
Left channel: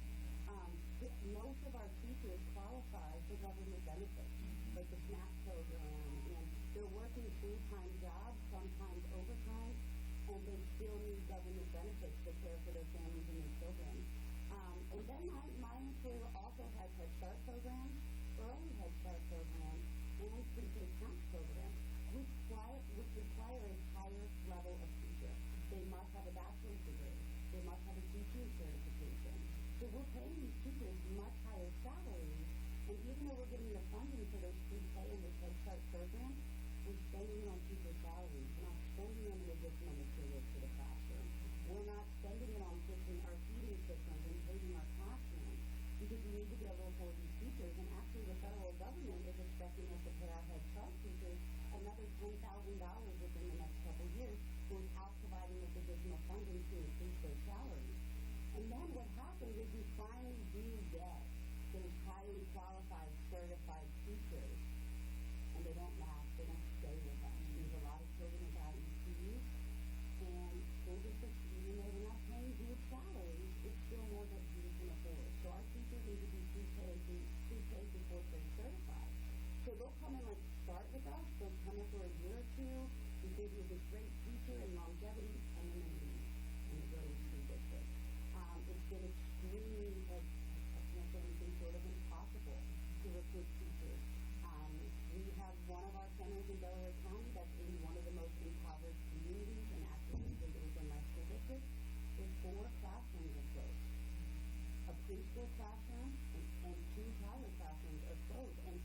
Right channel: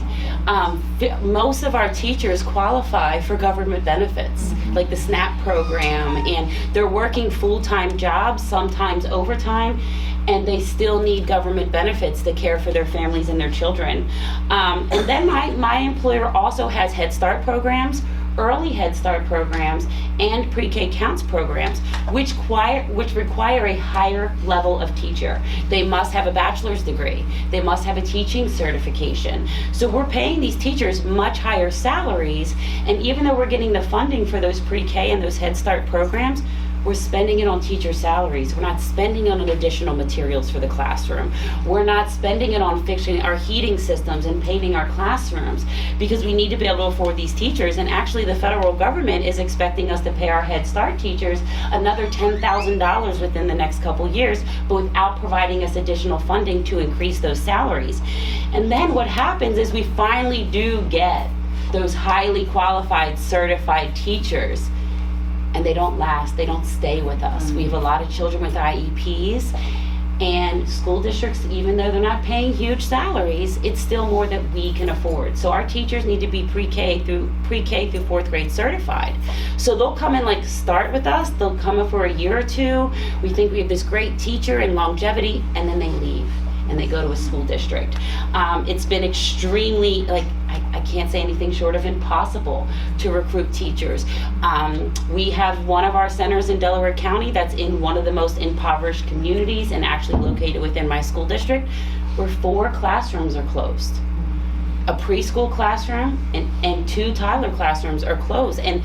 Most of our teachers qualify for government benefits, like the SNAP program, and they're working full-time jobs, sometimes overtime, and they still need government benefits to care for their families and their children. And then my employer also has Head Start programs, early Head Start programs, and pre-K counts programs, which require a higher level of teacher. They must have a bachelor's degree. They must have a teaching certification. So we're paying these teachers much higher salaries, and even though we're getting the funding for those pre-K and those Head Start programs, we're spending it on teacher salaries. We're not spending it on additional materials for the classroom. We're not spending it on fixing our heating systems and painting our classrooms, because we need to be able to afford these teachers. And actually the federal government is expecting us to pay our Head Start teachers another $10,000 within the next couple years, but without providing us additional funding to increase those salaries. And then what happens is we finally do get those highly qualified, certified teachers, and they don't last, they don't stay with us. We have a lot of children with IEPs, and school districts, even though they're not paying huge salaries, it's still more that we can afford. So our teachers need to be pre-K through fourth grade certified. So they'll come and start with us, they'll come in for a year or two, we think we have this great teacher and longevity, and then they leave and they go to a school district. It's been extremely, I can't say anything short of impossible to recruit teachers. We have one of our centers in Delaware County that's in one of the most impoverished communities and actually located within my school district, where 4 classrooms are closed. A preschool classroom and 2 toddler classrooms are closed. And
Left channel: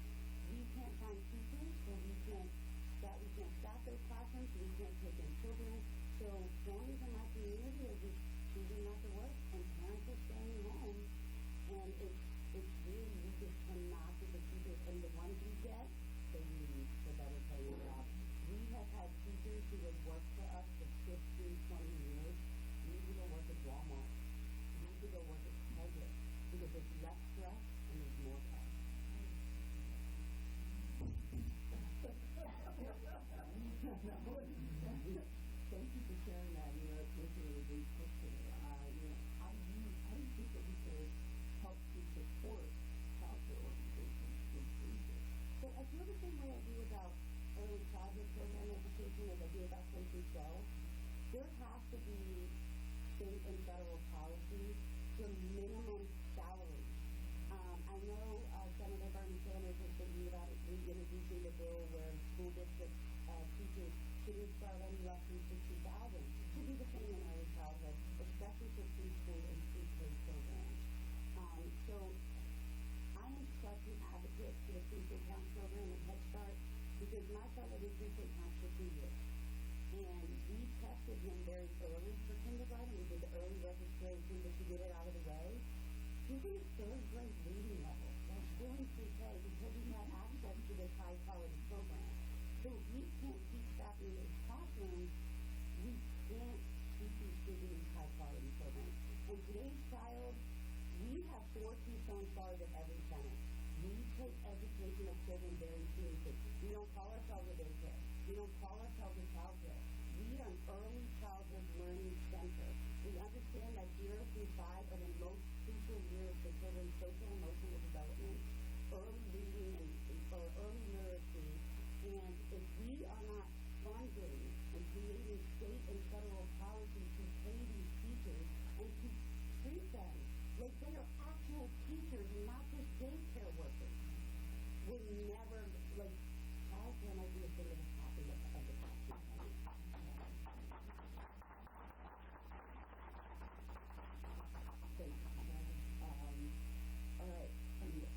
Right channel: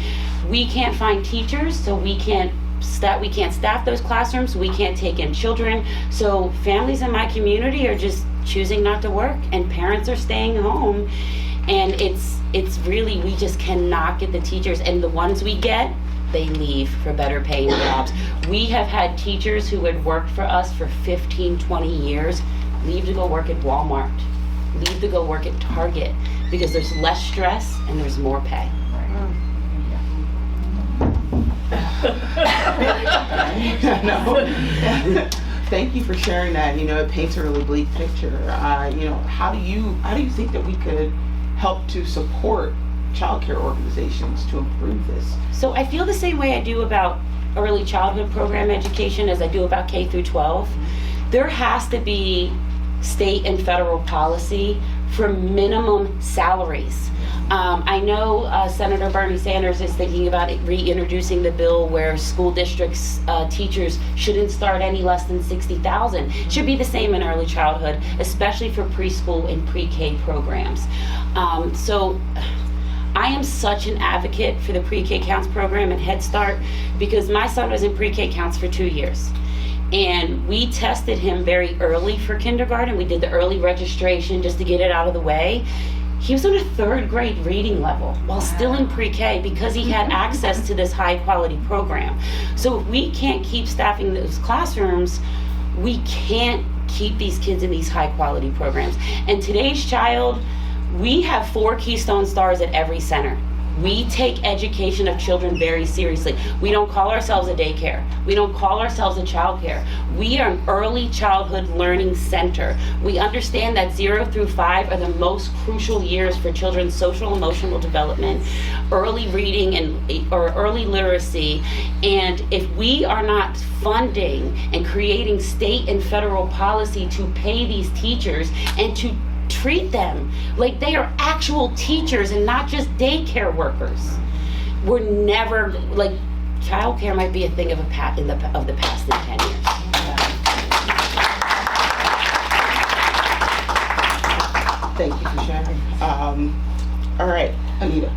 we can't find teachers, so we can't staff those classrooms, we can't take in children. So families in my community are just choosing not to work, and parents are staying home. And it's really, we just cannot get the teachers, and the ones we get, they leave for better paying jobs. We have had teachers who had worked for us for 15, 20 years leave to go work at Walmart, leave to go work at Target, because there's less stress and there's more pay. No. Thank you for sharing that. It paints a really bleak picture. How do you think that we could help to support childcare organizations to improve this? So I feel the same way I do about early childhood program education as I do about K through 12. There has to be state and federal policy for minimum salaries. I know Senator Bernie Sanders is thinking about reintroducing the bill where school districts, teachers shouldn't start any less than $60,000. Should be the same in early childhood, especially for preschool and pre-K programs. So I am such an advocate for the pre-K counts program and Head Start, because my son was in pre-K counts for 2 years. And we tested him very early for kindergarten. We did the early registration just to get it out of the way. He was on a 3rd grade reading level while still in pre-K because he had access to this high quality program. So if we can't keep staffing those classrooms, We can't keep these kids in these high quality programs. And today's child, we have 4 Keystone Stars at every center. We take education of children very seriously. We don't call ourselves a daycare. We don't call ourselves a childcare. We are an early childhood learning center. We understand that 0 through 5 are the most crucial years for children's social emotional development, early reading or early literacy. And if we are not funding and creating state and federal policy to pay these teachers and to treat them like they are actual teachers and not just daycare workers, we're never, like, childcare might be a thing of the past in 10 years. Thank you for sharing. All right, Anita.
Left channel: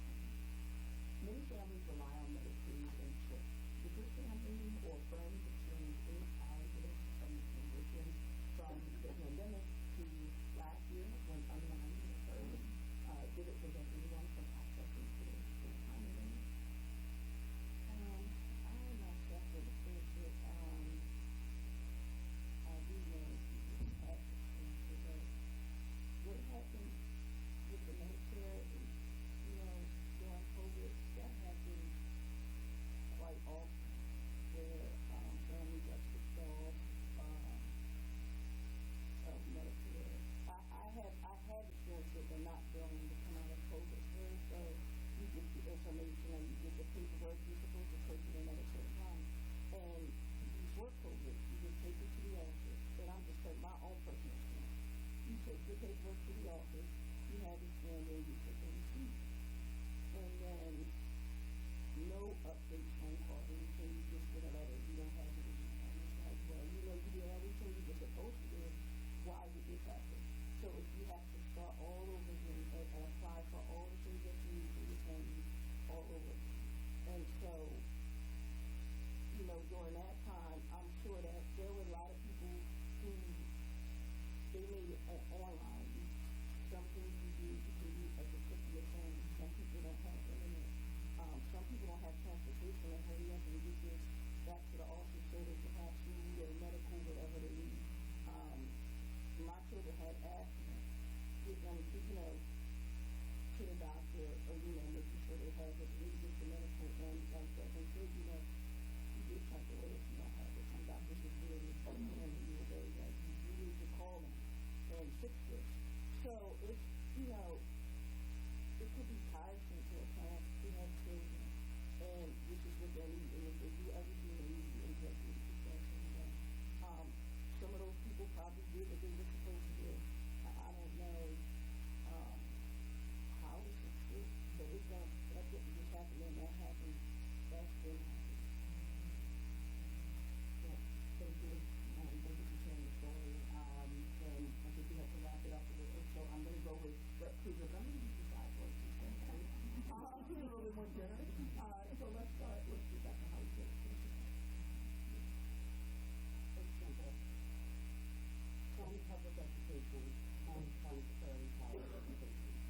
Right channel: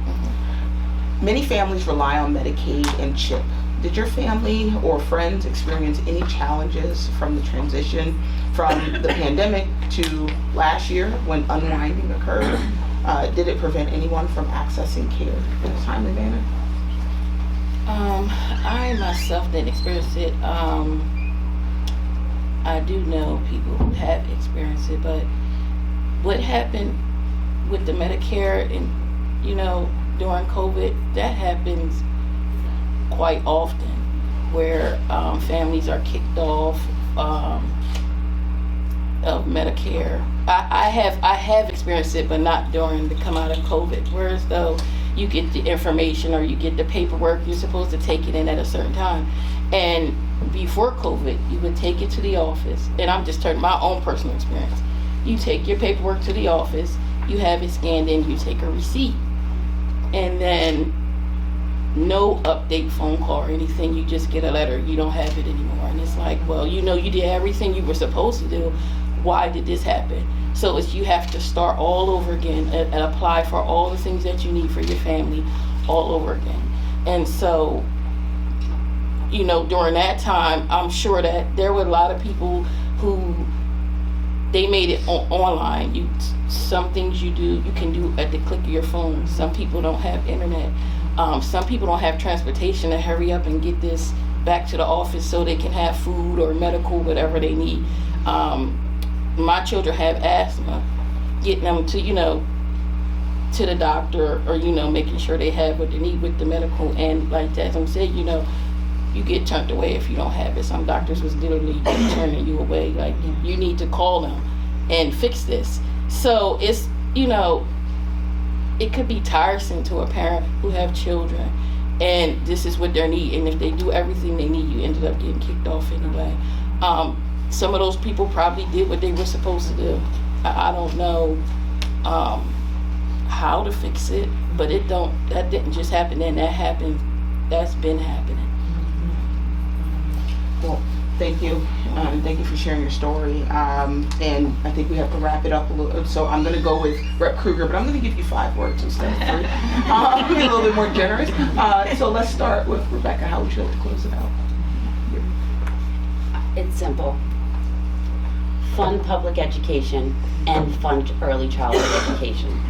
Many families rely on Medicaid and CHIP. Did your family or friends experience any challenges from the transition from the pandemic to last year when unwinding occurred? Did it prevent anyone from accessing care in a timely manner? I myself didn't experience it. I do know people who have experienced it, but what happened with the Medicare and, during COVID, that happens quite often, where families are kicked off of Medicare. I have experienced it, but not during the come out of COVID. Whereas though you get the information or you get the paperwork, you're supposed to take it in at a certain time. And before COVID, you would take it to the office, and I'm just telling my own personal experience. You take your paperwork to the office, you have it scanned in, you take a receipt, and then no update phone call or anything, you just get a letter, you don't have it anymore. And it's like, well, you did everything you were supposed to do, why did this happen? So you have to start all over again and apply for all the things that you need for your family all over again. And so, during that time, I'm sure that there were a lot of people who, they made it online. Some things you can do at the click of your phone. Some people don't have internet. Some people don't have transportation to hurry up and get this back to the office so they can have food or medical, whatever they need. My children have asthma. Getting them to, to the doctor or, making sure they have what they need with the medical. And like Tasliym said, you get turned away if you don't have it. Some doctors was literally turning you away. Like, you need to call them and fix this. So it's, it could be tiresome to a parent who have children and this is what their need. And if they do everything they need, you ended up getting kicked off anyway. Some of those people probably did what they were supposed to do. I don't know how to fix it, but that didn't just happen then. That's been happening. Well, thank you. Thank you for sharing your story. And I think we have to wrap it up a little. So I'm going to go with Rep. Krueger, but I'm going to give you 5 words instead of 3. Be a little bit more generous. So let's start with Rebecca. How would you like to close it out? It's simple. Fund public education and fund early childhood education.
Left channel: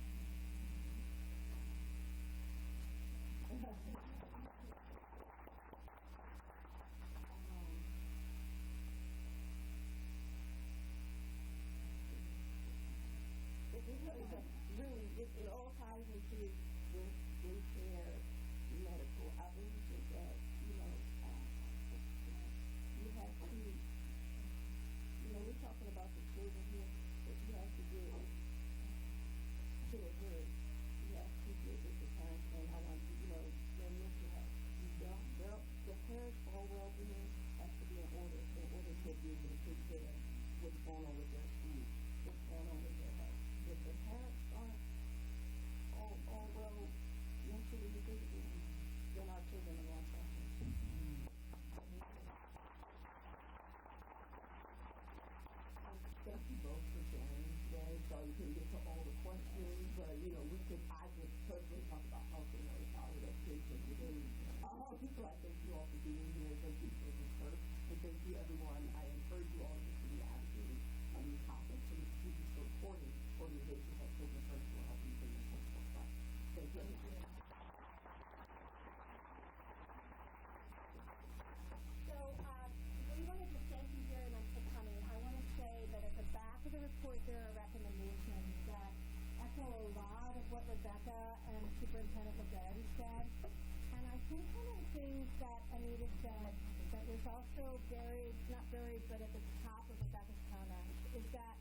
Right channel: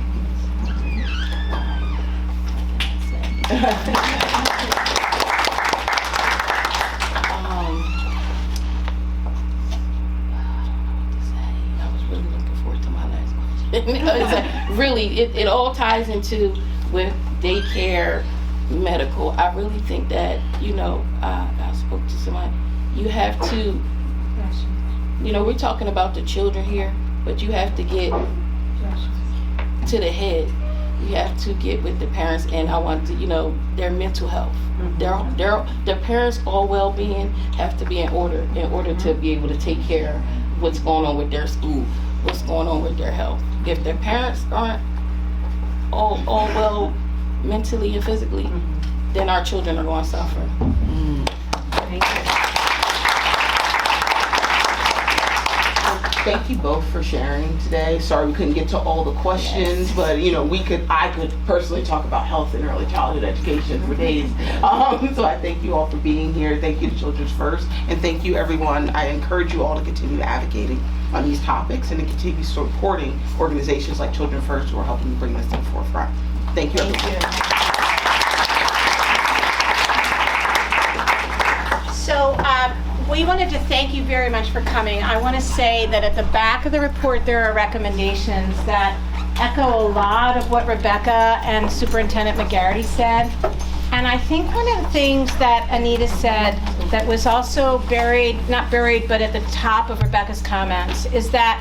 It's like, really, it all ties into with daycare, medical. I really think that, I spoke to somebody, you have to, we're talking about the children here, but you have to get to the head. You have to get with the parents, and I want to, their mental health. Their parents' all well-being have to be in order to be able to take care of what's going on with their school, what's going on with their health. If their parents aren't all well mentally and physically, then our children are going to suffer. Thank you. Thank you both for sharing today. Sorry we couldn't get to all the questions, but I could personally talk about health and early childhood education for days. So I thank you all for being here. Thank you to Children's First, and thank you everyone. I encourage you all to continue advocating on these topics and to continue supporting organizations like Children First who are helping to bring this to the forefront. Thank you everyone. So we wanted to thank you very much for coming. I want to say that at the back of the report, there are recommendations that echo a lot of what Rebecca and Superintendent McGarry said. And I think one of the things that Anita said that was also not buried, but at the top of Rebecca's comments, is that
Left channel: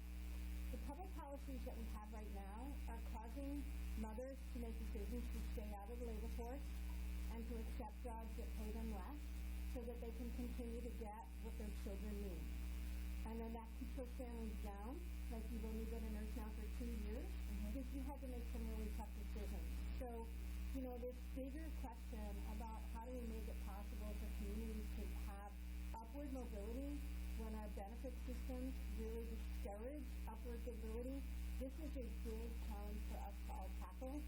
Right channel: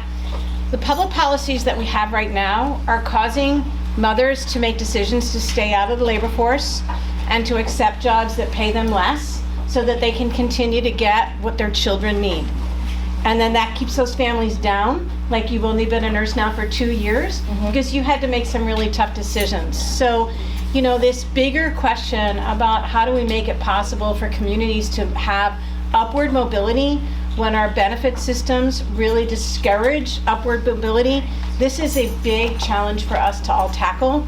the public policies that we have right now are causing mothers to make decisions to stay out of the labor force and to accept jobs that pay them less so that they can continue to get what their children need. And then that keeps those families down. Like, you've only been a nurse now for 2 years because you had to make some really tough decisions. So, you know, this bigger question about how do we make it possible for communities to have upward mobility when our benefit systems really discourage upward mobility, this is a big challenge for us to all tackle.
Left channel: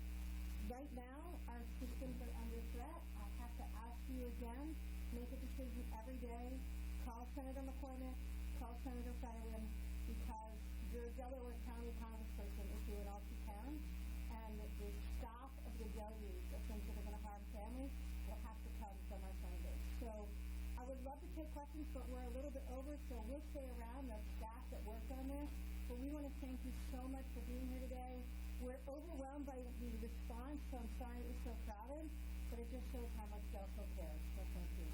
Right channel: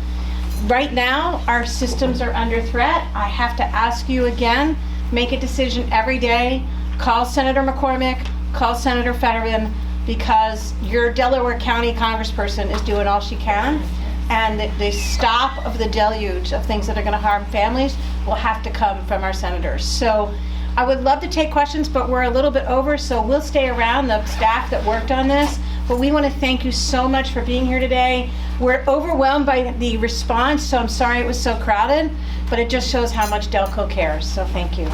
Right now, our systems are under threat. I have to ask you again, make a decision every day. Call Senator McCormick, call Senator Fetterman, because your Delaware County congressperson is doing all she can. And the stop of the deluge of things that are going to harm families will have to come from our senators. So I would love to take questions, but we're a little bit over, so we'll stay around, the staff that worked on this. But we want to thank you so much for being here today. We're overwhelmed by the response, so I'm sorry it was so crowded, but it just shows how much Delco cares, so thank you.